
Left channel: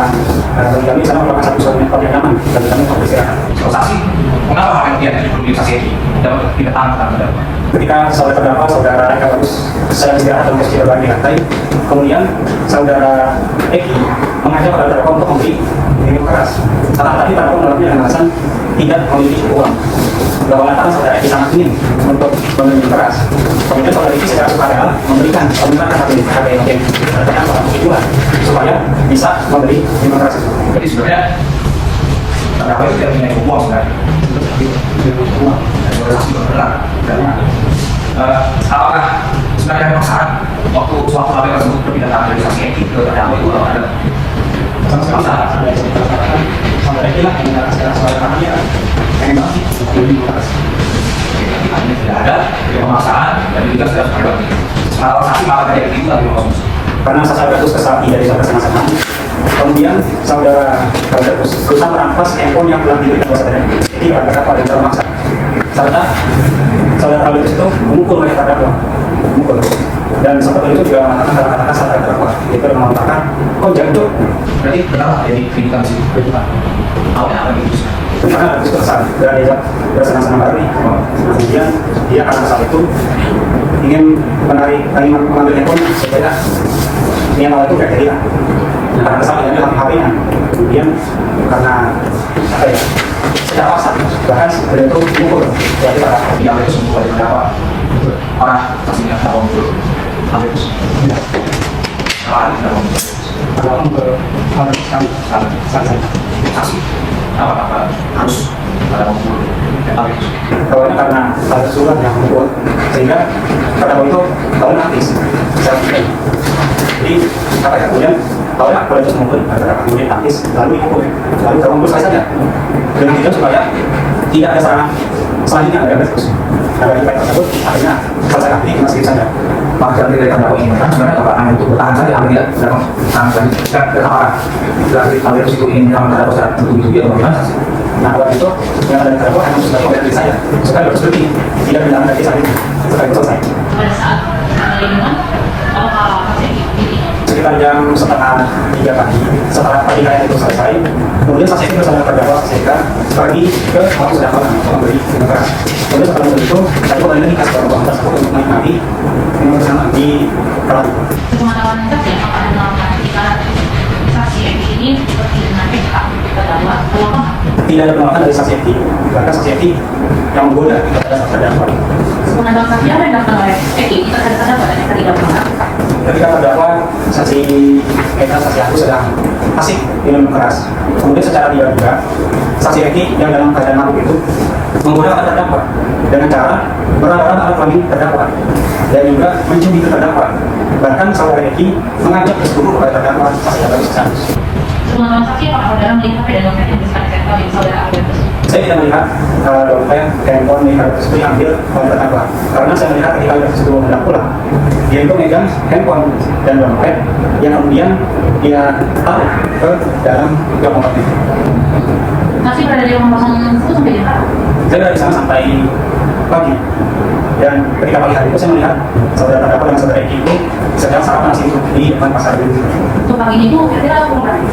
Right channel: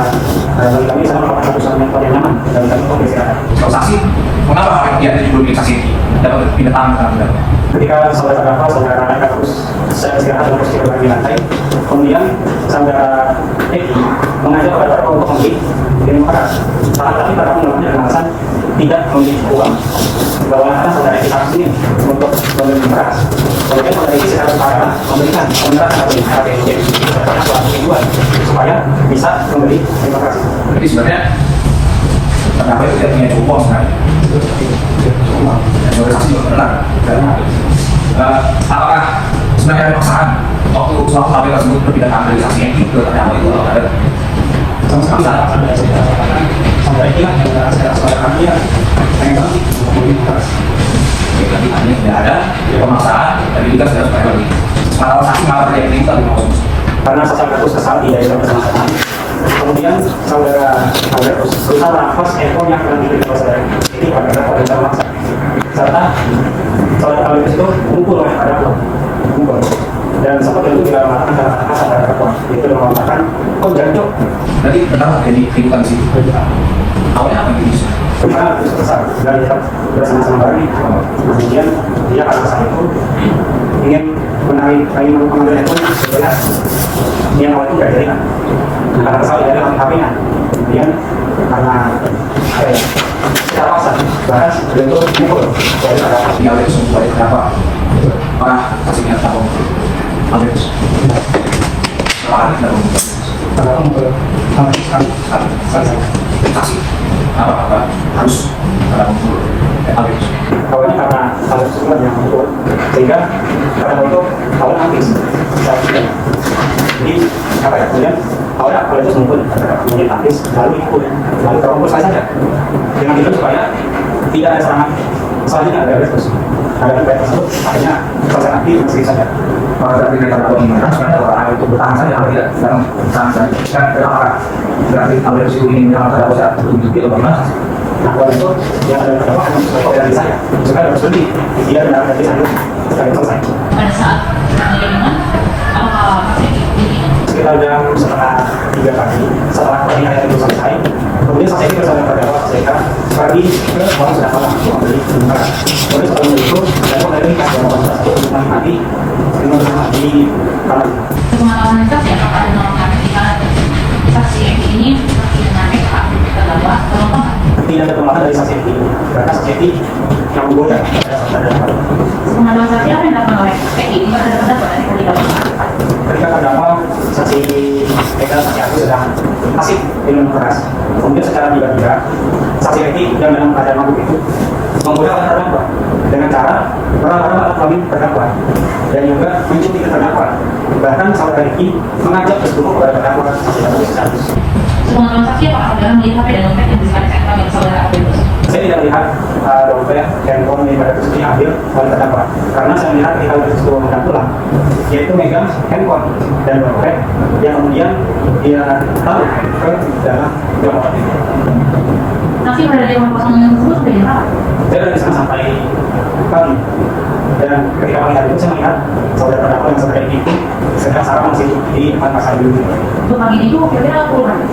kami sana merupakan satu mentor yang nyaman bagi kami untuk beristirahat. Soal saksi, kenapa hak yang belum saksi ini dapat ditentang tentang Ketika saudara terdakwa, saudara Eka terus saya beristirahat dan posisi berbagi lantai, kemudian saudara Eki mengajak pada terdakwa untuk membeli minum keras. Tetapi terdakwa menolaknya dengan alasan tidak memiliki uang. Karena saudara Eki sangat sulit untuk membeli keras. Kemudian saudara Eki secara sukarela memberikan pembelaan KPLD terdakwa tujuan supaya bisa membeli minum keras. Jadi sebenarnya terdakwa itu tidak punya uang kan? Uang. Dan oleh saksi benar. Apakah sebenarnya ada paksaan waktu selaku KPK tersebut berpindah dari saksi ini ke terdakwa itu ada? Sama sekali sampai Eki lah yang saudara kami ya pengen banget membeli keras. Tidak ada pemaksaan, jadi juga sudah terjadi. Kalau saksi malah dari ini lebih mau. Karena saudara Agus kesal tidak bisa bersama-sama. Kemudian saudara Agus berusaha merampas handphone yang telah diberikan oleh saudara Eki pada terdakwa dan termaksa. Serta saudara Agus itu memukul oleh terdakwa, memukul. Dan seperti itu juga mengatakan dalam kata saudara terdakwa, itu mengatakan, oh jancuk. Berarti benar dari kehidupan sih. Awalnya apa gitu? Karena Agus kesal dan dia bersama-sama balik. Kemudian dia karena saat itu ingin mengambil handphone supaya dia awal itu kayak jadi lah. Karena kesal dia ambil HP-nya. Kemudian karena apa ya? Secara paksa bahkan beliau itu pukul dari terdakwa. Yang itu semua dari terdakwa. Orang pastinya tak mau itu. Ambil itu. Sekarang tidak mau itu. Terdakwa harus sekali Saksi. Apa harus ada mau ambil itu. awalnya karena ada surat yang membuat sehingga terdakwa itu awalnya aktif saat ini. Jadi apa ya kemudian awalnya awalnya itu mengumpul terdakwa kemudian aktif lalu ikut lalu terkumpul saja dengan tujuan supaya tidak ada serangan selanjutnya ada terus ada di baik tersebut akhirnya selesai aktif masih saja. Maka dari terdakwa ini memang sebenarnya terlalu untuk bertahan saja kalau tidak dalam sangat kan apakah dari ambil itu ingin dalam terdakwa saat begitu atau bagaimana sih? Nah awal itu yang ada terdakwa hanya sebagai dari saya supaya harus berhenti tidak menangani dari saya supaya itu selesai. Pada saat pengiriman, apakah ini? Sekitar jam setengah 3 pagi setelah pernikahan itu selesai kemudian saksi itu bersama terdakwa saksi Eka pergi ke warung terdakwa untuk membeli minum keras. Kemudian setelah itu terdakwa lagi kasih terdakwa tersebut untuk menikmati minum keras di pelaku. Pengalaman saksi apakah ada melakukan ketika saksi ini seperti dengan PK terdakwa atau apa? Tidak ada penolakan dari saksi Eki bahkan saksi Eki yang menggoda pada saat terdakwa. Pengalaman saksi apa yang dilakukan oleh Eki? Kita ada terdakwa dan kita tidak melakukan. Ketika terdakwa saksi Eka saksi Agus sedang asik minum keras kemudian secara tiba-tiba saksi Eki yang dalam keadaan mabuk itu menggoda terdakwa dengan cara berlarang alat kelamin terdakwa dan juga mencubit terdakwa. Bahkan saudara Eki mengajak bersetubuh kepada terdakwa saksi Agus. Pengalaman saksi apakah saudara melihat HP dan dompet yang disediakan sektor yang saudara ambil? Saya tidak melihat dompet, handphone, milik tersebut yang ambil oleh terdakwa karena saya melihat ketika tersebut hendak pulang dia itu megang handphone dan dompet yang kemudian dia taruh ke dalam jok motornya. Nanti pada dia memasang itu sampai berapa? Saya dari sana sampai pagi. Dan ketika pagi hari itu saya melihat saudara terdakwa yang saudara itu sedang sarapan nasi di depan pasar dulu. Untuk pagi itu kira-kira pukul berapa?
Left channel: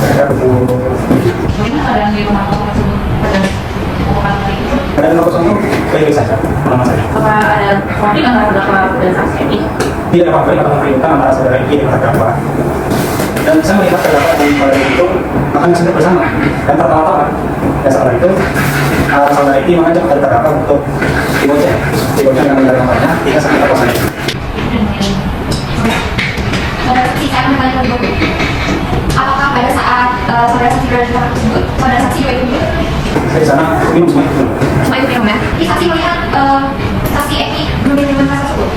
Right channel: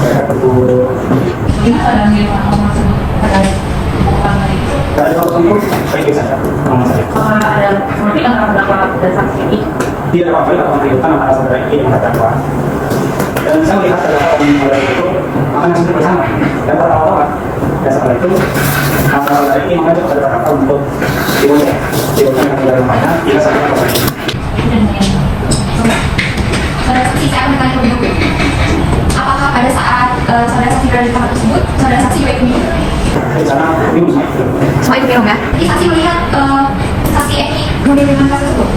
Kira-kira pukul Gimana keadaan dia masuk pada orang itu? pada jam 0 itu baik-baik saja, aman saja. Apakah ada konflik antara terdakwa dan saksi ini? Tidak ada konflik atau konflikan antara saudara ini dengan terdakwa. Dan saya melihat terdakwa pada itu makan nasi bersama. Dan pertama-tama dan setelah itu saudara ini mengajak kepada terdakwa untuk dibonceng dengan dalam rumahnya 3 sampai 4 menit. Saudara saksi, saya akan bertanya lebih lanjut. Apakah pada saat saudara saksi berada di tempat tersebut, saudara saksi juga ikut minum? Saya di sana minum semua. Semua ikut minum ya? Jadi saksi melihat saksi Eki mengambil minuman keras tersebut?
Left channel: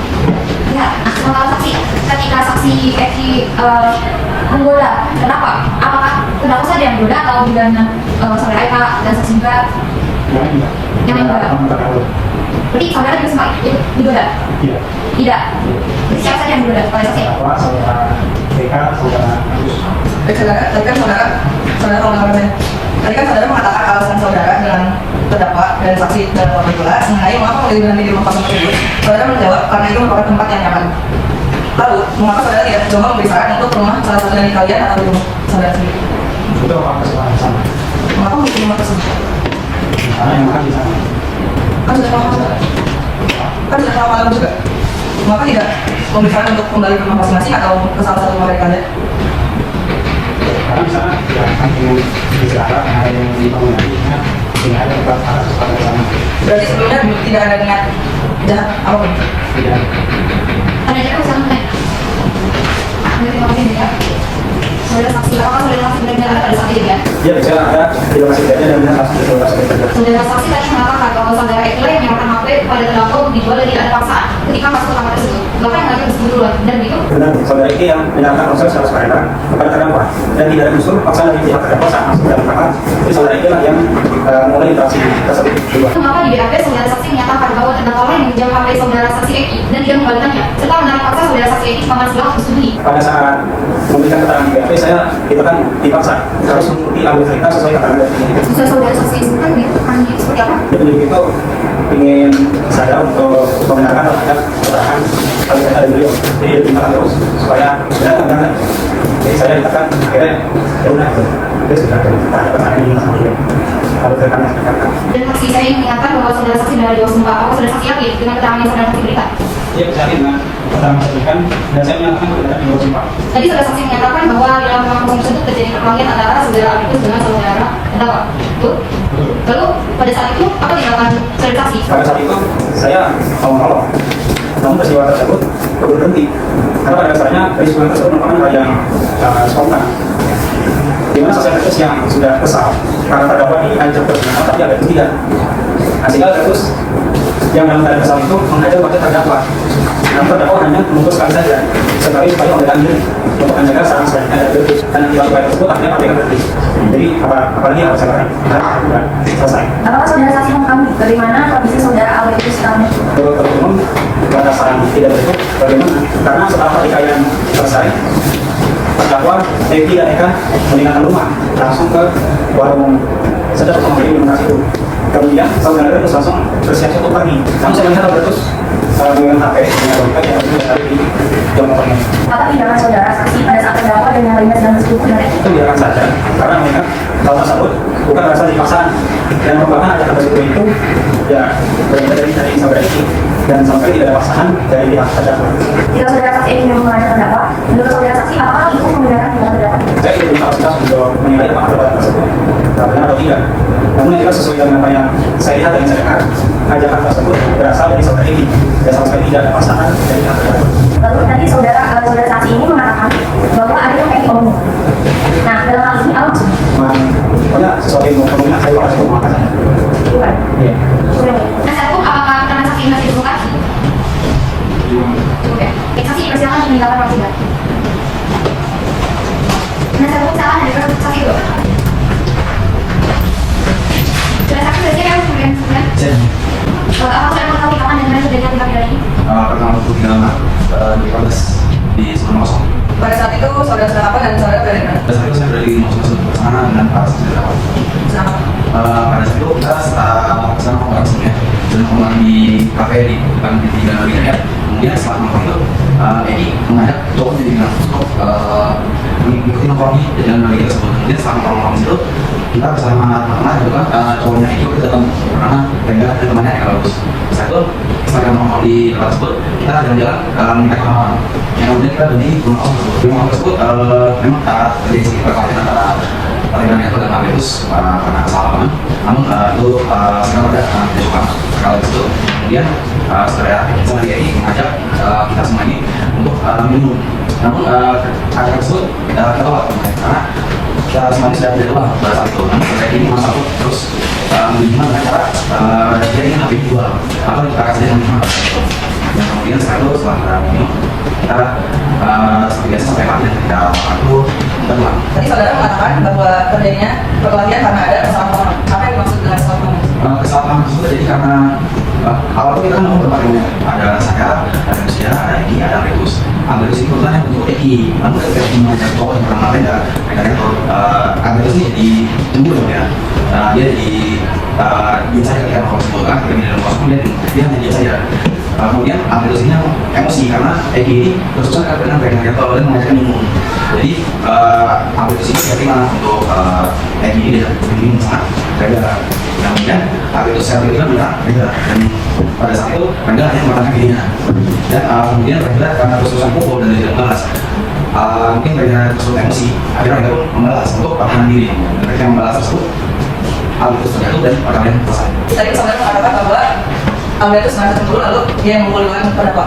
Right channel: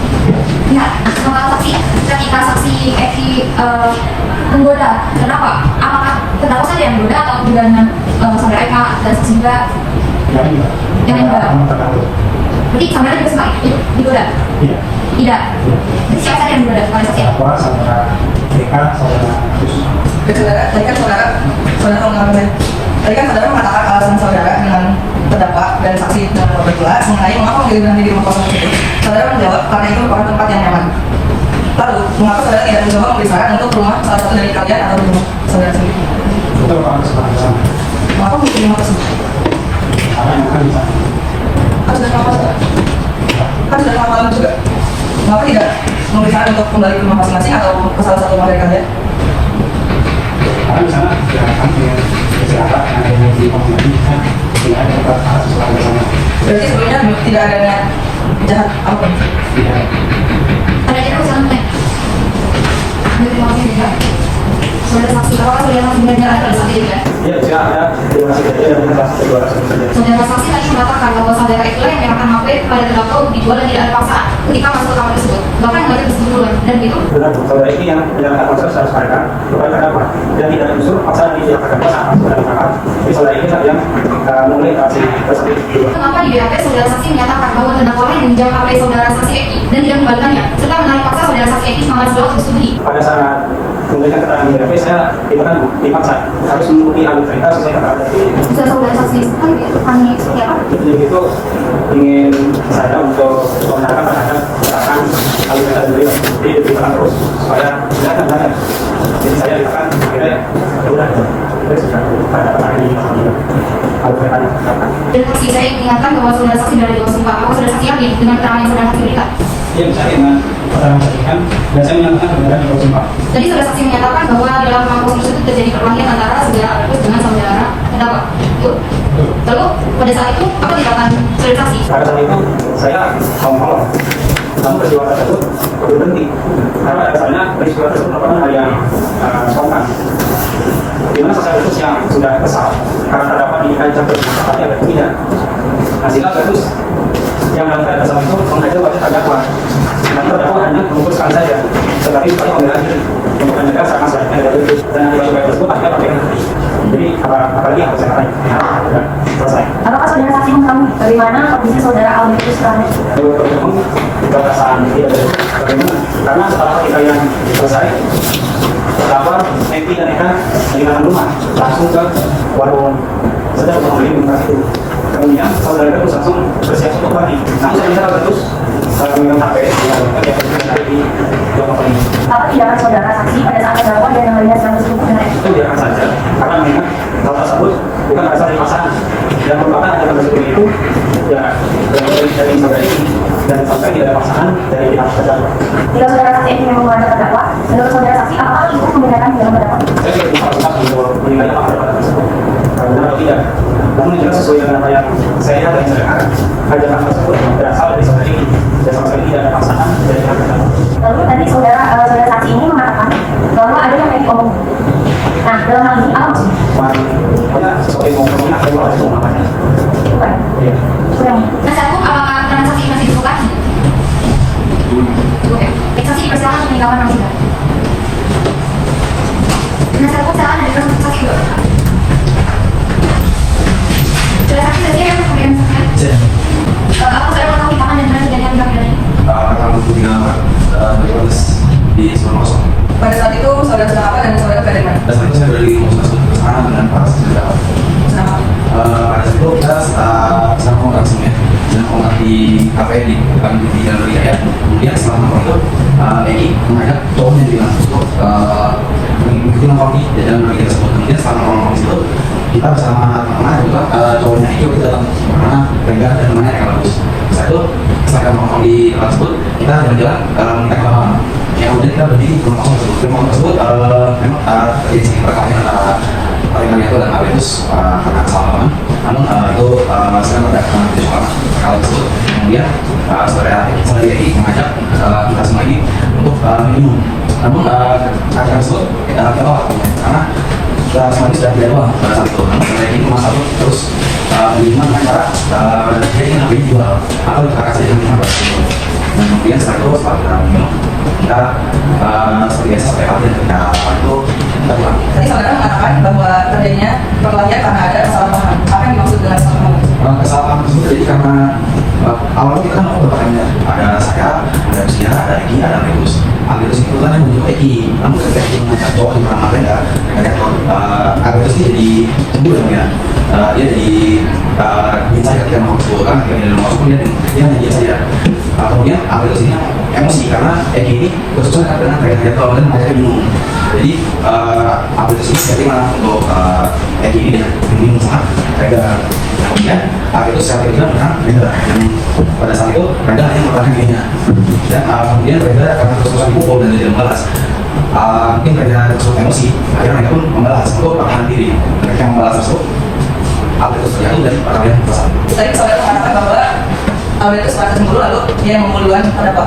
Lihat, kalau saksi ketika saksi Eki menggoda terdakwa, apakah terdakwa saja yang menggoda atau juga saudara Eka dan saksi juga yang menggoda? Berarti saudara juga sempat ikut digoda? Tidak. Tidak. Jadi siapa saja yang menggoda pada saksi? Terdakwa, saudara mereka, saudara Tadi kan saudara mengatakan alasan saudara dengan terdakwa dan saksi dalam berbeda mengenai mengapa memilih memilih rumah kosong tersebut. Saudara menjawab karena itu merupakan tempat yang nyaman. Lalu, mengapa saudara tidak mencoba memberi saran untuk rumah salah satu dari kalian atau rumah saudara sendiri? itu merupakan kesalahan sama. Mengapa memilih rumah tersebut? Karena yang bukan di sana. Kan sudah lama saudara. Kan sudah lama malam juga. Mengapa tidak memberi saran untuk kembali ke rumah masing-masing atau ke salah satu rumah dari kalian? Karena di sana tidak akan dengan istirahat karena yang di bangunannya tidak ada tempat sesuatu bersama. Berarti sebelumnya tidak ada niat jahat apapun. Tidak. Ada yang silakan bertanya. Dari kami juga. Saudara saksi, apakah saudara saksi benar-benar ada pada saat itu ya? Ya, di sana ada tiga masih saja dan benar pasti kedua saksi saja. Saudara saksi tadi mengatakan bahwa saudara Eki yang menyamakan HP kepada terdakwa untuk dijual dan tidak ada paksaan ketika masuk ke kamar tersebut. Bahkan yang ngajak bersembunyi duluan. Dan begitu, Benar, saudara ini yang menjalankan proses harus mereka kepada terdakwa dan tidak ada unsur paksaan dari pihak terdakwa saat masuk dalam kamar. Jadi saudara ini yang mulai interaksi tersebut dulu. mengapa di BAP saudara saksi menyatakan bahwa terdakwa yang meminjam HP saudara saksi Eki dan tidak mengembalikannya, serta menarik paksa saudara saksi Eki semakin setelah bersembunyi? Pada saat memberikan keterangan di BAP, saya ditekan dipaksa harus mengambil cerita sesuai keterangan dari Sesuai saudara saksi kan kami seperti apa? petunjuk itu ingin saya untuk membenarkan terhadap keterangan kalau ada beliau. Jadi ditekan terus supaya tidak terangkan. Jadi saya ditekan akhirnya udah terus ada ini kalau ditekan Dan saksi saya ingin mengingatkan bahwa saudara saksi berada di bawah sumpah. Apa saudara saksi yakin dengan keterangan yang saudara saksi berikan? dia bisa dengan keterangan saksikan dan saya menyatakan tidak di bawah sumpah. Tadi saudara saksi menyatakan bahwa dalam rumah kosong tersebut terjadi perkelahian antara saudara Agus dengan saudara terdakwa. Betul? Lalu pada saat itu apa tindakan saudara saksi? Pada saat itu saya mau menolong, namun peristiwa tersebut berhenti karena dasarnya peristiwa tersebut merupakan hal yang spontan. Di mana sosial terus yang sudah kesal karena terdakwa diancam bersama tapi ada tidak. Nah sehingga terus yang dalam keadaan kesal itu menghajar wajah terdakwa. Namun terdakwa hanya memutuskan saja sebagai supaya pembelaan diri untuk menjaga sarana sebaiknya dan terus dan tiba-tiba tersebut akhirnya pakai berhenti. Jadi apalagi yang saya katakan ya selesai. Apakah saudara saksi mengetahui bagaimana kondisi saudara Alwi itu setelah itu? Umum pada saat tidak betul bagaimana? Karena setelah pertikaian selesai, terdakwa Eki dan Eka meninggalkan rumah langsung ke warung sedang untuk membeli minuman itu. Kemudian saudara terus langsung bersiap untuk pergi. Namun saya melihat terus memegang HP dengan buka yang sudah dari di jam ini. Apa tindakan saudara saksi pada saat terdakwa dan yang lainnya sedang tersebut benar? Itu biarkan saja karena mengingat hal tersebut bukan rasa dipaksaan dan merupakan ajakan tersebut itu ya dari saudara ini dan sampai tidak ada paksaan dari pihak terdakwa. Jika saudara saksi ini memang melanggar terdakwa, menurut saudara saksi apakah itu membenarkan tindakan terdakwa? Saya tidak punya kapasitas untuk menilai apakah perbuatan tersebut benar atau tidak. Namun yang jelas sesuai dengan apa yang saya lihat dan saya dengar, ajakan tersebut berasal dari saudara ini dan sama sekali tidak ada paksaan dari pihak terdakwa. Lalu tadi saudara saksi ini mengatakan bahwa ada yang Eki omong. Nah, dalam hal ini apa maksudnya? Pokoknya sesuatu yang ngomongnya saya lupa itu mengatakan. Bukan. Iya. Kurang. Nah, satu, apakah keterangan saksi masih cukup? Oke. Saksi dipersilakan meninggalkan masih tidak. Nah, satu, silakan dari saksi dulu. Saudara saksi berarti yang kemudian Cek. apa saudara mengetahui bahkan dan mana kejadian tindak pidana ini? Pertama bukti berproses di sebelum kosong. Pada saat itu saudara sedang apa dan saudara berada di mana? Dan setelah itu saya berada di rumah sana dengan para saksi awal. Kenapa? Pada saat itu kita sedang nongkrong langsung ya, sedang nongkrong di kafe di depan di galeri ya. Kemudian setelah nongkrong itu, Eki mengajak cowoknya di bilang untuk mengikuti nongkrong di jalan galeri tersebut. Kemudian setelah nongkrong itu kita bersama teman-teman juga cowoknya Eki itu datang karena Rengga dan temannya Eka bagus. Setelah itu setelah nongkrong di tempat tersebut kita jalan-jalan mencari makan. Yang kemudian kita berdiri di rumah tersebut. Di rumah tersebut memang terjadi perkelahian antara Rekan itu dan Albertus karena kesalahan teman. Namun itu sedang ada perkelahian tersebut. Kemudian saudara Eki mengajak kita semua ini untuk minum. Namun acara tersebut kita tolak karena kita semua ini sudah tidak telah pada saat itu. Namun saudara Eki masuk terus minuman dengan cara jadinya lebih jual atau kita kasih dengan minuman. Dan kemudian setelah itu setelah kita minum kita seperti biasa sampai pagi dan kita waktu kita pulang. Tadi saudara mengatakan bahwa terjadinya perkelahian karena ada kesalahpahaman. Apa yang dimaksud dengan kesalahpahaman? Kesalahan tersebut terjadi karena awalnya kita kan mau berbaring, ada saya, ada Usia, ada Eki, ada Rebus. Agresif itu kan yang untuk Eki, namun ketika Eki mengajak cowok yang bernama Renda, agresif ini jadi cemburu ya. Dia jadi bisa ketika mau cemburu kan, kemudian dia masuk dia jadi saja. Kemudian agresifnya emosi karena Eki ini bersuara dengan rekan-rekan cowok dan mengajaknya minum. Jadi agresif jadi mana untuk Eki ini yang minum sangat Renda. Kemudian itu saya pikir bilang Renda yang pada saat itu Renda yang bertanya kayaknya. Dan kemudian Renda karena kesusahan pukul dan dia membalas mungkin Renda kesusahan emosi akhirnya mereka pun membalas untuk pertahanan diri dan mereka membalas tersebut Albertus terjatuh dan perkelahian selesai. Tadi saudara mengatakan bahwa Albertus merasa cemburu lalu dia yang memukul duluan terdakwa.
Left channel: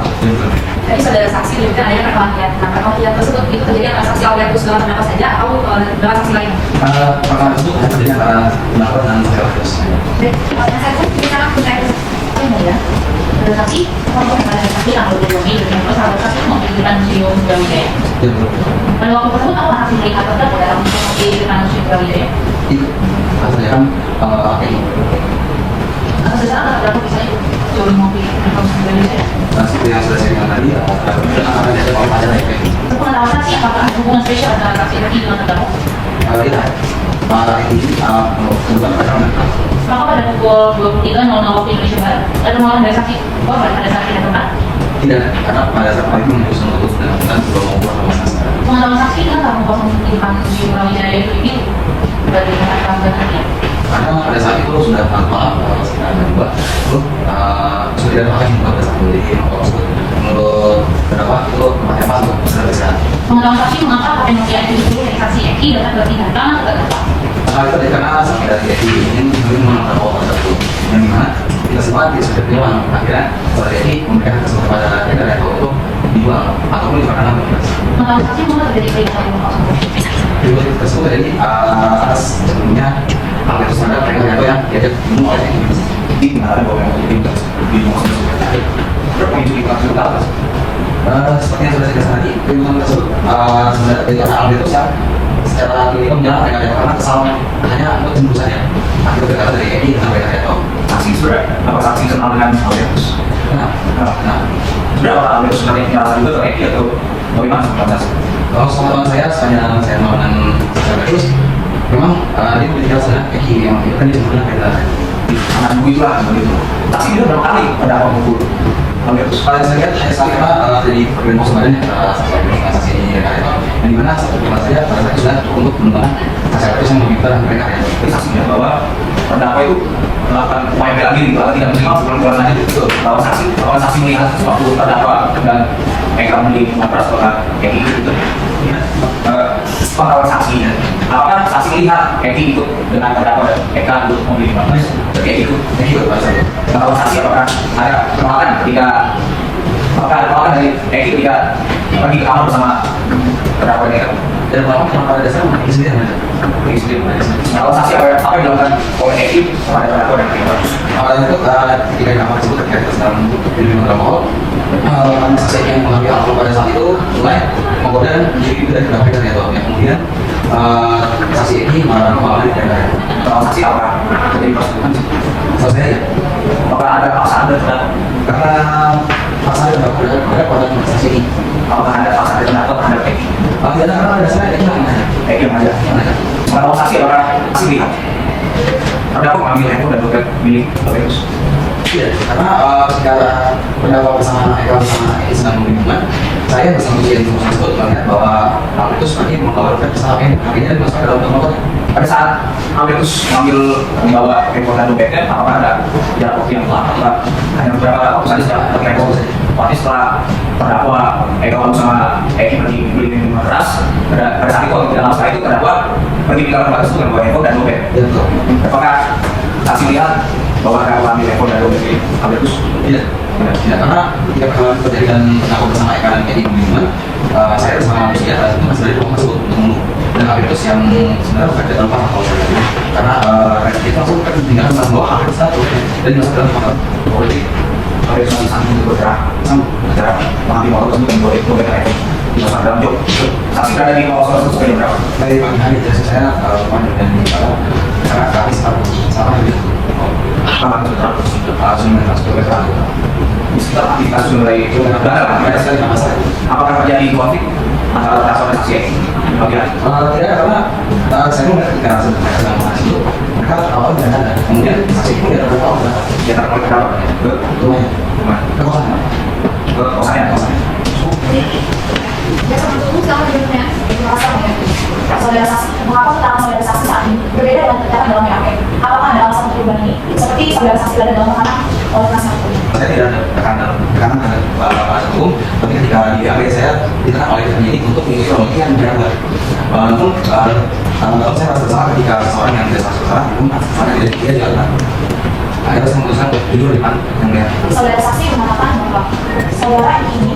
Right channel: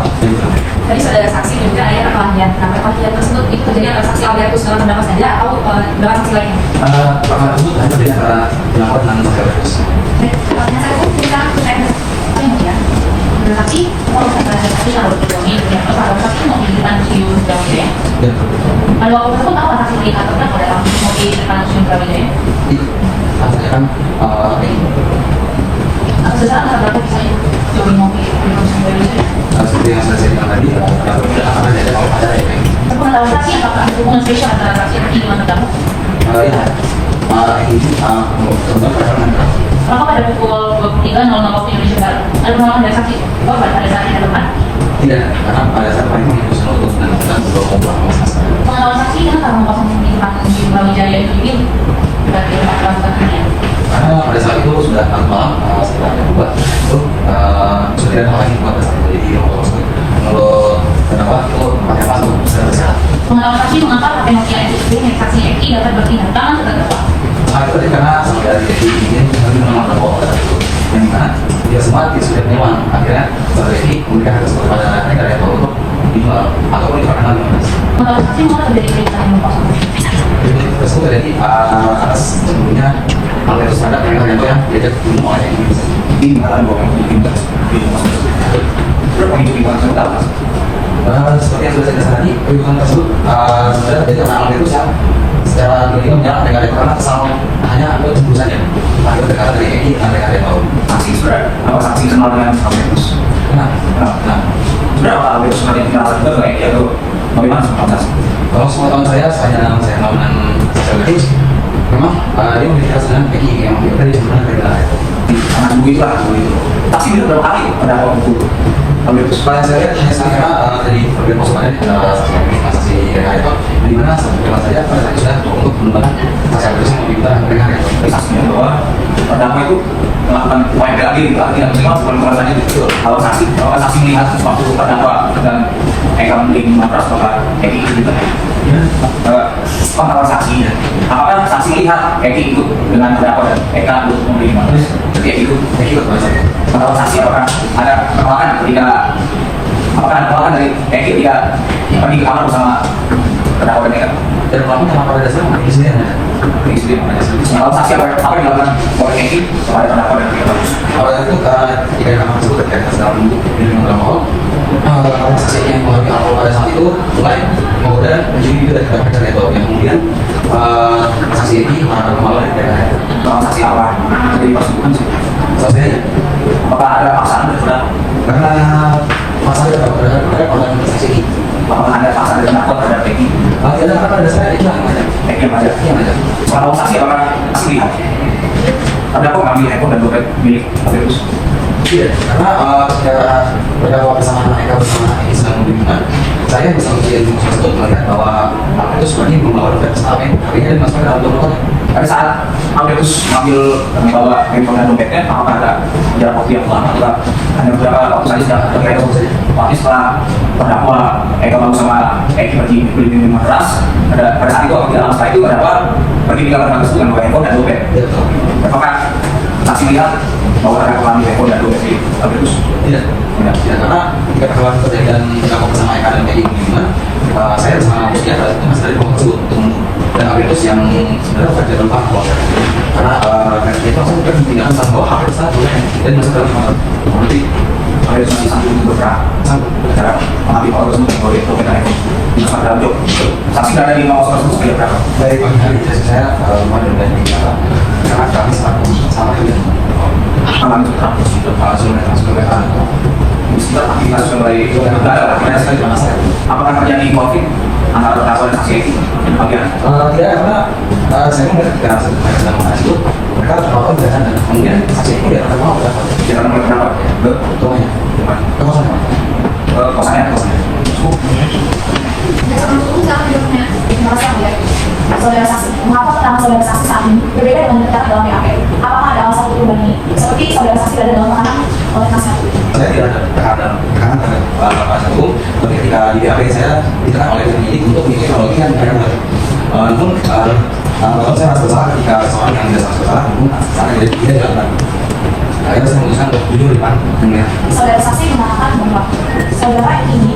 Tadi saudara saksi dan juga ada perkelahian. Nah, perkelahian tersebut itu terjadi antara saksi Albertus dengan terdakwa saja atau dengan saksi lain? Perkara tersebut hanya terjadi antara terdakwa dengan Albertus. Baik, pertanyaan saya itu kita berkait dengan ya. Saksi untuk pada saksi Albertus ini dan pada saksi mau diberikan Museum Brawijaya. Pada waktu tersebut apa saksi melihat terdakwa dalam diberikan Museum Brawijaya? Iya, maksudnya kan Sesaat terdakwa misalnya curi mobil di Museum Brawijaya. seperti yang sudah saya bilang tadi, yang berbeda antara ada yang ada yang lain. Pengetahuan saksi apakah ada hubungan spesial antara saksi Eki dengan terdakwa? Iya, malah ini tentang perkara. Maka pada pukul 23.00 waktu Indonesia Barat, ada penolakan dari saksi korban pada saat kita berdebat. Tidak, karena pada saat itu menyusul untuk menentukan sebuah kompromis. Pengetahuan saksi kan kalau kosong di depan Museum Brawijaya itu ini bagaimana perangkatannya? Karena pada saat itu sudah malam sekitar membuat itu sudah tidak ada hal yang membuat pada saat itu jadi rumah tersebut menurut terdakwa itu tempatnya pas untuk besar. Pengetahuan saksi mengapa penelitian itu milik saksi Eki dapat bertindak tangan terdakwa. Itu karena sampai dari Eki ini menolak bahwa pada saat itu yang dimana tidak semua dia sudah punya akhirnya pada Eki memberikan kesempatan kepada mereka yang tahu untuk dijual ataupun diperkenalkan. Pengetahuan saksi mengapa terjadi perintah rumah tersebut? Itu tersebut terjadi atas sebelumnya hal itu ada mereka yang diajak minum oleh Eki ini mengalami bahwa yang diminta di rumah tersebut berapa itu tinggal sudah seperti yang sudah saya katakan tadi perjuangan tersebut sebenarnya dari hal itu secara kelima menyerang mereka karena kesalahan hanya untuk cemburu saja tapi berkata dari Eki dengan mereka yang tahu saksi sudah apa saksi kenal dengan Albertus nah sudah apa Albertus kenal juga dengan Eki atau bagaimana proses kalau pengetahuan saya kenal dengan Albertus memang dia memiliki rasa dengan Eki yang tadi sebenarnya kayak akan begitu lah begitu tapi dia berapa kali ada apa pukul Albertus paling saya lihat hanya sekali karena jadi problem sebenarnya saksi yang itu yang dimana cuma saja pada saat itu sudah cukup untuk mengembangkan saksi Albertus yang lebih besar dengan saksinya bahwa terdakwa itu melakukan upaya bela diri itu artinya minimal bukan korban lagi itu kalau saksi melihat sesuatu terdakwa dan mereka mending matras bahwa Eki itu juga pengetahuan saksinya apakah saksi melihat Eki itu dengan terdakwa dan Eka itu membeli matras jadi Eki itu pengetahuan saksi apakah ada penolakan ketika apakah ada penolakan dari Eki ketika pergi ke kamar bersama terdakwa dan Eka dan penolakan yang pada dasarnya mengenai istri yang mana pengetahuan saksi apa yang dilakukan oleh Eki kepada terdakwa dan Eka awalnya itu ketika di kamar tersebut ketika kita sedang duduk di dalam mahal saksi yang mengambil alkohol pada saat itu mulai menggoda menjadi juga tidak mereka itu yang kemudian saksi ini malah tidak saksi apa jadi persetujuan selesai aja apakah ada paksaan karena pasal ada produk investasi ini. Apakah ada pasal yang atau terhadap Peggy? Tidak ada apa dasarnya itu yang ada. Peggy yang ada. Setelah mau saksi apakah masih lihat? Tapi aku mengambil handphone dan dompet milik Agus. Tidak, karena secara berdakwa bersama mereka bersama Islam Hubungan, saya bisa melihat tersebut melihat bahwa itu sebenarnya membawa dompet bersama akhirnya dimasukkan dalam motor. Pada saat Agus membawa handphone dan dompetnya, apakah ada jarak waktu yang lama? Juga hanya beberapa waktu saja terkait waktu saja. Tapi setelah terdakwa Eka sama Eki pergi beli minuman keras, pada saat itu waktu dalam setelah itu terdakwa pergi ke kamar Agus dengan bawa handphone dan dompet. Betul. Apakah saksi lihat bahwa terdakwa ambil handphone dan dompet milik Agus? Tidak, benar. Tidak, karena ketika pertama kejadian terdakwa bersama Eka dan Eki Hubungan, saya bersama Muslihat itu masih dari rumah tersebut untuk dan Agus yang sebenarnya bukan tidak lupa kalau saya karena kita pun kan tinggal membawa HP satu dan masuk dalam motor politik. Ada yang sanggup untuk bergerak, sanggup bergerak, mengambil waktu untuk membuat itu dengan handphone. Bisa sampai dalam job. Saksi berada di rumah kosong tersebut berapa? Dari pagi hari biasa saya kemarin dan karena kami selalu sama dengan Malam itu sudah masuk ke dalam. setelah aktivitas mulai berada, apakah terjadi konflik antara terdakwa dan saksi Eki? Kemudian Tidak, karena saya melihat ketika mereka sedang membahas itu mereka tertawa dan ada kemudian saksi pun tidak tertawa udah jangan mulai pendapat ke rumahnya ke kosannya kosannya. Saudara saksi, mengapa keterangan saudara saksi saat ini berbeda dengan tercatat dalam BAP? Apakah ada alasan untuk ini? Seperti saudara saksi ada dalam tekanan oleh penasihat hukum. saya tidak ada tekanan terhadap penasihat hukum, tapi ketika di BAP saya ditekan oleh penyidik untuk mengikuti pembagian pendapat. Namun kalau saya merasa bersalah ketika seorang yang tidak bersalah, namun dia dilakukan. Akhirnya saya memutuskan untuk jujur di depan yang melihat. Saudara saksi mengatakan bahwa saudara ini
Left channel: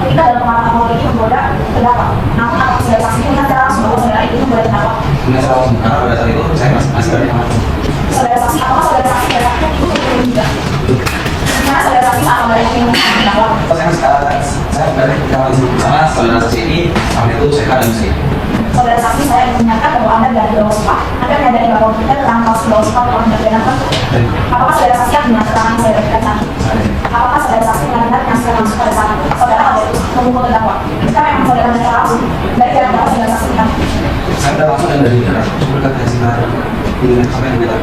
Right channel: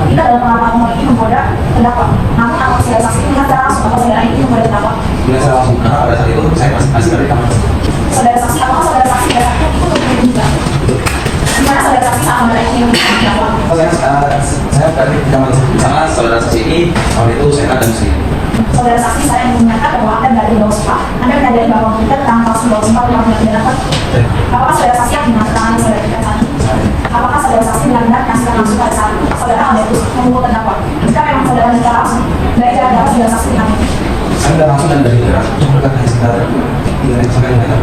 ketika dalam pengalaman ini menggoda terdakwa. Namun apakah saudara saksi pernah secara langsung bahwa saudara itu menggoda terdakwa? Kemudian saya langsung karena pada saat itu saya masih ada di kamar. Saudara saksi, apakah saudara saksi berarti itu juga? Di mana saudara saksi saat saudara ini menggoda terdakwa? Saya berada di kamar di sana, saudara saksi ini kamar itu saya ada di sini. Saudara saksi, saya menyatakan bahwa Anda berada di bawah sumpah. Anda menyadari bahwa kita tentang kasus bawah sumpah telah tidak benar. Apakah saudara saksi yakin dengan keterangan yang saudara berikan tadi? Apakah saudara saksi melihat kasus langsung pada saat saudara Agus memukul terdakwa? Jika memang saudara melihat langsung dari terdakwa saudara saksi kami. Saya tidak langsung dari daerah, cuma dekat hanya sekitar tinggal di sana yang dekat.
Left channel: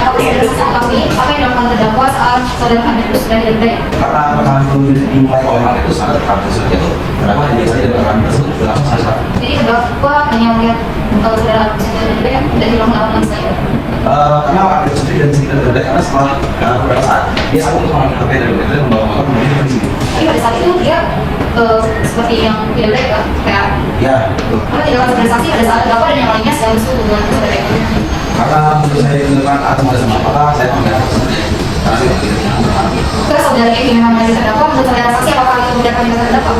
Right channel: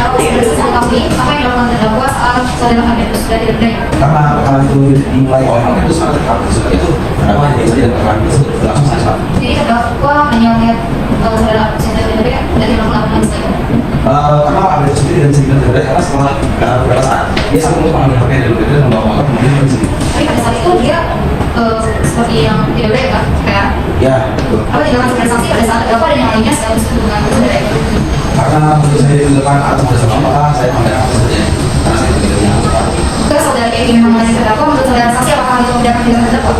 Kalau saudara saksi kami, apa yang dilakukan terdakwa saat saudara kami itu sudah dilerai? Karena rekaman itu dimulai oleh hal itu sangat dekat. Setelah itu terdakwa yang diikuti dari rekaman tersebut langsung sangat dekat. Jadi terdakwa hanya melihat saudara saksi dilerai dari melakukan saya. Karena ada sendiri dan sendiri terdekat karena setelah beberapa saat dia satu untuk mengambil HP dari itu dan membawa motor kemudian ke sini. Tapi pada saat itu dia seperti yang dilerai ya, kayak Ya, betul. apa tindakan saudara saksi pada saat terdakwa dan yang lainnya sedang disebut dengan saudara itu. Karena untuk saya ditunjukkan atau pada sama maka saya sampai aku saja karena saya tidak punya apa. Kalau saudara Eki memang menjadi terdakwa, menurut saudara saksi apakah itu kemudian akan menjadi terdakwa?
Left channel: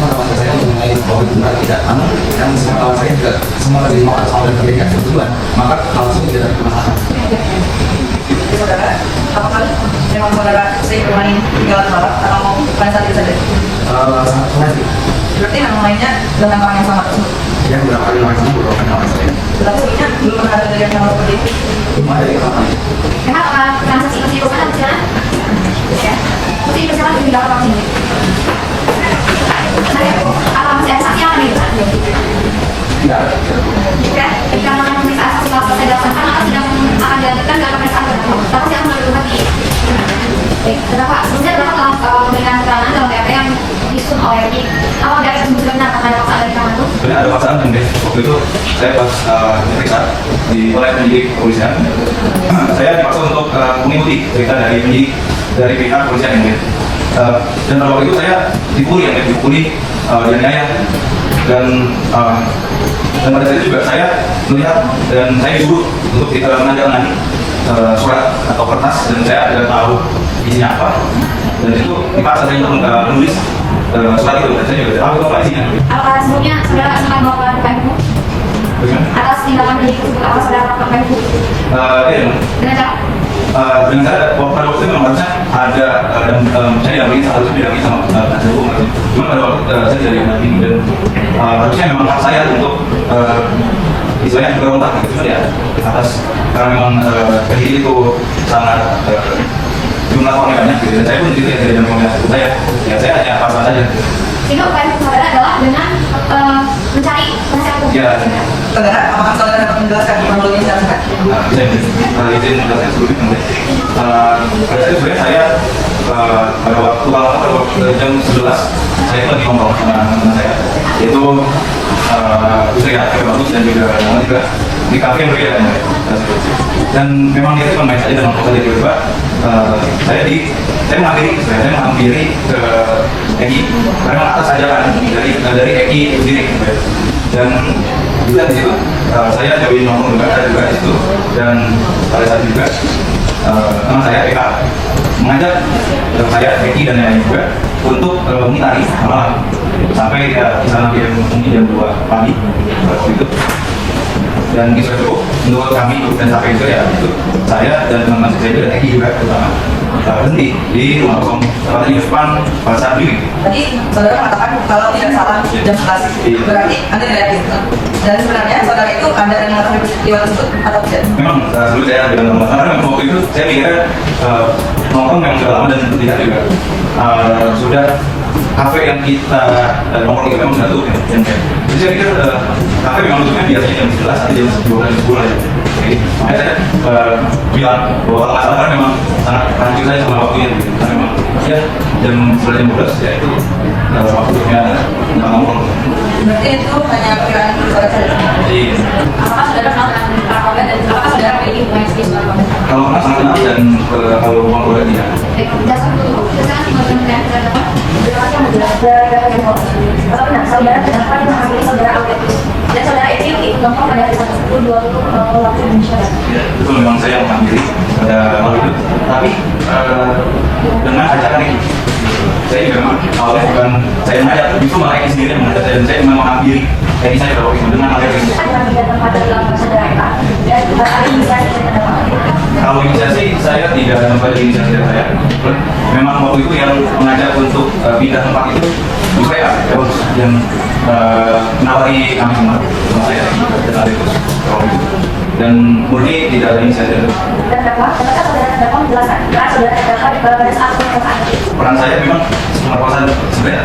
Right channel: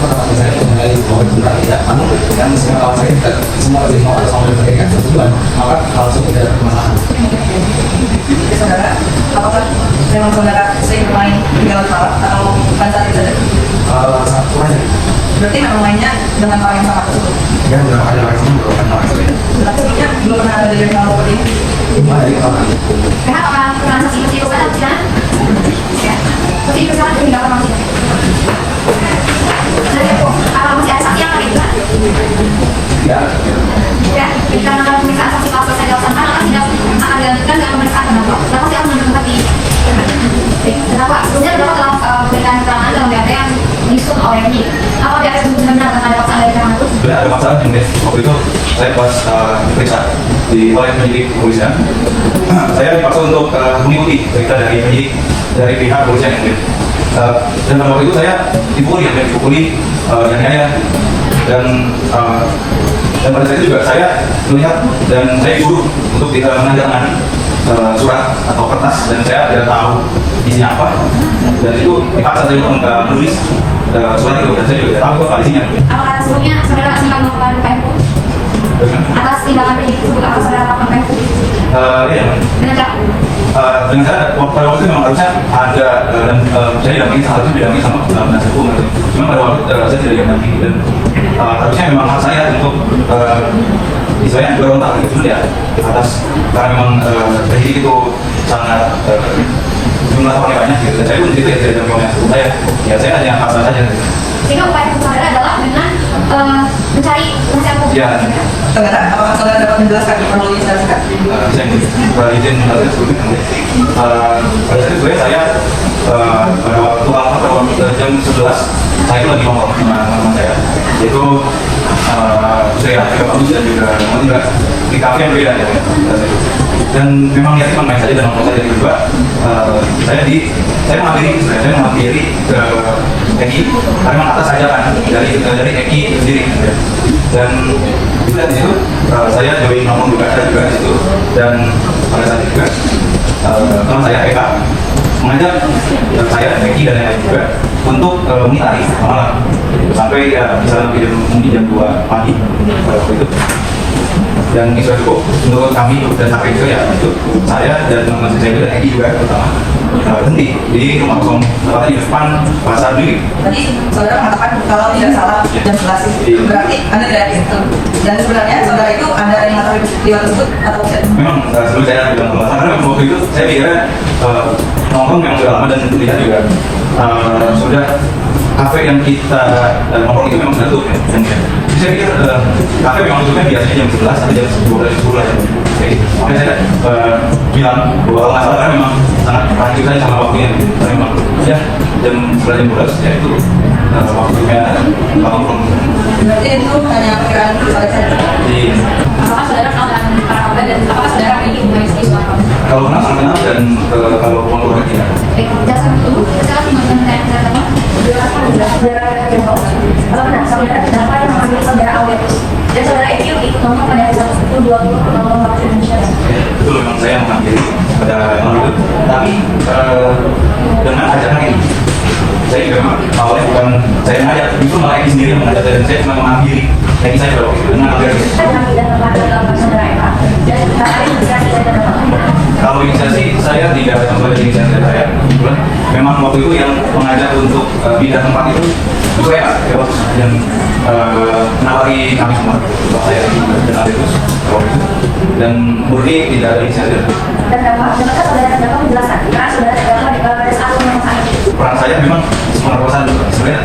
Pada masa saya mengenai bahwa benar tidak, namun yang semua kawan saya juga semua dari mau atau sampai terdekat tujuan, maka hal tersebut tidak ada permasalahan. Jadi saudara, apakah memang saudara sering bermain di kamar bawah atau pada saat itu saja? Sangat kemarin, Berarti memang mainnya dengan orang yang sama tersebut. yang beberapa kali lawan sama merupakan lawan saya. Tetapi mungkin belum pernah ada kejadian sama seperti itu. Dimulai dari kawan saya. Memang peran saksi itu kan persidangan. Seperti persidangan itu dilakukan di sini. Nah, kalau masih ada saksi yang lain, Tidak. ya, ketika pemeriksaan saksi kalau selesai dilaksanakan akan sidang akan dilanjutkan dengan pemeriksaan terdakwa. Terdakwa tidak menentukan di terdakwa. Sebenarnya terdakwa telah memberikan keterangan dalam BAP yang disusun oleh penyidik. Apa dia sebelumnya mendapatkan paksaan dari tangan itu? Sebenarnya ada masalah sebenarnya. Waktu itu saya pas periksa di oleh penyidik kepolisian, saya dipaksa untuk mengikuti berita dari penyidik dari pihak kepolisian yang mulia. Dan pada waktu itu saya dipukuli, dianiaya dan pada saat itu juga saya melihat dan saya disuruh untuk menandatangani surat atau kertas dan saya tidak tahu isinya apa dan itu dipaksa saya untuk menulis surat itu dan saya juga tidak tahu apa isinya. Apakah sebelumnya saudara sempat melakukan upaya hukum atas tindakan penyidik tersebut? Apa saudara melakukan upaya hukum? Ya, Dengan cara dengan saya pada waktu itu memang harusnya ada dan saya didampingi seharusnya didampingi sama penasihat hukum. Cuma pada waktu itu saya tidak didampingi dan harusnya memang hak saya untuk istilahnya berontak gitu. Cuma ya atas karena memang penyidik itu sangat jumlah orangnya banyak gitu. Dan saya pun gitu ya, tidak ada maunya saya. Ya saya hanya paksa saja. Sehingga upaya saudara adalah dengan mencari penasihat hukum. Ya. Saudara, apakah saudara dapat menjelaskan kronologi secara singkat? Saya izin menjelaskan sedikit mungkin. Pada saat itu saya pada waktu jam 11 saya lagi ngomong sama teman saya. Itu saya juga bagus dan juga di kafe yang berbeda. Dan memang dia cuma main saja dan ngomong saja juga. Saya menghampiri ke Eki karena atas ajaran dari Eki sendiri. Dan juga di situ saya join ngomong juga ada juga di situ. Dan pada saat juga teman saya Eka mengajak saya Eki dan lain-lain juga untuk mengitari malam sampai bisa mungkin jam 2 pagi pada waktu itu. Dan mungkin sudah cukup menurut kami dan sampai itu ya itu saya dan teman saya dan Eki juga pertama berhenti di rumah kosong tepatnya di depan pasar Bilik. Tadi saudara mengatakan kalau tidak salah jam 11 berarti Anda tidak yakin. Dan sebenarnya saudara itu Anda yang mengetahui peristiwa tersebut atau tidak? Memang sebelum saya bilang karena waktu itu saya pikirnya nongkrong yang sudah lama dan lihat juga sudah kafe yang kita nongkrong itu memang sudah tutup ya. Jadi saya pikir kafe memang tutupnya biasanya jam 11 atau jam 12 makanya saya bilang bahwa kalau nggak salah kan memang sangat lanjut saya sama waktunya gitu. Karena memang ya jam 11 jam 12 ya itu waktunya nongkrong. Berarti itu hanya perkiraan itu saudara saja. Apakah saudara kenal dengan para korban dan apakah saudara memiliki hubungan bisnis dengan korban? Kalau kenal sangat kenal dan kalau mau keluar tidak. Dasar tersebut sekarang dimana Kalau benar saudara kenapa yang mengambil saudara Awet dan saudara Eki nomor pada 1020 waktu Indonesia. Itu memang saya mengambil pada malam itu, tapi dengan ajaran ini. Saya juga awalnya bukan saya mengajak, itu malah Eki sendiri mengajak saya dan saya cuma mengambil Eki saya pada waktu itu dengan mengajak. Ada tidak tempat dalam saudara Eka dan ada inisiasi dan pendapat. Kalau inisiasi saya tidak ada tempat di inisiasi saya. Memang waktu itu yang mengajak untuk pindah tempat itu saya yang menawari kami semua, saya kenal itu dan murni tidak ada inisiatif. Dan kenapa saudara kenapa menjelaskan? Karena saudara kenapa pada saat pemerkosaan Peran saya memang pemerkosaan sebenarnya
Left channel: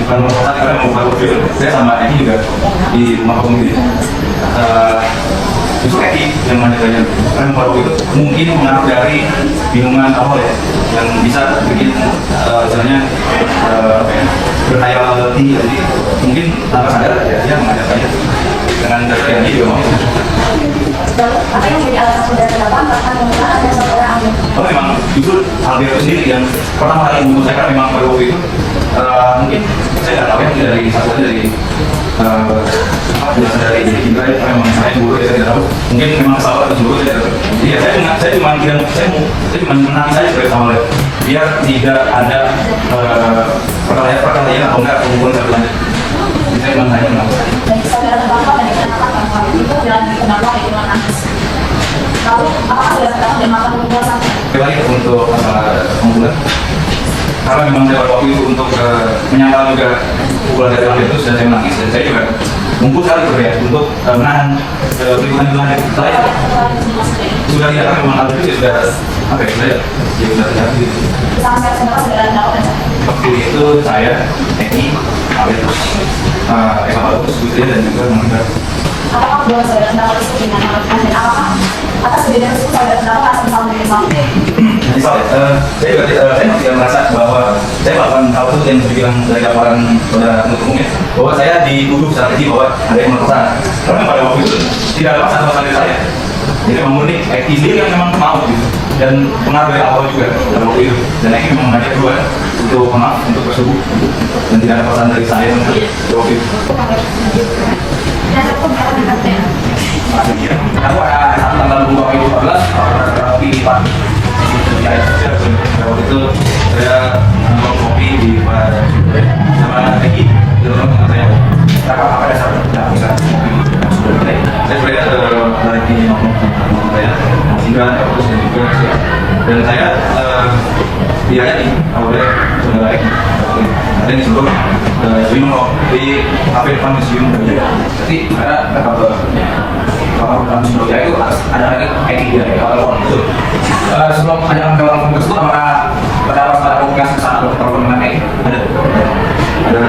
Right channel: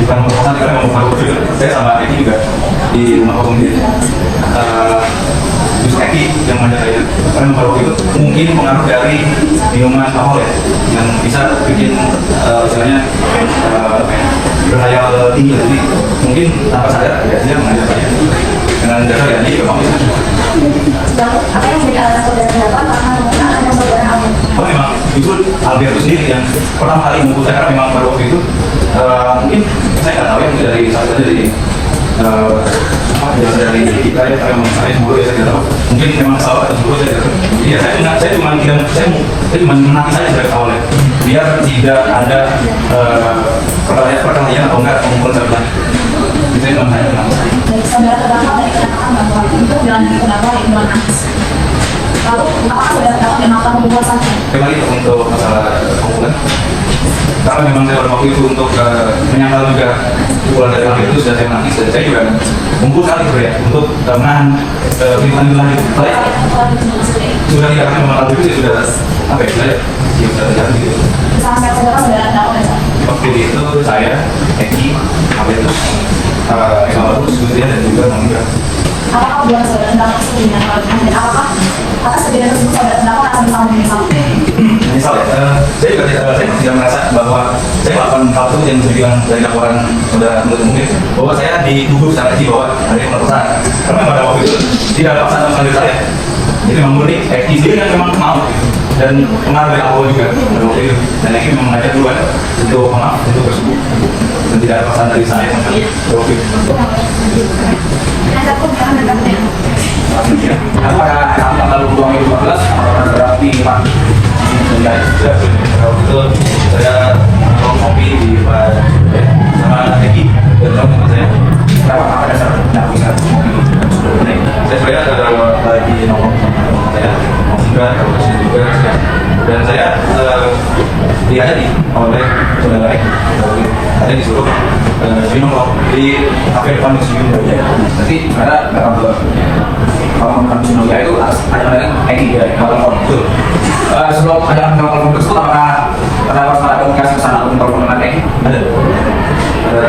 bukan pemerkosaan karena membuka mobil. Saya sama Eki juga di rumah komite. Justru Eki yang mana saya karena pada waktu itu mungkin mengaruh dari minuman alkohol ya yang bisa bikin sebenarnya berhayal tinggi, jadi mungkin tanpa sadar ya dia mengajak saya dengan dasar yang ini juga mau. apa yang menjadi alasan saudara kenapa karena penggunaan dan saudara Awet? Oh memang justru Alvin itu sendiri yang pertama kali menghubungi saya karena memang pada waktu itu mungkin saya nggak tahu ya mungkin dari satu aja dari berasal dari diri kita ya karena memang saya cemburu ya saya nggak tahu mungkin memang salah atau cemburu saya tidak tahu. Jadi ya saya cuma menanti saja dari awal biar tidak ada perkelahian atau enggak hubungan terlalu. Saya cuma hanya kenapa. Baik, saudara terdakwa dari kenyataan bahwa itu dalam terdakwa di luar nantis. Lalu, apakah saudara terdakwa melakukan pembuasan? Kembali untuk masalah pembunuhan, karena memang saya waktu itu untuk menyangkal juga pukulan dari hal itu dan saya menangis dan saya juga mumpul sekali ya untuk menahan lingkungan sudah tidak akan memang itu sudah apa ya sudah tidak gitu. Sampai saudara terdakwa. Waktu itu saya Eki Abel Eva Bagus Putri dan juga Mangga. Apakah belum saudara terdakwa disebut dengan dan apakah atas kejadian tersebut saudara terdakwa akan mengalami menyesal? Menyesal ya, saya masih merasa bahwa saya melakukan hal itu yang bisa dibilang dari laporan saudara menuntut umum bahwa saya dituduh secara keji bahwa ada yang pemerkosaan karena pada waktu itu tidak ada pasangan sama saya. Jadi memang murni Eki sendiri yang memang mau gitu dan pengaruh dari awal juga pada waktu itu dan Eki memang mengajak dua untuk maaf untuk bersebu dan tidak ada pesan dari saya sama waktu itu. Aku ada tanggal 2 Mei 2014 ada kopi Pak di waktu itu saya minum kopi di sama Eki dan teman-teman saya apa dasar bisa kopi saya sebenarnya lagi nongkrong sama saya hingga juga dan saya diajak oleh saudara ada di sebelum Zino di kafe depan museum jadi karena datang ke kalau kami ya itu ada ID dari telepon itu. Sebelum ada telepon tersebut, apakah pada komunikasi ke sana untuk telepon dengan ID? Ada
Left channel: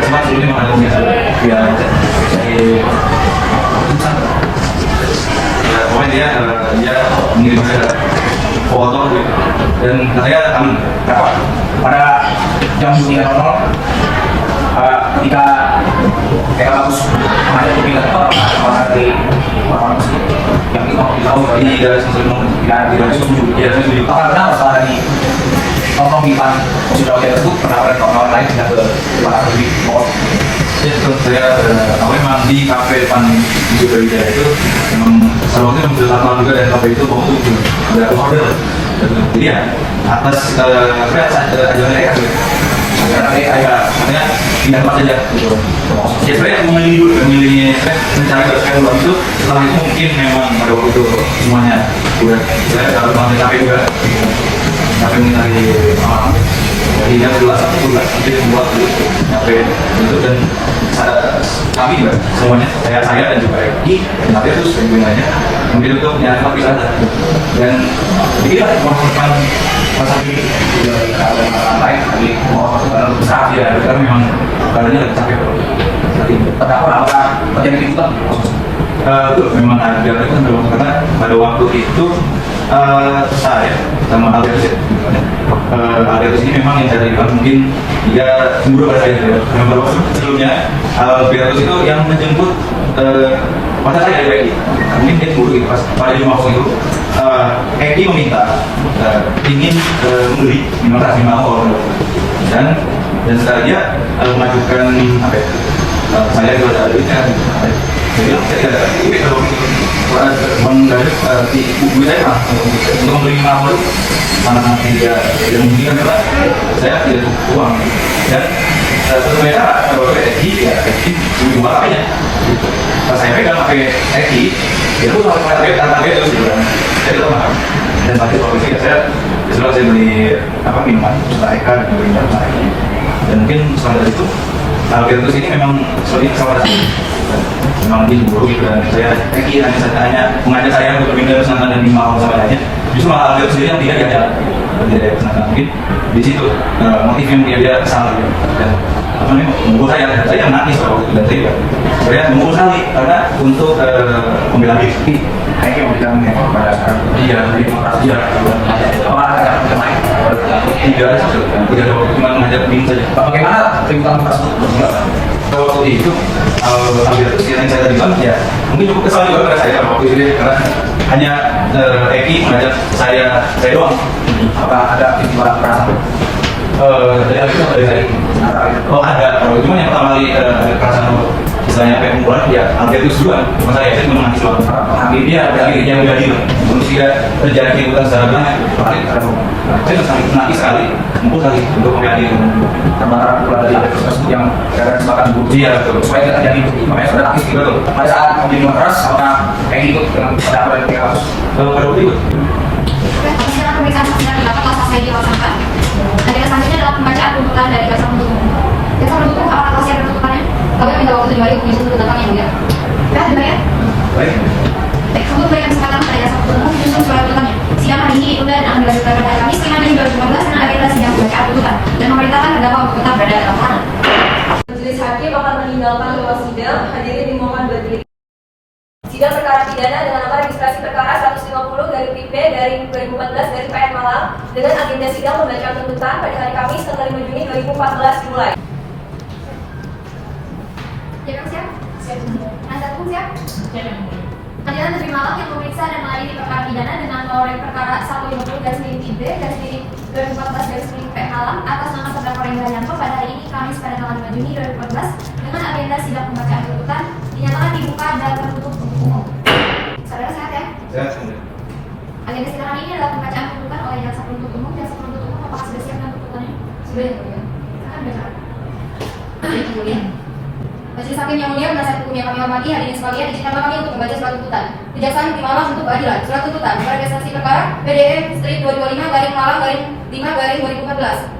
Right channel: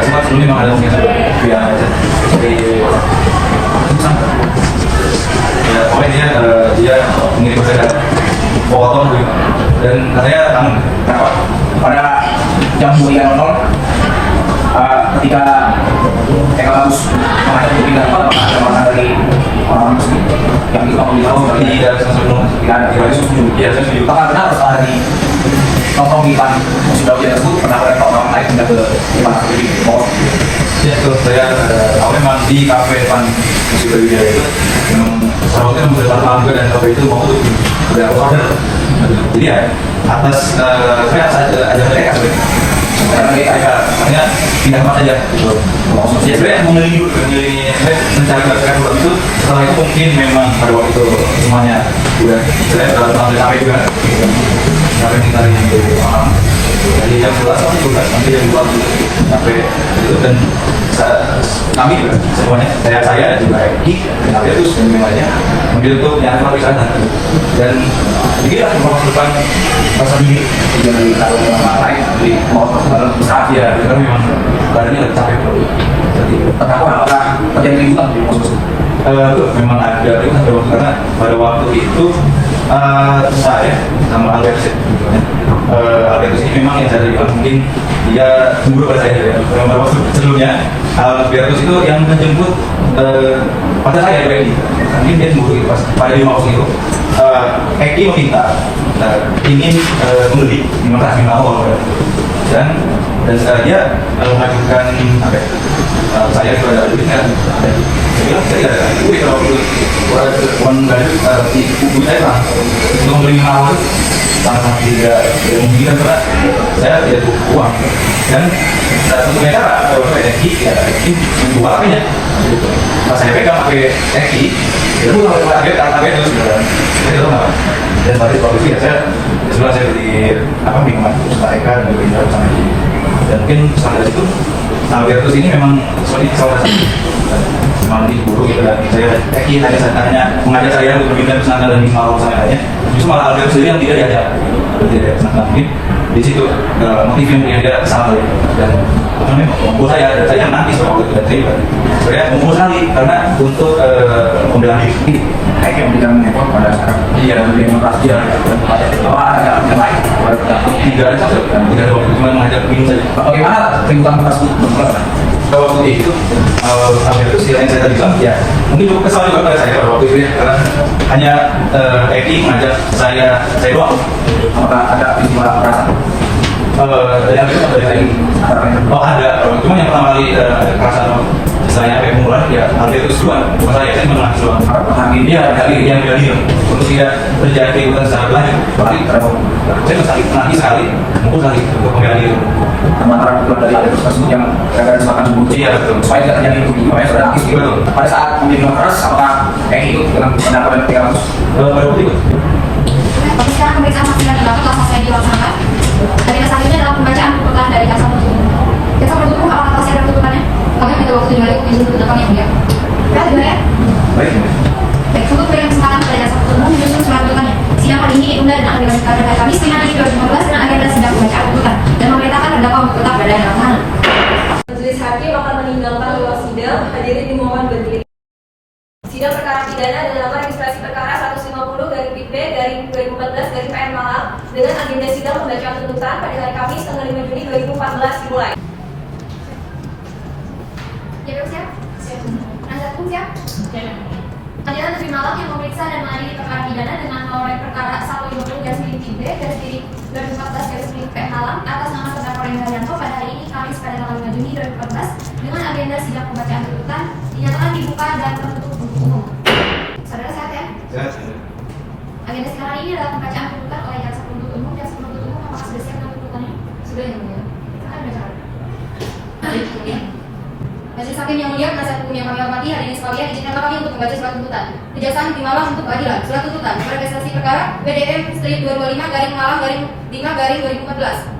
sempat sebelumnya memang ada ya pokoknya dia mengirim saya foto dan katanya kangen pada jam 9.00 ketika Bagus menghadap di pintu ada orang dari orang muslim yang di tahun tidak sebelum tidak ada tidak setuju karena setelah dari tolong di pan sudah tersebut penawaran kawan-kawan lain tidak ke mana lebih mau ya kalau saya tahu memang di kafe depan Sriwijaya itu memang sahabatnya sudah lama juga dan kafe itu mau sudah order jadi ya atas saya aja mereka nanti artinya pindah tempat saja gitu. Ya sebenarnya memilih mencari berdasarkan uang itu setelah itu mungkin memang pada waktu itu semuanya udah saya dapat mengambil sampai juga sampai mencari jadi jam 2 sampai 12 sampai jam 2 sampai itu dan kami juga semuanya saya dan juga Eki dan tapi itu semuanya mungkin itu nyari kopi sana dan inilah memasukkan masa ini jangan kalau lain di mau besar ya karena memang badannya lebih capek jadi apa terjadi itu itu memang ada itu karena pada waktu itu saya sama Albertus Albertus ini memang yang saya tadi mungkin dia cemburu pada saya karena pada waktu sebelumnya Albertus itu yang menjemput pada saya Eki mungkin dia cemburu itu pas pada di waktu itu Eki meminta ingin membeli 500 dan dia mengajukan saya juga ada duitnya saya ada duit kalau uang dari buku saya lah untuk membeli 500 karena tidak mungkin juga saya tidak butuh uang dan sesuai cara kalau Eki ya Eki menjual apanya pas saya pegang pakai Eki itu pakai itu sebenarnya saya tahu nggak dan pada waktu itu ya saya setelah saya beli minuman setelah Eka dan juga dan mungkin setelah itu Albertus ini memang seperti saudara memang diburu gitu dan saya Eki hanya mengajak saya untuk pindah ke sana dan lima orang sama justru malah Albertus ini yang dia diajak dia ke sana mungkin di situ motif yang dia kesana dan memukul saya menangis waktu itu dan saya memukul sekali karena untuk pembelaan diri Eki mau tidak mengheboh pada sekarang iya lebih demokrasi ya apa ada yang lain tidak ada tidak ada waktu cuma mengajak minum saja bagaimana tuntutan pasti waktu itu Albertus yang saya tadi bilang ya mungkin cukup kesal juga pada saya waktu itu karena hanya Eki mengajak saya doang apa ada istilah perasaan oh ada cuma yang pertama kali perasaan misalnya sampai kumpulan ya Albertus juga cuma saya menang doang ini ya dari yang menjadi untuk tidak terjadi bukan secara berlanjut saya menangis sekali mungkin sekali untuk menjadi antara bulan dari Albertus tersebut yang ada kesempatan dibunuh ya supaya tidak terjadi makanya sudah nangis betul pada saat memilih keras apakah kayak ikut dalam pendapat 300 berapa ikut Oke, sekarang pemeriksaan masih pendapat telah selesai dilaksanakan. Agenda selanjutnya adalah pembacaan tuntutan dari jaksa penuntut umum. Jaksa penuntut umum apakah masih ada tuntutannya? Oke, minta waktu dibalik izin tuntutan yang mulia. Baik, dibayar. Baik, untuk memberikan kesempatan pada jaksa penuntut umum menyusun surat tuntutannya. Sidang hari ini ditunda dan akan dilanjutkan pada Kamis 5 Mei 2014 dengan agenda sidang pembacaan tuntutan dan memerintahkan terdakwa untuk tetap berada dalam tahanan. Majelis hakim akan meninggalkan ruang sidang. Hadirin dimohon berdiri. Sidang perkara pidana dengan nomor registrasi perkara 150/P/2014 dari PN Malang dengan agenda sidang pembacaan tuntutan pada hari Kamis tanggal 5 Juni 2014 dimulai. Jadi siap? Anda pun siap? Pengadilan Negeri Malang yang memeriksa dan melayani perkara pidana dengan nomor perkara 150/P/2014 Malang atas nama terdakwa Rendra Yanto pada hari ini Kamis pada tanggal 5 Juni 2014 dengan agenda sidang pembacaan tuntutan dinyatakan dibuka dan tertutup untuk umum. Saudara sehat ya? Sehat. Agenda sidang hari ini adalah pembacaan tuntutan oleh jaksa penuntut umum. Jaksa penuntut umum apakah sudah siap dengan tuntutannya? Sudah ya, Mulia. Silakan baca. Mulia. Majelis hakim yang mulia, penasihat hukum yang kami hormati, hari ini sekalian izinkanlah kami untuk membaca surat tuntutan. Kejaksaan Negeri Malang untuk keadilan. Surat tuntutan nomor registrasi perkara PDF/225/Malang/5/2014.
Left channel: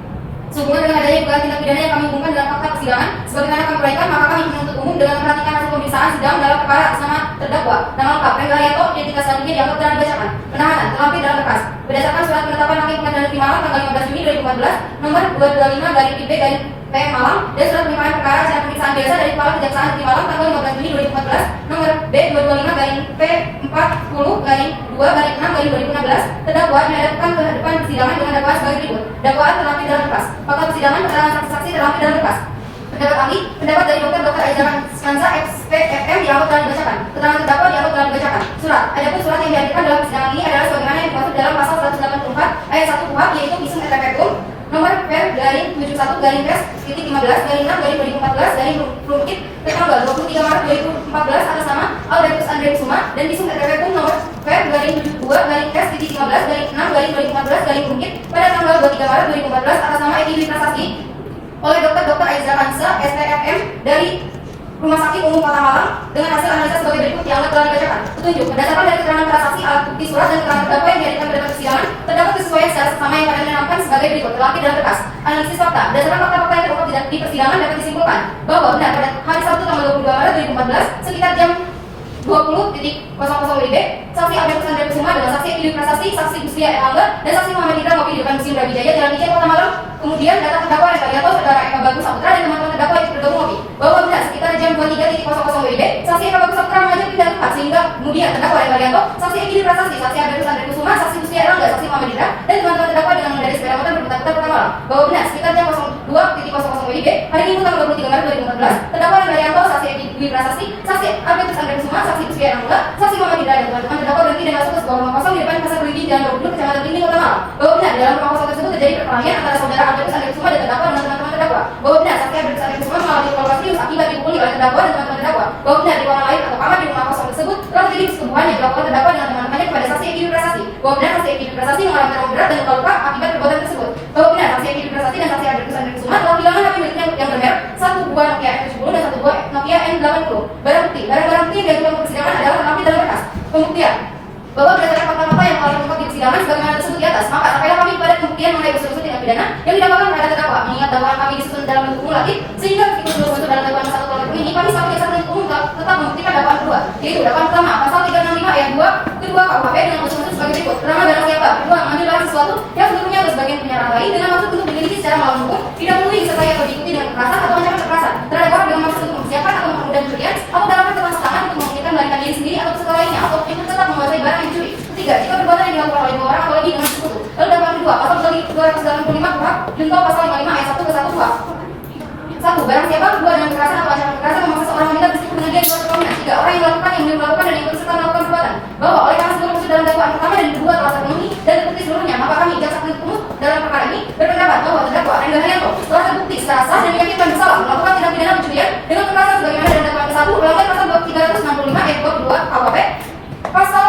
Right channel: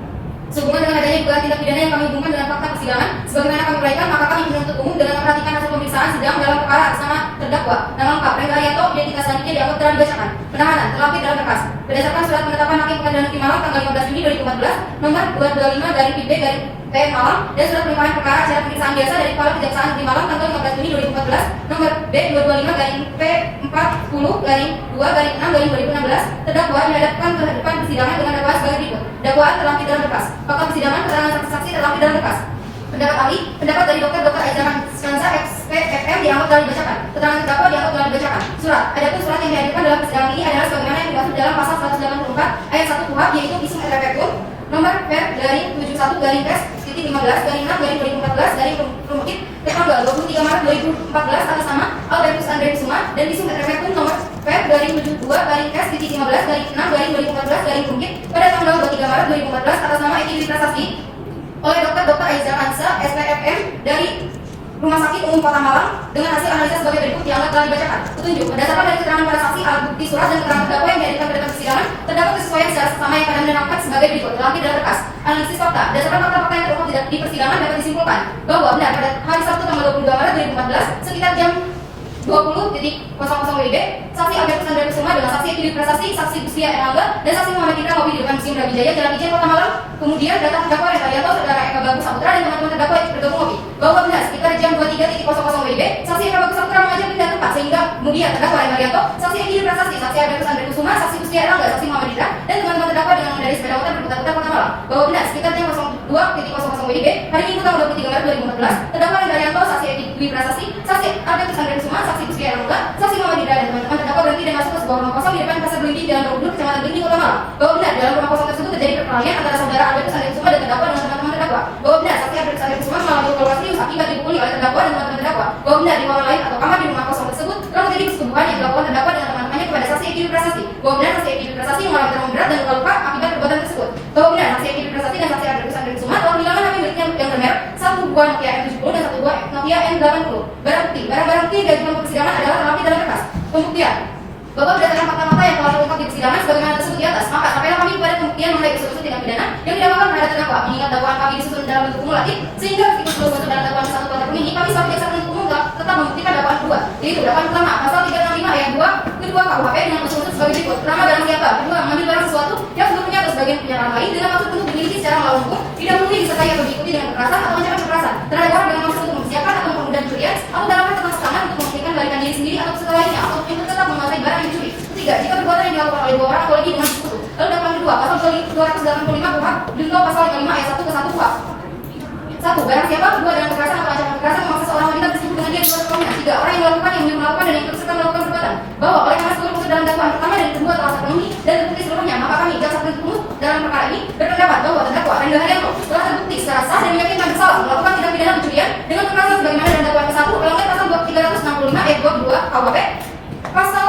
Sehubungan dengan adanya dugaan tindak pidana yang kami hubungkan dengan fakta persidangan, sebagaimana kami uraikan, maka kami penuntut umum dengan memperhatikan hasil pemeriksaan sidang dalam perkara atas nama terdakwa dan lengkap dan Haryanto identitas selanjutnya dianggap telah dibacakan. Penahanan terlapis dalam berkas berdasarkan surat penetapan Hakim Pengadilan Negeri Malang tanggal 15 Juni 2014 nomor 225 dari PB dari PM Malang dan surat penerimaan perkara acara pemeriksaan biasa dari Kepala Kejaksaan Negeri Malang tanggal 15 Juni 2014 nomor B225 garing P40 garing 2 garing 6 garing 2016 terdakwa dihadapkan ke hadapan persidangan dengan dakwaan sebagai berikut. Dakwaan terlampir dalam berkas. Fakta persidangan keterangan saksi-saksi terlampir dalam berkas. Pendapat ahli, pendapat dari Dr. Aizana Skansa XPFM dianggap telah dibacakan. Keterangan terdakwa dianggap telah dibacakan. Surat. Adapun surat yang dihadirkan dalam persidangan ini adalah sebagaimana yang dimaksud dalam pasal 184 ayat 1 KUHP yaitu visum et repertum nomor per garing 71 garing pes titik 15 garing 6 garing 2014 garing rumkit tanggal 23 Maret 2014 atas nama Albertus Andre Kusuma dan visum et repertum nomor per garing 72 garing pes titik 15 garing 6 garing 2014 garing rumkit pada tanggal 23 Maret 2014 atas nama Edi Prasasti oleh Dr. Aiza Kansa SPFM dari Rumah Sakit Umum Kota Malang dengan hasil analisa sebagai berikut yang telah dibacakan. Petunjuk berdasarkan dari keterangan para saksi, alat bukti surat dan keterangan terdakwa yang dihadirkan pada persidangan terdapat kesesuaian secara seksama yang akan diterangkan sebagai berikut terlampir dalam berkas. Analisis fakta berdasarkan fakta-fakta yang terungkap di persidangan dapat disimpulkan bahwa benar pada hari Sabtu tanggal 22 Maret 2014 sekitar jam 20.00 WIB, saksi Albertus Andre Kusuma dengan saksi Edi Prasasti, saksi Gusria Erlangga dan saksi Muhammad Indra ngopi di depan Museum Brawijaya Jalan Ijen Kota Malang. Kemudian datang terdakwa dan Haryanto, saudara Eka Bagus Saputra dan teman-teman terdakwa yang bergabung ngopi. Bahwa benar sekitar jam 23.00 WIB, saksi Eka Bagus Saputra mengajak pindah tempat sehingga kemudian terdakwa dan Haryanto, saksi Edi Prasasti, saksi Albertus Andre Kusuma, saksi Gusria Erlangga, saksi Muhammad Indra dan teman-teman terdakwa dengan mengendarai sepeda motor berputar-putar Kota Malang. Bahwa benar sekitar jam 02.00 WIB, hari Minggu tanggal 23 Maret 2014, terdakwa dan Haryanto, saksi Edi Prasasti, saksi Albertus Andre Kusuma, saksi Gusria Erlangga, saksi Muhammad Indra dan teman-teman terdakwa berhenti dan masuk ke sebuah ruang kosong di depan pasar Beringin Jalan 20 Kecamatan Beringin Kota Malang. Bahwa benar dalam ruang kosong tersebut terjadi perkelahian antara saudara Albertus Andre Kusuma dan terdakwa dengan teman-teman terdakwa. Bahwa benar saksi Albertus Andre Kusuma mengalami luka serius akibat dipukuli oleh terdakwa dan teman-teman terdakwa. Bahwa benar di ruangan lain atau kamar di rumah kosong tersebut telah terjadi persetubuhan yang dilakukan terdakwa dengan teman-temannya kepada saksi Edi Prasasti. Bahwa benar saksi Edi Prasasti mengalami trauma berat dan luka akibat perbuatan tersebut. Bahwa benar saksi Edi Prasasti dan saksi Albertus Andre Kusuma telah kehilangan HP miliknya yang bermerek satu buah Nokia M70 dan satu buah Nokia M80. Barang bukti yang diajukan ke persidangan adalah terlampir dalam berkas. Pembuktian bahwa berdasarkan fakta-fakta yang telah terungkap di persidangan sebagaimana tersebut di atas, maka sampailah kami pada pembuktian mengenai unsur-unsur tindak pidana yang didakwakan kepada terdakwa. Mengingat dakwaan kami disusun dalam bentuk kumulatif, sehingga meskipun belum masuk dalam dakwaan satu tahun ini, kami sebagai jaksa penuntut umum tetap membuktikan dakwaan kedua, yaitu dakwaan pertama pasal 365 ayat 2 kedua KUHP dengan unsur-unsur sebagai berikut. Pertama, barang siapa kedua mengambil barang sesuatu yang seluruhnya atau sebagian punya orang lain dengan maksud untuk dimiliki secara melawan hukum, didahului disertai atau diikuti dengan kekerasan atau ancaman kekerasan terhadap orang dengan maksud untuk mempersiapkan atau mempermudah pencurian atau dalam rangka tangan untuk memikirkan melarikan diri sendiri atau peserta lainnya atau untuk tetap menguasai barang yang dicuri. Ketiga, jika perbuatan yang dilakukan oleh dua orang atau lebih dengan sekutu. Lalu dakwaan kedua, pasal 285 KUHP junto pasal 55 ayat 1 ke 1 KUHP. 1. Barang siapa kedua dengan kekerasan atau ancaman kekerasan memaksa seorang wanita bersikap dengan dia dua kemungkinan. 3. Orang yang melakukan, yang melakukan dan ikut serta melakukan perbuatan bahwa oleh karena seluruh unsur dalam dakwaan pertama dan kedua telah terpenuhi dan terbukti seluruhnya, maka kami jaksa penuntut umum dalam perkara ini berpendapat bahwa terdakwa Renda Haryanto telah terbukti secara sah dan meyakinkan bersalah melakukan tindak pidana pencurian dengan kekerasan sebagaimana dalam dakwaan ke-1 melanggar pasal 365 ayat 22 KUHP pasal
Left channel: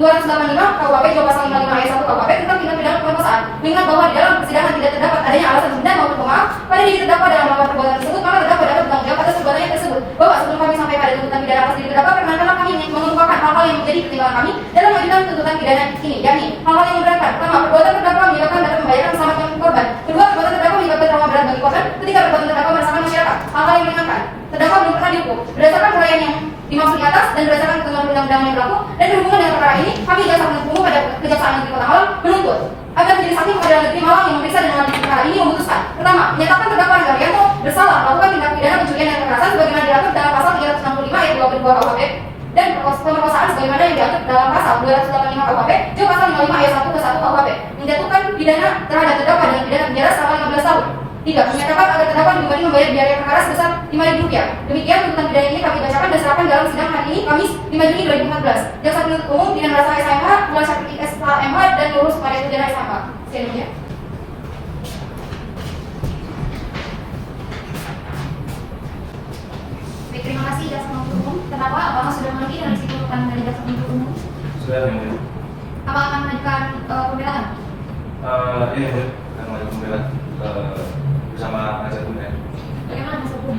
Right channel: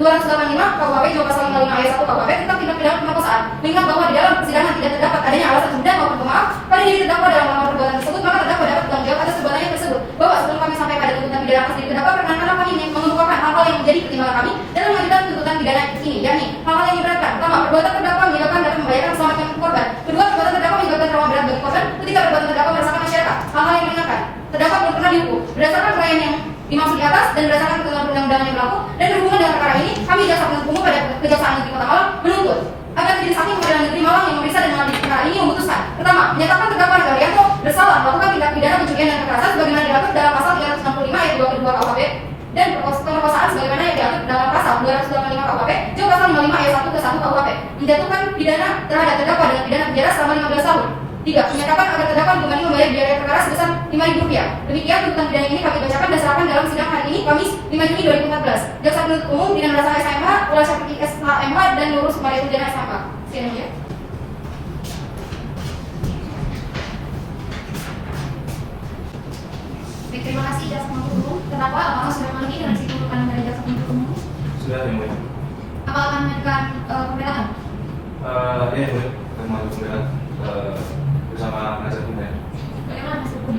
285 KUHP juga pasal 55 ayat 1 KUHP tentang tindak pidana pemerkosaan. Mengingat bahwa di dalam persidangan tidak terdapat adanya alasan dan maupun pemaaf pada diri terdakwa dalam melakukan perbuatan tersebut, maka terdakwa dapat bertanggung jawab atas perbuatannya tersebut. Bahwa sebelum kami sampai pada tuntutan pidana atas diri terdakwa, perkenankan kami mengemukakan hal-hal yang menjadi pertimbangan kami dalam mengajukan tuntutan pidana ini, yakni hal-hal yang memberatkan. Pertama, perbuatan terdakwa menyebabkan dapat membahayakan keselamatan korban. Kedua, perbuatan terdakwa menyebabkan trauma berat bagi korban. Ketiga, perbuatan terdakwa meresahkan masyarakat. Hal-hal yang meringankan. Terdakwa belum pernah dihukum berdasarkan uraian yang dimaksud di atas dan berdasarkan ketentuan undang-undang yang berlaku dan berhubungan dengan perkara ini, kami jaksa penuntut umum pada Kejaksaan Negeri Kota Malang menuntut agar majelis hakim Pengadilan Negeri Malang yang memeriksa dan mengadili perkara ini memutuskan. Pertama, menyatakan terdakwa Renda Haryanto bersalah melakukan tindak pidana pencurian dan kekerasan sebagaimana diatur dalam pasal 365 ayat 2 kedua KUHP dan pemerkosaan sebagaimana yang diatur dalam pasal 285 KUHP juga pasal 55 ayat 1 ke 1 KUHP menjatuhkan pidana terhadap terdakwa dengan pidana penjara selama 15 tahun. 3. Menyatakan agar terdakwa dibebani membayar biaya perkara sebesar Rp5.000. Demikian tuntutan pidana ini kami bacakan dan serahkan dalam sidang hari ini Kamis 5 Juni 2014. Jaksa penuntut umum Bidang Rasa SMA, Ulai Syafri SMA dan Lurus Maria Udara SMA. Sekian saja. Baik, terima kasih jaksa penuntut umum. Kenapa? Apakah sudah memiliki yang disimpulkan dari jaksa penuntut umum? Sudah, yang mulia. Apakah akan mengajukan pembelaan? Iya, kita mengajukan pembelaan bersama penasihat hukum ya. Bagaimana penasihat hukum?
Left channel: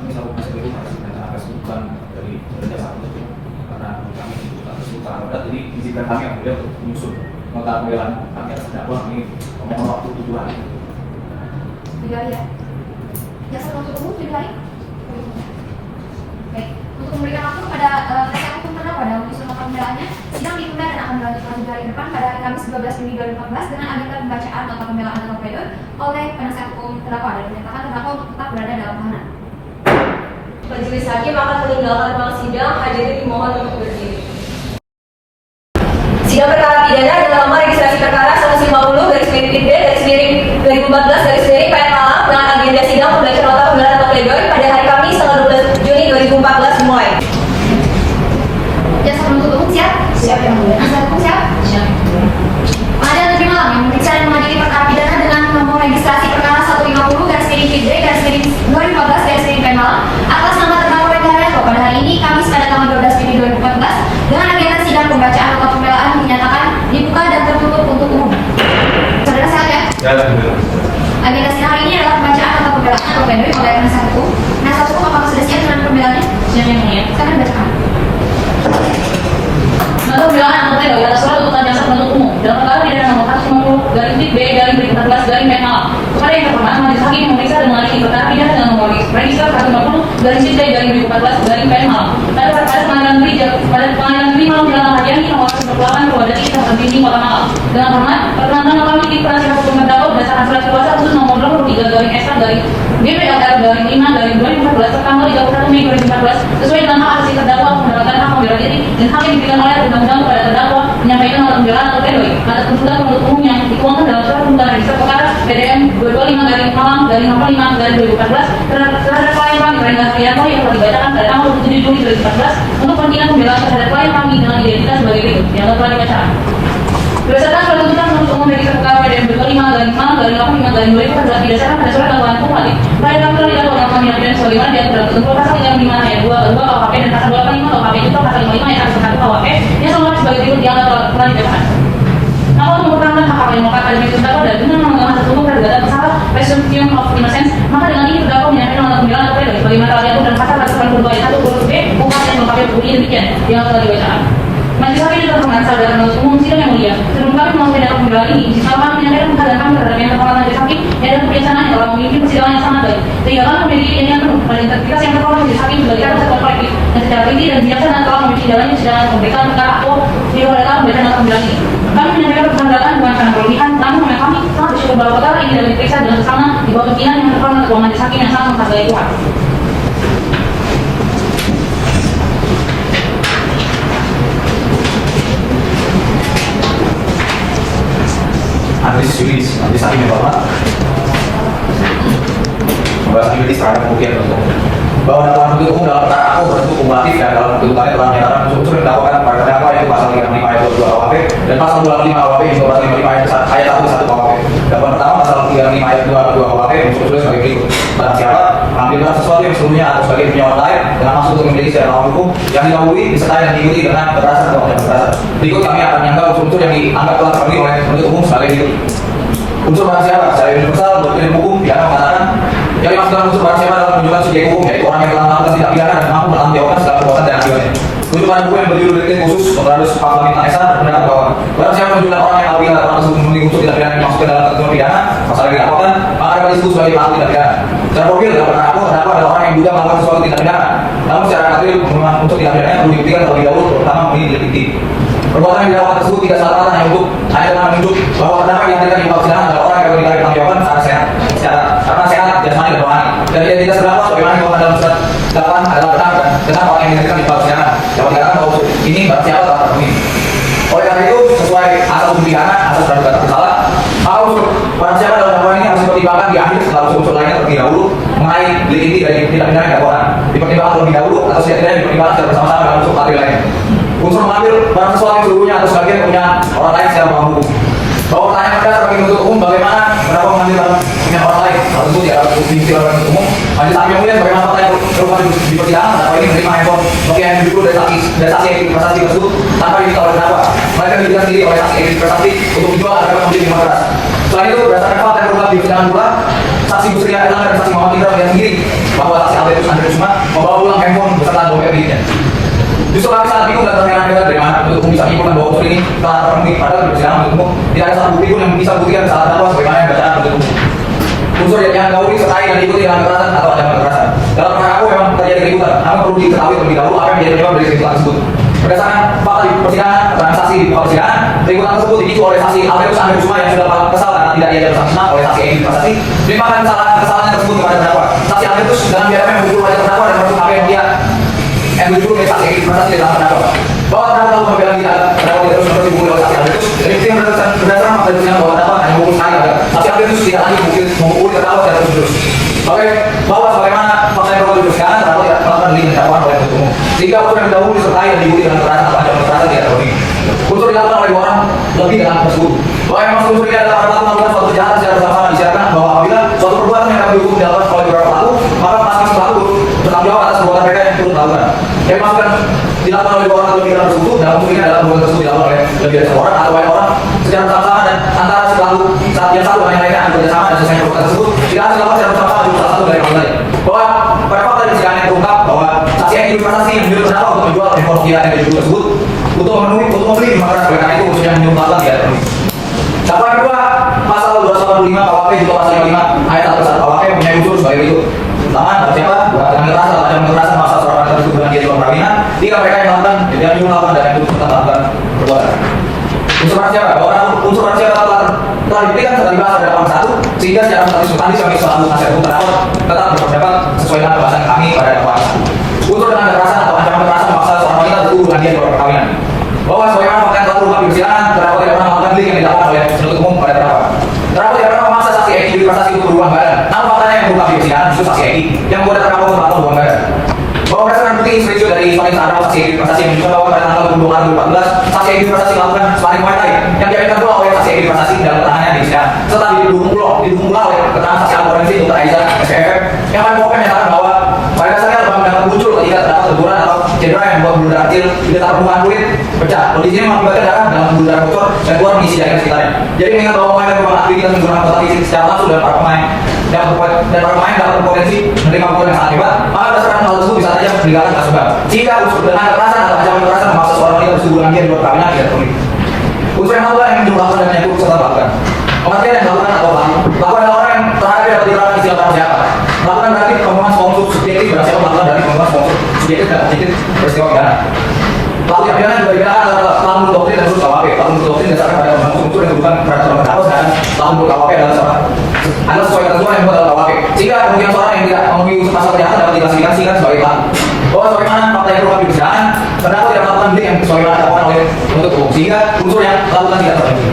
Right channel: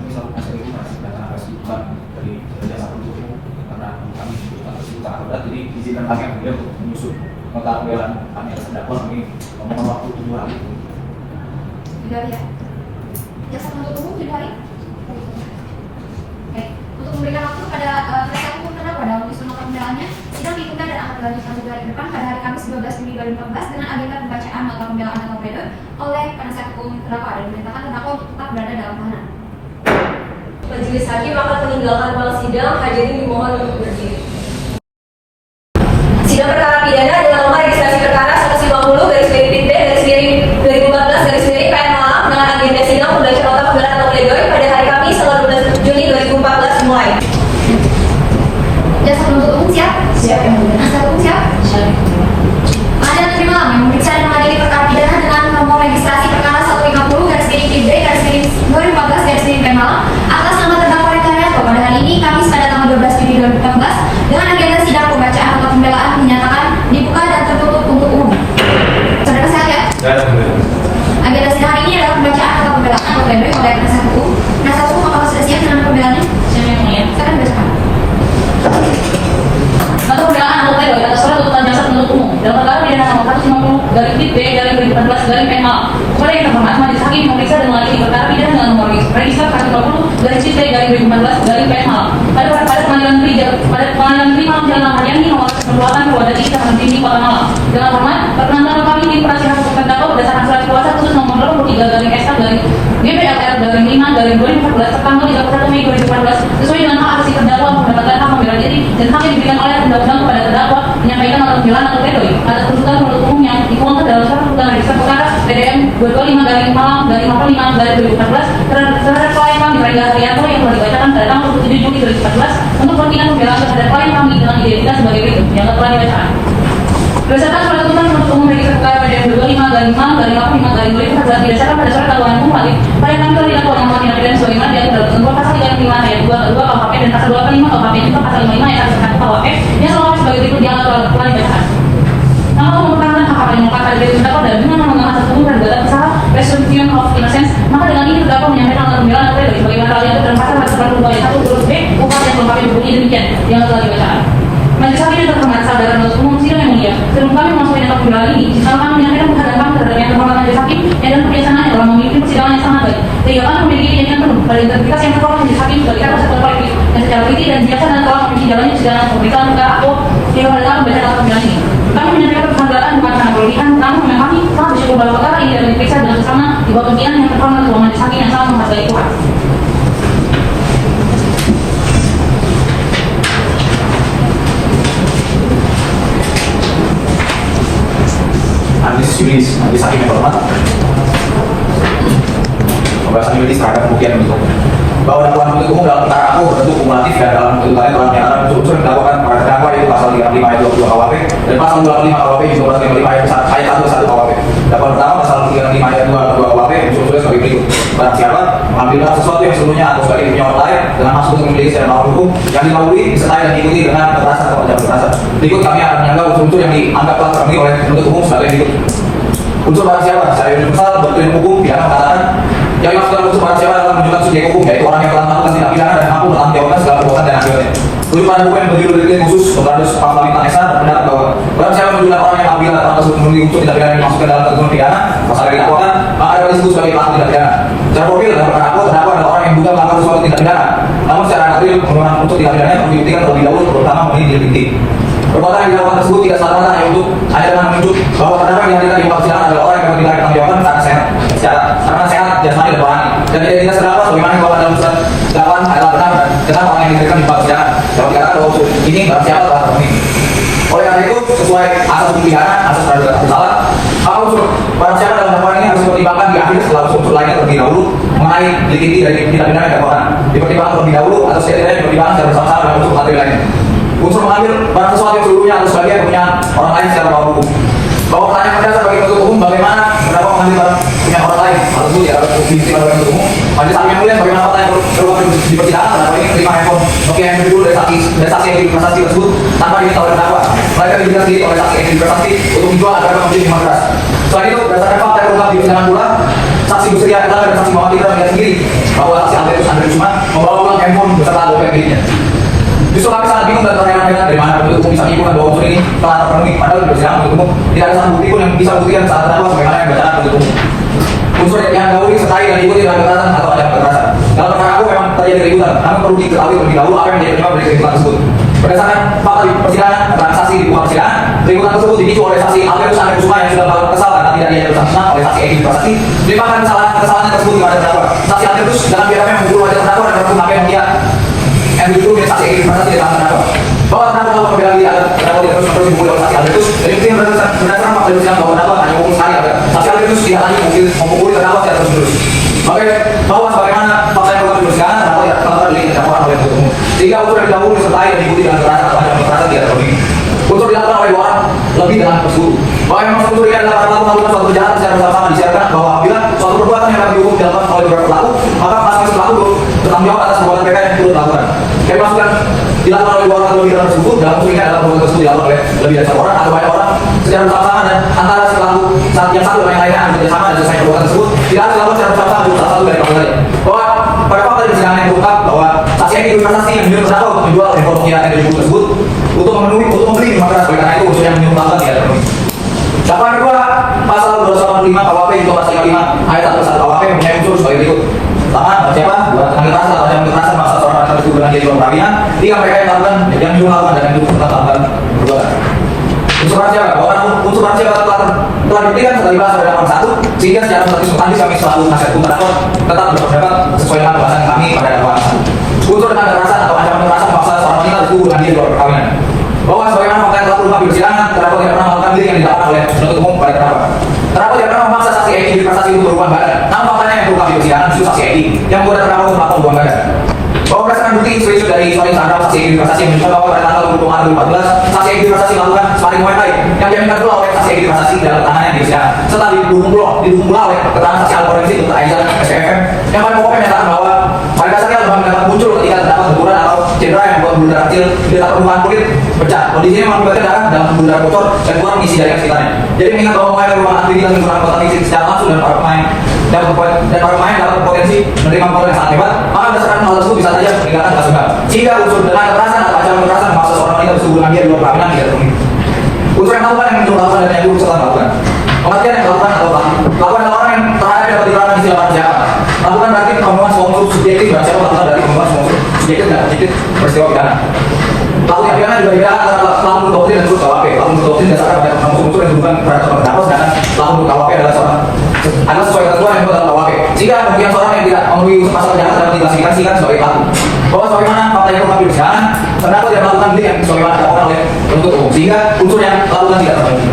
Ini selalu masih datang atas hukuman dari jaksa penuntut umum karena kami utara berat, jadi izinkan kami yang mulia untuk menyusun nota pembelaan kami atas terdakwa. Kami mohon waktu 7 hari. 7 hari ya? Jaksa penuntut umum 7 hari? untuk memberikan waktu kepada mereka hukum terdakwa dalam menyusun nota pembelaannya. Sidang diikuti dan akan dilanjutkan pada hari depan pada hari Kamis 12 Juni 2014 dengan agenda pembacaan nota pembelaan atau pledoi oleh penasihat hukum terdakwa dan menyatakan terdakwa untuk tetap berada dalam tahanan. Majelis hakim akan meninggalkan ruang sidang. Hadirin dimohon untuk berdiri. Sidang perkara pidana dalam nomor registrasi perkara 150/2014/2014/PM Malang dengan agenda sidang pembacaan nota pembelaan atau pledoi pada hari Kamis tanggal 12 Juni 2014 dimulai. Jaksa penuntut umum siap? Siap ya. Penasihat hukum siap? Siap. Pengadilan Negeri Malang yang memeriksa dan mengadili perkara pidana dengan nomor registrasi perkara 150/2014/PM Malang atas nama terdakwa Rekayasa pada hari ini Kamis pada tanggal 12 Juni 2014 dengan agenda sidang pembacaan nota pembelaan dinyatakan dibuka dan tertutup untuk umum. Saudara sehat ya? Ya, benar. Agenda sidang hari ini adalah pembacaan nota pembelaan atau pledoi oleh penasihat hukum. Penasihat hukum apakah sudah siap dengan pembelaannya? Siap yang mulia. Silakan bacakan. Nota pembelaan atau pledoi atas surat tuntutan jaksa penuntut umum dalam perkara pidana nomor 150/B/2014/PM Malang kepada yang terhormat majelis hakim memeriksa dan mengadili perkara pidana dengan nomor register 150/B/2014/PM Malang pada pengadilan negeri Malang dengan Hadiani nomor perbuatan Polda Jawa Timur Kota Malang. Dengan hormat, perkenalkan kami di penasihat hukum terdakwa berdasarkan surat kuasa khusus nomor 23/S/DP/5/2014 tanggal 31 Mei 2014 sesuai dengan hak asasi terdakwa mendapatkan hak membela diri dan hak yang diberikan oleh undang-undang kepada terdakwa menyampaikan nota pembelaan atau pledoi atas tuntutan penuntut umum yang dituangkan dalam surat tuntutan register perkara PDM 225/Malang/5/2014 terhadap klien kami Rangga Haryanto yang telah dibacakan pada tanggal 7 Juli 2014 untuk kepentingan pembelaan terhadap klien kami dengan identitas sebagai berikut yang telah dibacakan. Berdasarkan surat tuntutan penuntut umum register perkara PDM 225/5/2014 didasarkan pada surat dakwaan kumulatif klien kami telah didakwa dalam pengadilan negeri sebagaimana diatur dalam ketentuan pasal 35 ayat 2 KUHP dan pasal 25 KUHP itu pasal 55 ayat 1 KUHP yang selama sebagai berikut yang telah dibacakan. Namun mengurangi hak yang mengungkapkan diri terdakwa dan dengan mengenal asas hukum terduga bersalah presumption of innocence, maka dengan ini terdakwa menyampaikan nota pembelaan atau pledoi sebagaimana telah diatur dalam pasal 142 ayat 1 huruf B KUHP yang melengkapi bunyi demikian yang telah dibacakan. Majelis hakim yang terhormat sadar penuntut umum sidang yang mulia, sebelum kami memasuki dalam pembelaan ini, izinkan kami menyampaikan penghadapan terhadap yang terhormat majelis hakim yang dalam kebijaksanaan yang telah memimpin persidangan yang sangat baik, sehingga kami memiliki keyakinan penuh pada integritas yang terhormat majelis hakim sebagai kuasa kolektif yang secara teliti dan bijaksana telah memimpin sidangnya persidangan pemeriksaan perkara atau sehingga pada saat pembacaan nota pembelaan ini. Kami menyampaikan penghadapan dengan cara berlebihan, namun memang kami sangat bersyukur bahwa perkara ini dapat diperiksa dengan sesama di bawah pimpinan yang terhormat ketua majelis hakim yang sangat menghargai Tuhan. Analisis juridis, majelis hakim yang hormat. Pembahasan juridis terhadap kerugian untuk bahwa dakwaan penuntut umum dalam perkara aku berbentuk kumulatif dan dalam tuntutannya telah menyatakan unsur yang didakwakan pada terdakwa yaitu pasal 35 ayat 22 KUHP dan pasal 25 KUHP juga pasal 35 ayat 1 KUHP. Dakwaan pertama pasal 35 ayat 22 KUHP unsur-unsurnya sebagai berikut: barang siapa mengambilkan sesuatu yang seluruhnya atau sebagai punya orang lain dengan maksud untuk memiliki secara melawan hukum yang didahului disertai dan diikuti dengan kekerasan atau tidak kekerasan. Berikut kami akan menyanggah unsur-unsur yang dianggap telah terpenuhi oleh penuntut umum sebagai berikut. Unsur barang siapa secara universal bertujuan hukum pidana mengatakan yang dimaksud dengan unsur barang siapa adalah menunjukkan subjek hukum yaitu orang yang telah melakukan tindak pidana dan mampu bertanggung jawabkan segala perbuatan dan akibatnya. Rujukan hukum yang berjudul delik khusus 445 SR berpendapat bahwa barang siapa menunjukkan orang yang apabila telah masuk memenuhi unsur tindak pidana yang dimaksudkan dalam ketentuan pidana pasal yang didakwakan maka akan disebut sebagai pelaku tindak pidana. Secara profil dalam perkara aku terdakwa adalah orang yang diduga melakukan sesuatu tindak pidana, namun secara adil merupakan unsur tindak pidana yang perlu dibuktikan terlebih dahulu terutama memenuhi delik fiktif. Perbuatan yang dilakukan tersebut tidak semata-mata hanya untuk dengan menunjuk bahwa terdakwa yang tidak dipersilakan adalah orang yang dapat ditanggung jawabkan secara sehat jasmani dan rohani dan identitas terdakwa sebagaimana dikatakan dalam surat dakwaan adalah benar dan kenapa orang yang diberikan dipersilakan dapat dikatakan bahwa ini barang siapa telah terpenuhi. Oleh karena itu sesuai asas pidana asas praduga tak bersalah maka unsur barang siapa dalam dakwaan ini harus dipertimbangkan di akhir setelah unsur lainnya terlebih dahulu mengenai delik inti dari tindak pidana yang dakwakan dipertimbangkan terlebih dahulu atau setidaknya dipertimbangkan secara bersama-sama dalam unsur materi lain. Unsur mengambil barang sesuatu yang seluruhnya atau sebagian kepunyaan orang lain secara melawan hukum. Bahwa pertanyaan mendasar bagi penuntut umum bagaimana kenapa mengambil barang punya orang lain hal tersebut tidak dapat diistilah bagi penuntut umum. Majelis hakim yang mulia bagaimana pertanyaan terlalu di persidangan dakwaan ini menerima handphone Nokia yang dulu dari saksi yang diprestasi tersebut tanpa diminta oleh terdakwa. Mereka dijelaskan sendiri oleh saksi yang diprestasi untuk dijual agar membeli minuman keras. Selain itu berdasarkan fakta yang berubah di persidangan pula saksi Bu Sri Adelan dan saksi Muhammad Indra melihat sendiri bahwa saksi Andreus cuma membawa pulang handphone beserta dompet miliknya. Justru kami sangat bingung dan terheran-heran dari mana penuntut umum bisa menyimpulkan bahwa unsur ini telah terpenuhi padahal di persidangan penuntut umum tidak ada satu bukti pun yang bisa buktikan saat terdakwa sebagaimana yang bacaan penuntut umum. Unsur yang dahulu disertai dan diikuti dengan kekerasan atau ancaman kekerasan. Dalam perkara aku memang terjadi keributan, namun perlu diketahui mengetahui terlebih dahulu apa yang menjadi penyebab dari keributan tersebut. Berdasarkan fakta di persidangan, keterangan saksi di buka persidangan, keributan tersebut dipicu oleh saksi Albertus Kusuma yang sudah berlaku kesal karena tidak diajak bersama oleh saksi Egy Prasasti. Melimpahkan kesalahan tersebut kepada terdakwa. Saksi Albertus dengan biarnya menggurui wajah terdakwa dan berhukum akhirnya dia yang dituduh oleh saksi Egy Prasasti dalam terdakwa. Bahwa terdakwa tahu membela diri agar terdakwa tidak terus dipukuli oleh saksi Albertus. Dan itu yang berdasarkan fakta persidangan bahwa terdakwa hanya hukum sekali agar saksi Albertus tidak lagi memukuli terdakwa secara terus-menerus. Oke, bahwa sebagaimana fakta yang perlu dipersidangan terdakwa diri dakwaan oleh penuntut umum. Jika unsur yang dahulu disertai dan dibuli dengan kekerasan atau ancaman kekerasan tidak terpenuhi. Unsur dilakukan oleh orang lebih dengan tersebut. Bahwa yang unsur ini adalah para pelaku melakukan suatu kejahatan secara bersama-sama disyaratkan bahwa apabila suatu perbuatan yang akan dihukum dilakukan oleh beberapa pelaku, maka masing-masing pelaku bertanggung jawab atas perbuatan mereka yang turut melakukan. Yang dimaksudkan dilakukan oleh orang lebih dari tersebut dalam pemilihan adalah perbuatan tersebut dilakukan oleh lebih dari seorang atau banyak orang secara bersama-sama dan antara si pelaku yang satu dan yang lainnya akan bekerjasama dan selesai perbuatan tersebut tidak harus dilakukan secara bersama-sama dari salah satu dari keduanya. Bahwa pada fakta di persidangan yang terungkap bahwa saksi Egy Prasasti yang menyuruh terdakwa untuk menjual informasi yang ada di buku tersebut untuk membeli makanan oleh karena itu unsur yang menyuruh melakukan tidak terpenuhi. Dakwaan kedua pasal 285 KUHP junto pasal 5 ayat 1 KUHP mempunyai unsur sebagai berikut. Pertama, barang siapa buatan kekerasan atau yang kekerasan memaksa seorang tertentu dengan dia juga perkawinan, tiga mereka yang melakukan yang menyuruh melakukan dan yang melakukan perbuatan. Unsur rahasia bahwa unsur rahasia telah diberikan setelah dibahas pada dakwaan 1 sehingga secara status kami selalu nasihat hukum terdakwa tetap berpendapat sesuai dengan pembahasan kami pada dakwaan 1. Unsur dengan kekerasan atau ancaman kekerasan memaksa seorang wanita tertentu dengan dia juga perkawinan. Bahwa sebagaimana fakta telah terungkap di persidangan, terdakwa tidak pernah melakukan diri yang didakwakan oleh penuntut umum pada terdakwa. Terdakwa tidak pernah memaksa saksi Egy Prasasti untuk berhubungan badan. Namun faktanya yang terungkap di persidangan justru saksi Egy yang membuat terdakwa untuk melakukan hubungan badan. Bahwa berdasarkan bukti isu-isu dari suami terdakwa saksi Egy Prasasti menunjukkan bahwa pada tanggal 20 Maret 2014 saksi Egy Prasasti melakukan sparring Muay Thai yang diaminkan pula oleh saksi Egy Prasasti dalam keterangannya di persidangan serta didukung pula oleh keterangan saksi Al-Forensik Dr. Aizan SPFM yang pada pokoknya menyatakan bahwa pada dasarnya lebam mendapat muncul ketika terdapat benturan atau cedera yang membuat buluh darah kecil di dekat permukaan kulit pecah. Kondisinya mengakibatkan darah dalam buluh darah bocor dan keluar mengisi daerah sekitarnya. Jadi mengingat bahwa pemain merupakan aktivitas menggunakan kota fisik secara langsung dan para pemain dapat berpotensi menerima pukul yang sangat hebat, maka berdasarkan hal tersebut bisa saja meninggalkan kasus berat. Jika unsur dengan kekerasan atau ancaman kekerasan memaksa seorang wanita berhubungan dia di luar perkawinan tidak terpenuhi. Unsur yang melakukan yang melakukan dan yang serta melakukan. Kematian yang melakukan atau melakukan orang yang terakhir dapat diterapkan istilah orang jahat. Melakukan berarti pembunuhan semua unsur subjektif dan siapa melakukan dari pembunuhan semua unsur subjektif dan objektif peristiwa pidana. Pelaku yang pidana juga dibedakan antara pelaku doktrin dan unsur KUHP. Pelaku doktrin dasarkan pada unsur yang bukan pada seorang terdakwa, sedangkan pelaku KUHP adalah sesuai ketentuan yang dibuat dalam KUHP. Sehingga kemungkinan seorang yang tidak memenuhi unsur pasal kejahatan dapat diklasifikasikan sebagai pelaku. Bahwa sebagaimana fakta yang terungkap di persidangan, terdakwa tidak melakukan diri yang sebagaimana dilakukan oleh penuntut umum, sehingga unsur yang melakukan tidak terpenuhi.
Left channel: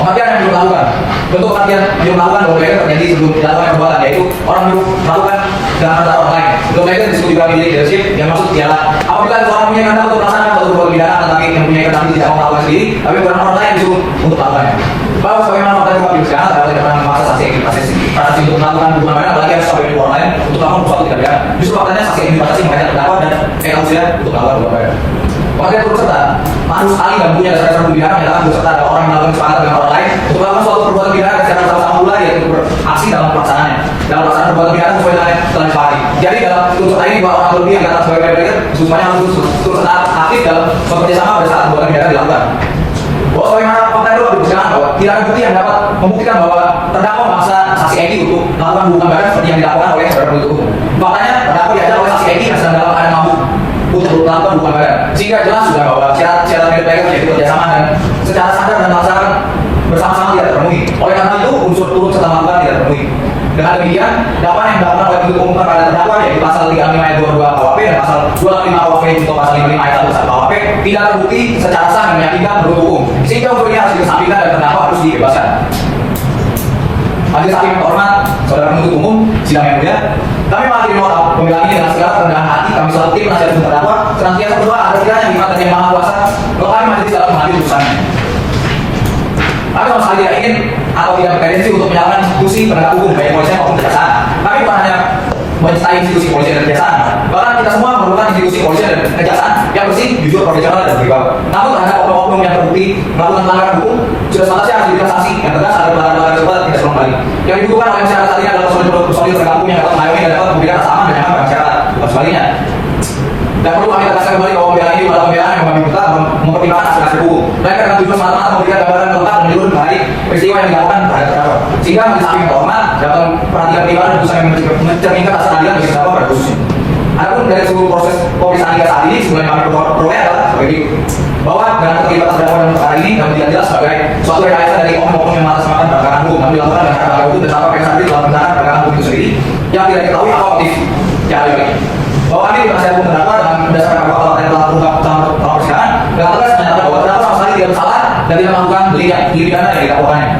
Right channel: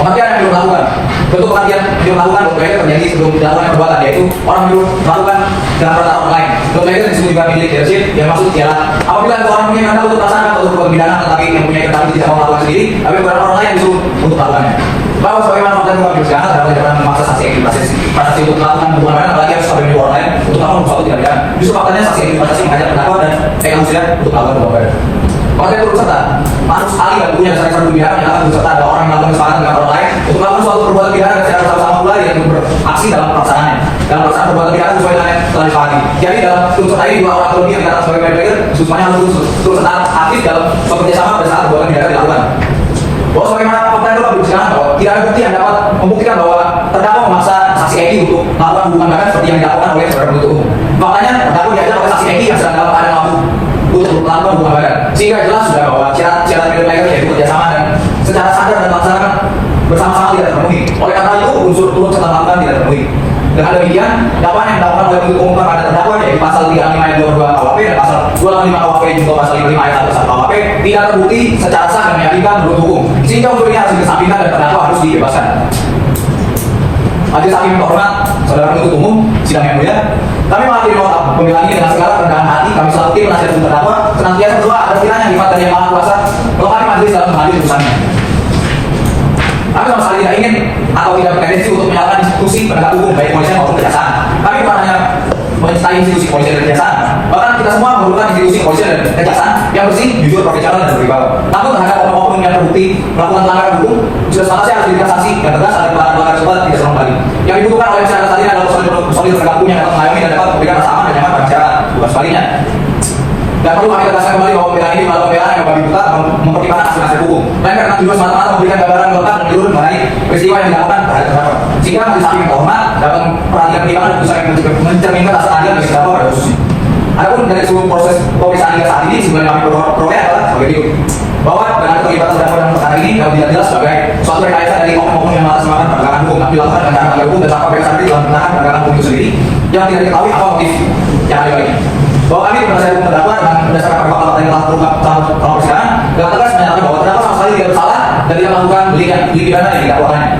Kematian yang belum melakukan, bentuk kematian yang melakukan boleh terjadi sebelum dilakukan perbuatan, yaitu orang belum melakukan dengan rata orang lain. Belum lagi disebut juga leadership, yang maksud ialah apabila orang punya kehendak untuk melaksanakan suatu perbuatan pidana, tetapi yang punya kehendak tidak melakukan sendiri, tapi bukan orang lain disuruh untuk melakukannya. Bahwa sebagaimana fakta yang di persidangan, terdakwa tidak pernah memaksa saksi Egy Prasasti untuk melakukan hubungan badan, apalagi harus pada orang lain untuk melakukan sesuatu tidak pidana. Justru faktanya saksi Egy Prasasti menghadap terdakwa dan konsider untuk melakukan hubungan badan. Fakta turut serta Manus Ali dan punya dasar pidana menyatakan turut serta ada orang yang melakukan kesepakatan dengan orang lain untuk melakukan suatu perbuatan pidana secara bersama pula yaitu beraksi dalam pelaksanaannya. Dalam pelaksanaan perbuatan pidana sesuai dengan yang telah disepakati. Jadi dalam turut serta ini dua orang atau lebih yang diatas sebagai player semuanya harus turut serta aktif dalam bekerjasama pada saat perbuatan pidana dilakukan. Bahwa sebagaimana fakta itu berbicara bahwa tidak ada bukti yang dapat membuktikan bahwa terdakwa memaksa saksi Egy untuk melakukan hubungan badan seperti yang dilakukan oleh saudara penuntut umum. Faktanya terdakwa diajak oleh saksi Egy yang sedang dalam keadaan mabuk untuk melakukan hubungan badan. Sehingga jelas sudah bahwa syarat mereka yaitu kerjasama dan secara sadar dan laksanakan bersama-sama tidak terpenuhi. Oleh karena itu unsur turut serta melakukan tidak terpenuhi. Dengan demikian, dakwaan yang dilakukan oleh penuntut umum kepada terdakwa yaitu pasal 35 ayat 22 KUHP dan pasal 265 KUHP untuk pasal 55 ayat 1 KUHP tidak terbukti secara sah dan meyakinkan menurut hukum. Sehingga unsur ini harus dikesampingkan dan terdakwa harus dibebaskan. Majelis hakim yang terhormat, saudara penuntut umum, sidang yang mulia, kami mengakhiri mohon pembelaan ini dengan segala kerendahan hati. Kami selaku tim penasihat hukum terdakwa senantiasa berdoa agar kiranya hikmat dari Yang Maha Kuasa melengkapi majelis dalam mengambil putusan ini. Kami sama sekali tidak ingin atau tidak bertendensi untuk menyalahkan institusi penegak hukum baik kepolisian maupun kejaksaan. Kami bukan hanya mencintai institusi kepolisian dan kejaksaan, bahkan kita semua memerlukan institusi kepolisian dan kejaksaan yang bersih, jujur, profesional dan berwibawa. Namun terhadap oknum-oknum yang terbukti melakukan pelanggaran hukum, sudah semangatnya harus diberikan sanksi yang tegas agar pelanggaran tersebut tidak terulang kembali. Yang dibutuhkan oleh masyarakat saat ini adalah personil penegak hukum yang dapat mengayomi dan dapat memberikan rasa aman dan nyaman bagi masyarakat. Bukan sebaliknya. Dan perlu kami tegaskan kembali bahwa pembelaan ini adalah pembelaan yang kami minta mempertimbangkan aspek hukum. Dan karena tujuan semata-mata memberikan gambaran lengkap dan menyeluruh mengenai peristiwa yang dilakukan terhadap terdakwa. Sehingga majelis hakim yang terhormat dapat perhatikan pertimbangan putusan yang mencerminkan rasa keadilan bagi terdakwa pada khususnya. Adapun dari seluruh proses pemeriksaan hingga saat ini, sebenarnya kami peroleh adalah sebagai berikut. Bahwa dengan terlibat terdakwa dalam perkara ini kami tidak jelas sebagai suatu rekayasa dari oknum-oknum yang mengatasnamakan penegakan hukum yang dilakukan dengan cara melanggar hukum dan tanpa pemeriksaan diri dalam penegakan hukum itu sendiri yang tidak diketahui apa motif yang ada lagi. Bahwa kami berdasarkan hukum terdakwa dengan berdasarkan pada fakta yang telah terungkap dalam persidangan dengan tegas menyatakan bahwa terdakwa sama sekali tidak bersalah dan tidak melakukan beli pidana yang didakwakannya.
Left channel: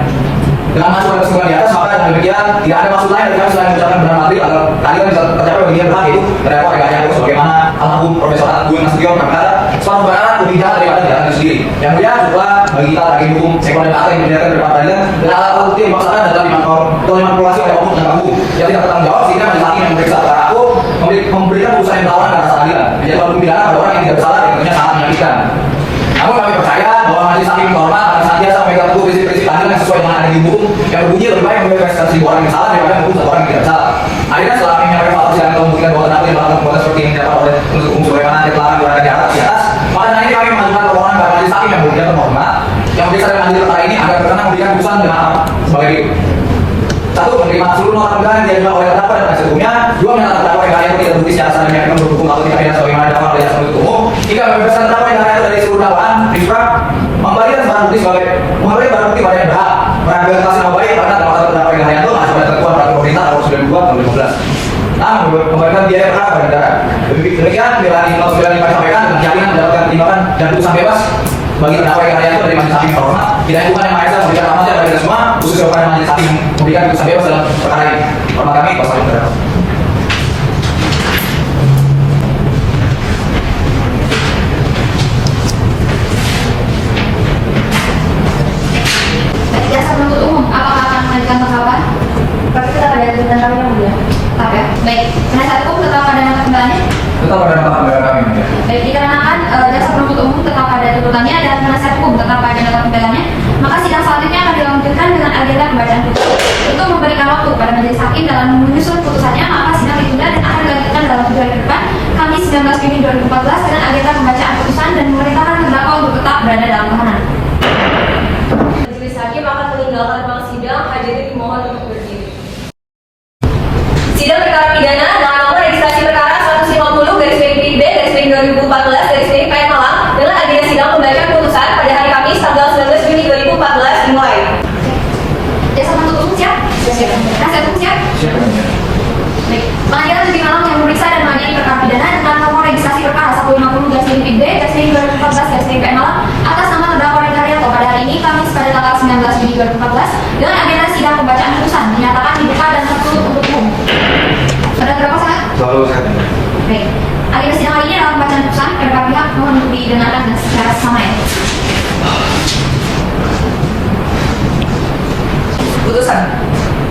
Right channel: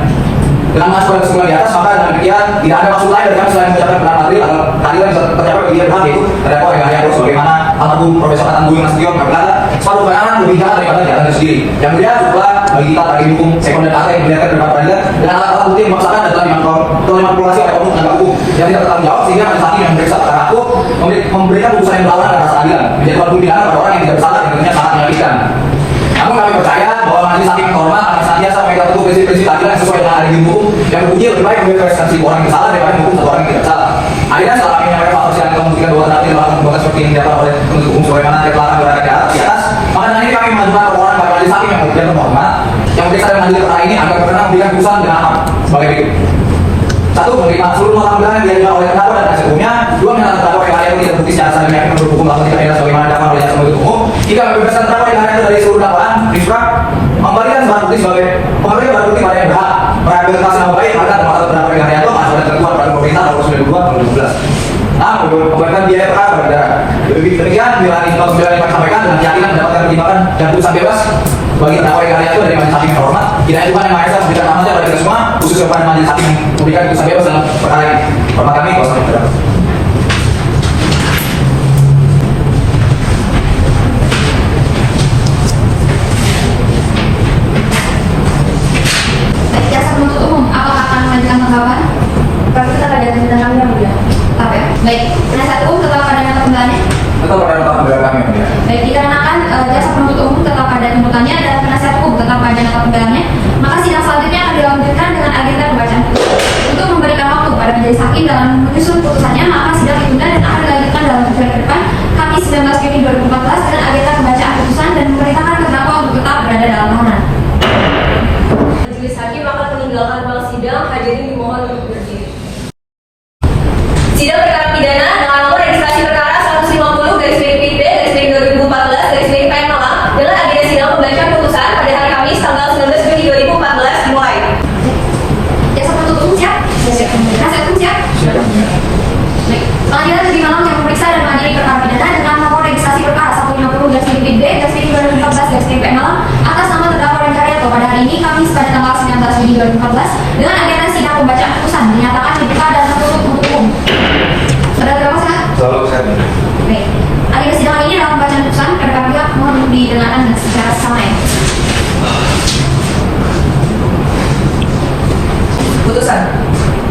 Dengan masuk pada kesimpulan di atas, maka dengan demikian tidak ada maksud lain daripada selain mengucapkan benar adil agar keadilan bisa tercapai bagi dia pihak itu terdakwa yang hanya harus bagaimana almarhum Profesor Atan Bumi Nasution berkata suatu kebenaran lebih jahat daripada jahatannya sendiri. Yang kemudian juga bagi kita lagi hukum sekunder partai yang diberikan dari peradilan dan alat-alat bukti yang memaksakan adalah dimanipulasi oleh oknum penegak hukum yang tidak bertanggung jawab sehingga majelis hakim yang memeriksa perkara aku memberikan putusan yang melawan rasa keadilan menjadi hukum pidana pada orang yang tidak bersalah dan tentunya sangat menyakitkan. Namun kami percaya bahwa majelis hakim terhormat akan senantiasa memegang teguh prinsip-prinsip keadilan yang sesuai dengan ada di hukum yang berbunyi lebih baik membebaskan seribu orang yang bersalah daripada hukum satu orang yang tidak bersalah. Akhirnya setelah kami menyampaikan fakta persidangan membuktikan bahwa terdakwa melakukan perbuatan seperti yang didapat oleh penuntut umum sebagaimana yang telah kami uraikan di atas, maka dengan ini kami mengajukan laporan kepada majelis hakim yang berbeda terhormat yang memeriksa dan mengadili perkara ini agar berkenan memberikan putusan dengan apa sebagai berikut. 1. Menerima seluruh nota pembelaan yang diajukan oleh terdakwa dan penasihat hukumnya. 2. Menyatakan terdakwa yang tidak terbukti secara sah menyatakan penuntut hukum melakukan tindak pidana sebagaimana dakwaan oleh jaksa penuntut umum. 3. Membebaskan terdakwa yang itu dari seluruh dakwaan. 4. Memberikan barang bukti sebagai memberikan barang bukti pada yang berhak merehabilitasi nama baik pada termasuk terdakwa yang itu masuk pada ketentuan peraturan pemerintah nomor 92 tahun 2015. 6. Memberikan biaya perkara kepada negara. Demikian pilihan hikmat pembelaan yang kami sampaikan dengan keyakinan mendapatkan pertimbangan dan putusan bebas bagi terdakwa yang itu dari majelis hakim terhormat. Tidak Tuhan yang Maha Esa memberikan amanah dari kita semua, khususnya kepada majelis hakim memberikan putusan bebas dalam perkara ini. Hormat kami, kuasa hukum terdakwa. Baik, jaksa penuntut umum, apakah akan melanjutkan perkara? Tapi kita ada dan kami yang mulia. Tetap ya. Baik, penasihat hukum tetap pada nota pembelaannya. Betul pada nota pembelaan kami yang mulia. Baik, dikarenakan jaksa penuntut umum tetap pada tuntutannya dan penasihat hukum tetap pada nota pembelaannya, maka sidang selanjutnya akan dilanjutkan dengan agenda pembacaan putusan. Untuk memberikan waktu pada majelis hakim dalam menyusun putusannya, maka sidang ditunda dan akan dilanjutkan dalam 7 hari ke depan, Kamis 19 Juni 2014 dengan agenda pembacaan putusan dan memerintahkan terdakwa untuk tetap berada dalam tahanan. Majelis hakim akan meninggalkan ruang sidang, hadirin dimohon untuk berdiri. Sidang perkara pidana nomor registrasi perkara 150/B/2014/PN Malang dengan agenda sidang pembacaan putusan pada hari Kamis tanggal 19 Juni 2014 dimulai. Jaksa penuntut umum siap? Siap. Penasihat hukum siap? Siap. Baik. Pengadilan Negeri Malang yang memeriksa dan mengadili perkara pidana dengan nomor registrasi perkara 150/B/2014/PN Malang atas nama terdakwa Ren Karyanto pada hari ini Kamis pada tanggal 19 Juni 2014 dengan agenda sidang pembacaan putusan menyatakan dibuka dan tertutup untuk umum. Saudara terdakwa sah? Selalu saya. Baik. Agenda sidang hari ini adalah pembacaan putusan. Kedua pihak mohon untuk didengarkan secara sama ya. Putusan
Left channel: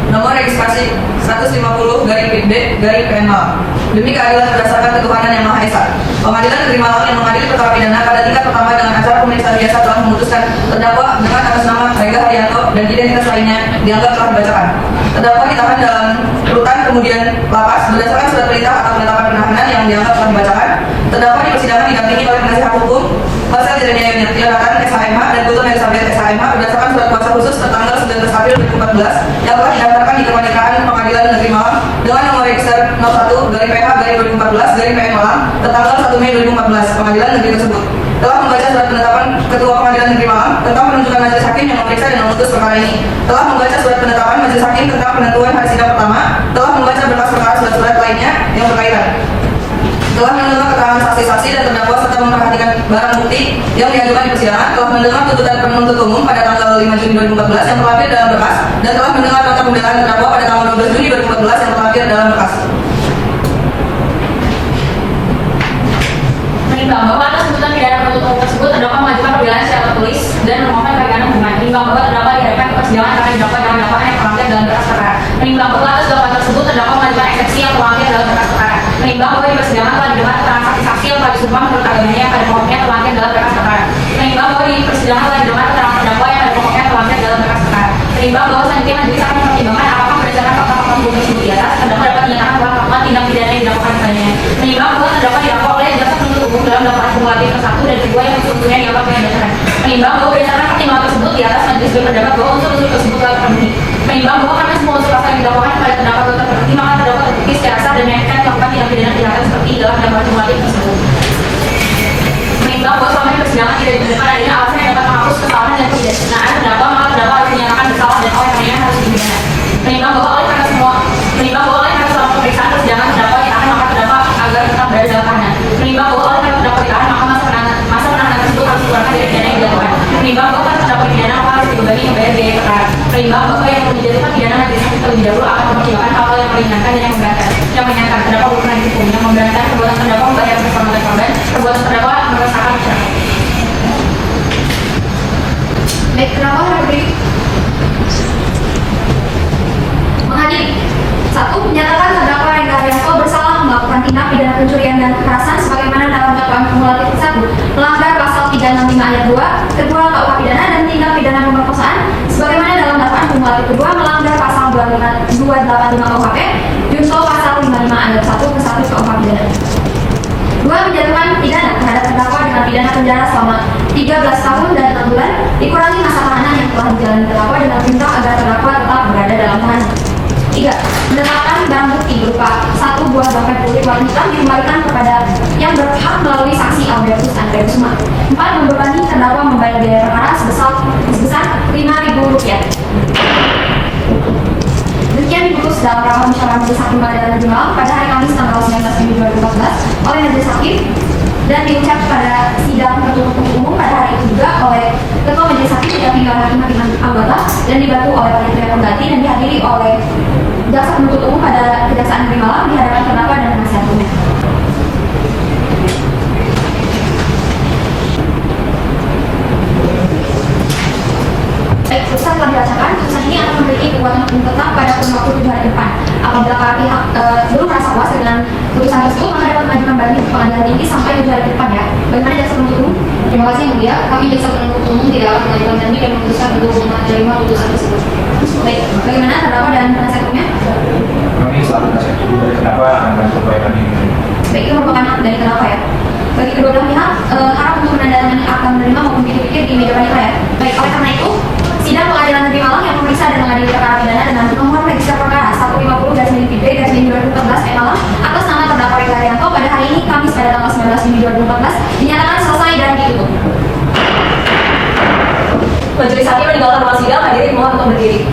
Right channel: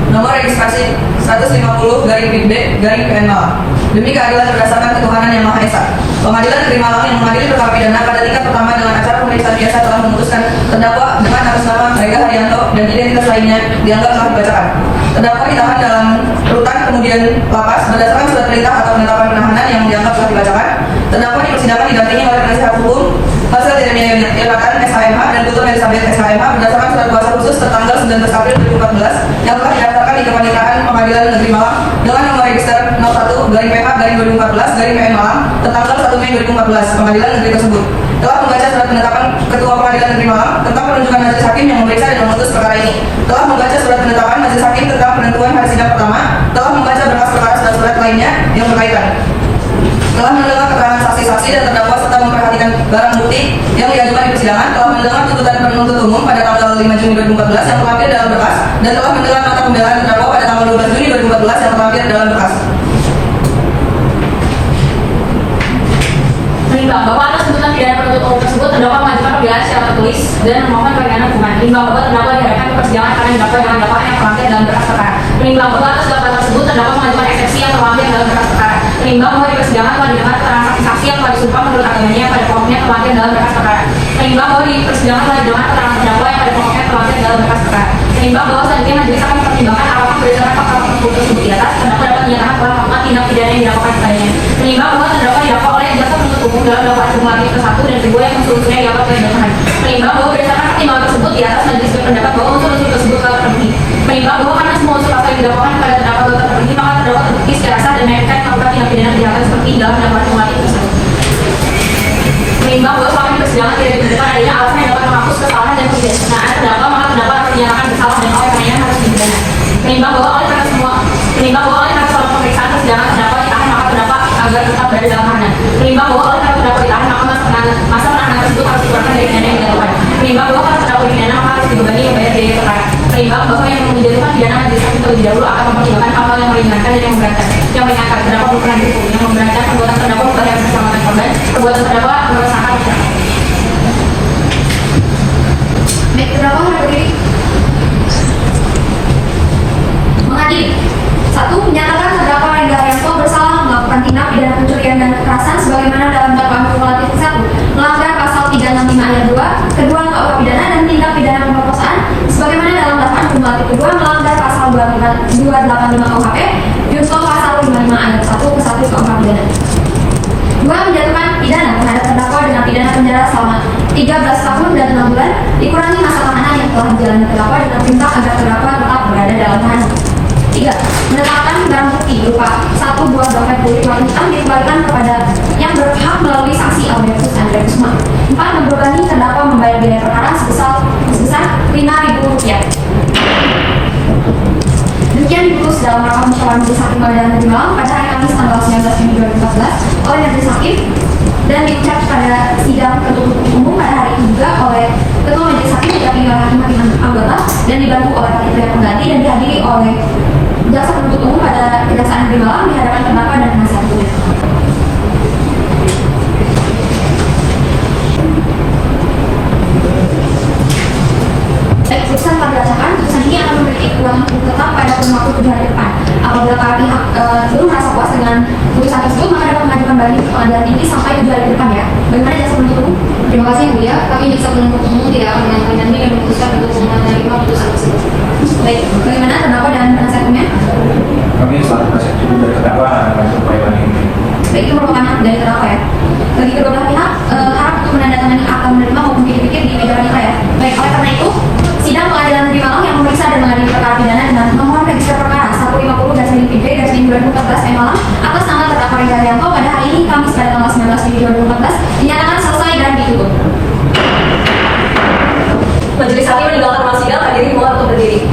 nomor registrasi 150/B/PN Malang. Demi keadilan berdasarkan ketuhanan yang Maha Esa, Pengadilan Negeri Malang yang mengadili perkara pidana pada tingkat pertama dengan acara pemeriksaan biasa telah memutuskan terdakwa dengan atas nama Rengga Haryanto dan identitas lainnya dianggap telah dibacakan. Terdakwa ditahan dalam rutan kemudian lapas berdasarkan surat perintah atau penetapan penahanan yang dianggap telah dibacakan. Terdakwa di persidangan didampingi oleh penasihat hukum hasil Diratan SKMH dan tutur Elisabeth SKMH berdasarkan surat kuasa khusus tertanggal 19 April 2014 yang telah didaftarkan di Kepanitiaan Pengadilan Negeri Malang dengan nomor register 01/PK/2014/PN Malang tertanggal 1 Mei 2014. Pengadilan negeri tersebut telah membaca surat penetapan Ketua Pengadilan Negeri Malang tentang penunjukan majelis hakim yang memeriksa dan memutus perkara ini, telah membaca surat penetapan majelis hakim tentang penentuan hari sidang pertama, telah membaca berkas perkara surat-surat lainnya yang berkaitan, telah mendengar keterangan saksi-saksi dan terdakwa serta memperhatikan barang bukti yang diajukan di persidangan, telah mendengar tuntutan penuntut umum pada tanggal 5 Juni 2014 yang terlampir dalam berkas, dan telah mendengar nota pembelaan terdakwa pada tanggal 12 Juni 2014 yang terlampir dalam berkas. Menimbang bahwa atas tuntutan pidana penuntut umum tersebut terdakwa mengajukan pembelaan secara tertulis dan memohon keringanan hukuman. Menimbang bahwa terdakwa dihadapkan ke persidangan karena didakwa dengan dakwaan yang terlampir dalam berkas perkara. Menimbang bahwa atas dakwaan tersebut terdakwa mengajukan eksepsi yang terlampir dalam berkas perkara. Menimbang bahwa di persidangan telah didengar keterangan saksi-saksi yang telah disumpah menurut agamanya pada pokoknya terlampir dalam berkas perkara. Menimbang bahwa di persidangan telah didengar keterangan terdakwa yang pada pokoknya terlampir dalam berkas perkara. Menimbang bahwa selanjutnya majelis akan mempertimbangkan apakah berdasarkan fakta-fakta hukum tersebut di atas terdakwa dapat menyatakan bahwa melakukan tindak pidana yang dilakukan kepadanya. Menimbang bahwa terdakwa didakwa oleh jaksa penuntut umum dalam dakwaan kumulatif ke-1 dan ke-2 yang seluruhnya dianggap telah dilakukan. Menimbang bahwa berdasarkan pertimbangan tersebut di atas majelis berpendapat bahwa unsur-unsur tersebut telah terpenuhi. Menimbang bahwa karena semua unsur pasal yang didakwakan kepada terdakwa telah terpenuhi, maka terdakwa terbukti secara sah dan meyakinkan melakukan tindak pidana kejahatan seperti dalam yang wajib tersebut. Menimbang bahwa selama ini persidangan tidak ditemukan adanya alasan yang dapat menghapus kesalahan dan ketidaksenaan terdakwa, maka terdakwa harus dinyatakan bersalah dan oleh karenanya harus dipidana. Menimbang bahwa oleh karena selama pemeriksaan persidangan terdakwa ditahan, maka terdakwa agar tetap berada dalam tahanan. Menimbang bahwa oleh karena terdakwa ditahan, maka masa penahanan tersebut harus dikurangkan dari pidana yang dilakukan. Menimbang bahwa karena terdakwa dipidana, maka harus dibebani membayar biaya perkara. Menimbang bahwa yang menjatuhkan pidana majelis hakim terlebih dahulu akan mempertimbangkan hal-hal yang meringankan dan yang memberatkan. Yang meringankan terdakwa belum pernah dihukum, yang memberatkan perbuatan terdakwa membahayakan keselamatan korban, perbuatan terdakwa merusakan. Baik, terdakwa berdiri. Mengadili. 1. Menyatakan terdakwa Rengga Haryanto bersalah melakukan tindak pidana pencurian dan kekerasan sebagaimana dalam dakwaan kumulatif 1 melanggar pasal 365 ayat 2 kedua KUH pidana dan tindak pidana pemerkosaan sebagaimana dalam dakwaan kumulatif kedua melanggar pasal 285 KUHP junto pasal 55 ayat 1 ke 1 KUH pidana. 2. Menjatuhkan pidana terhadap terdakwa dengan pidana penjara selama 13 tahun dan 6 bulan dikurangi masa tahanan yang telah dijalani terdakwa dengan perintah agar terdakwa tetap berada dalam tahanan. 3. Menetapkan barang bukti berupa 1 buah bangkai kulit warna hitam dikembalikan kepada yang berhak melalui saksi Albertus Andre Kusma. 4. Membebani terdakwa membayar biaya perkara sebesar Rp5.000. Demikian diputus dalam rapat musyawarah majelis hakim Pengadilan Negeri Malang pada hari Kamis tanggal 19 Juni 2014 oleh majelis hakim dan diucap pada sidang tertutup umum pada hari itu juga oleh Ketua Majelis Hakim yang tinggal hakim anggota dan dibantu oleh panitia pengganti dan dihadiri oleh jaksa penuntut umum pada Kejaksaan Negeri Malang di hadapan terdakwa dan penasihat hukum. Baik, putusan telah dibacakan. Putusan ini akan memiliki kekuatan hukum tetap pada kurun waktu 7 hari ke depan. Apabila para pihak belum merasa puas dengan putusan tersebut, maka dapat mengajukan banding ke pengadilan tinggi sampai 7 hari ke depan ya. Bagaimana jaksa penuntut umum? Terima kasih Bu ya. Kami jaksa penuntut umum tidak akan mengajukan banding dan memutuskan untuk menerima putusan tersebut. Baik, bagaimana terdakwa dan penasihat hukumnya? Kami selaku penasihat hukum dan terdakwa akan berupaya banding. Baik, itu merupakan hak dari terdakwa ya. Bagi kedua belah pihak, harap untuk menandatangani akta menerima maupun pikir-pikir di meja wanita ya. Baik, oleh karena itu, sidang Pengadilan Negeri Malang yang memeriksa dan mengadili perkara pidana dengan nomor register perkara 150/PB/2014 Malang atas nama terdakwa Rengga Haryanto pada hari ini Kamis pada tanggal 19 Juni 2014 dinyatakan selesai dan ditutup. Majelis hakim meninggalkan ruang sidang, hadirin mohon untuk berdiri.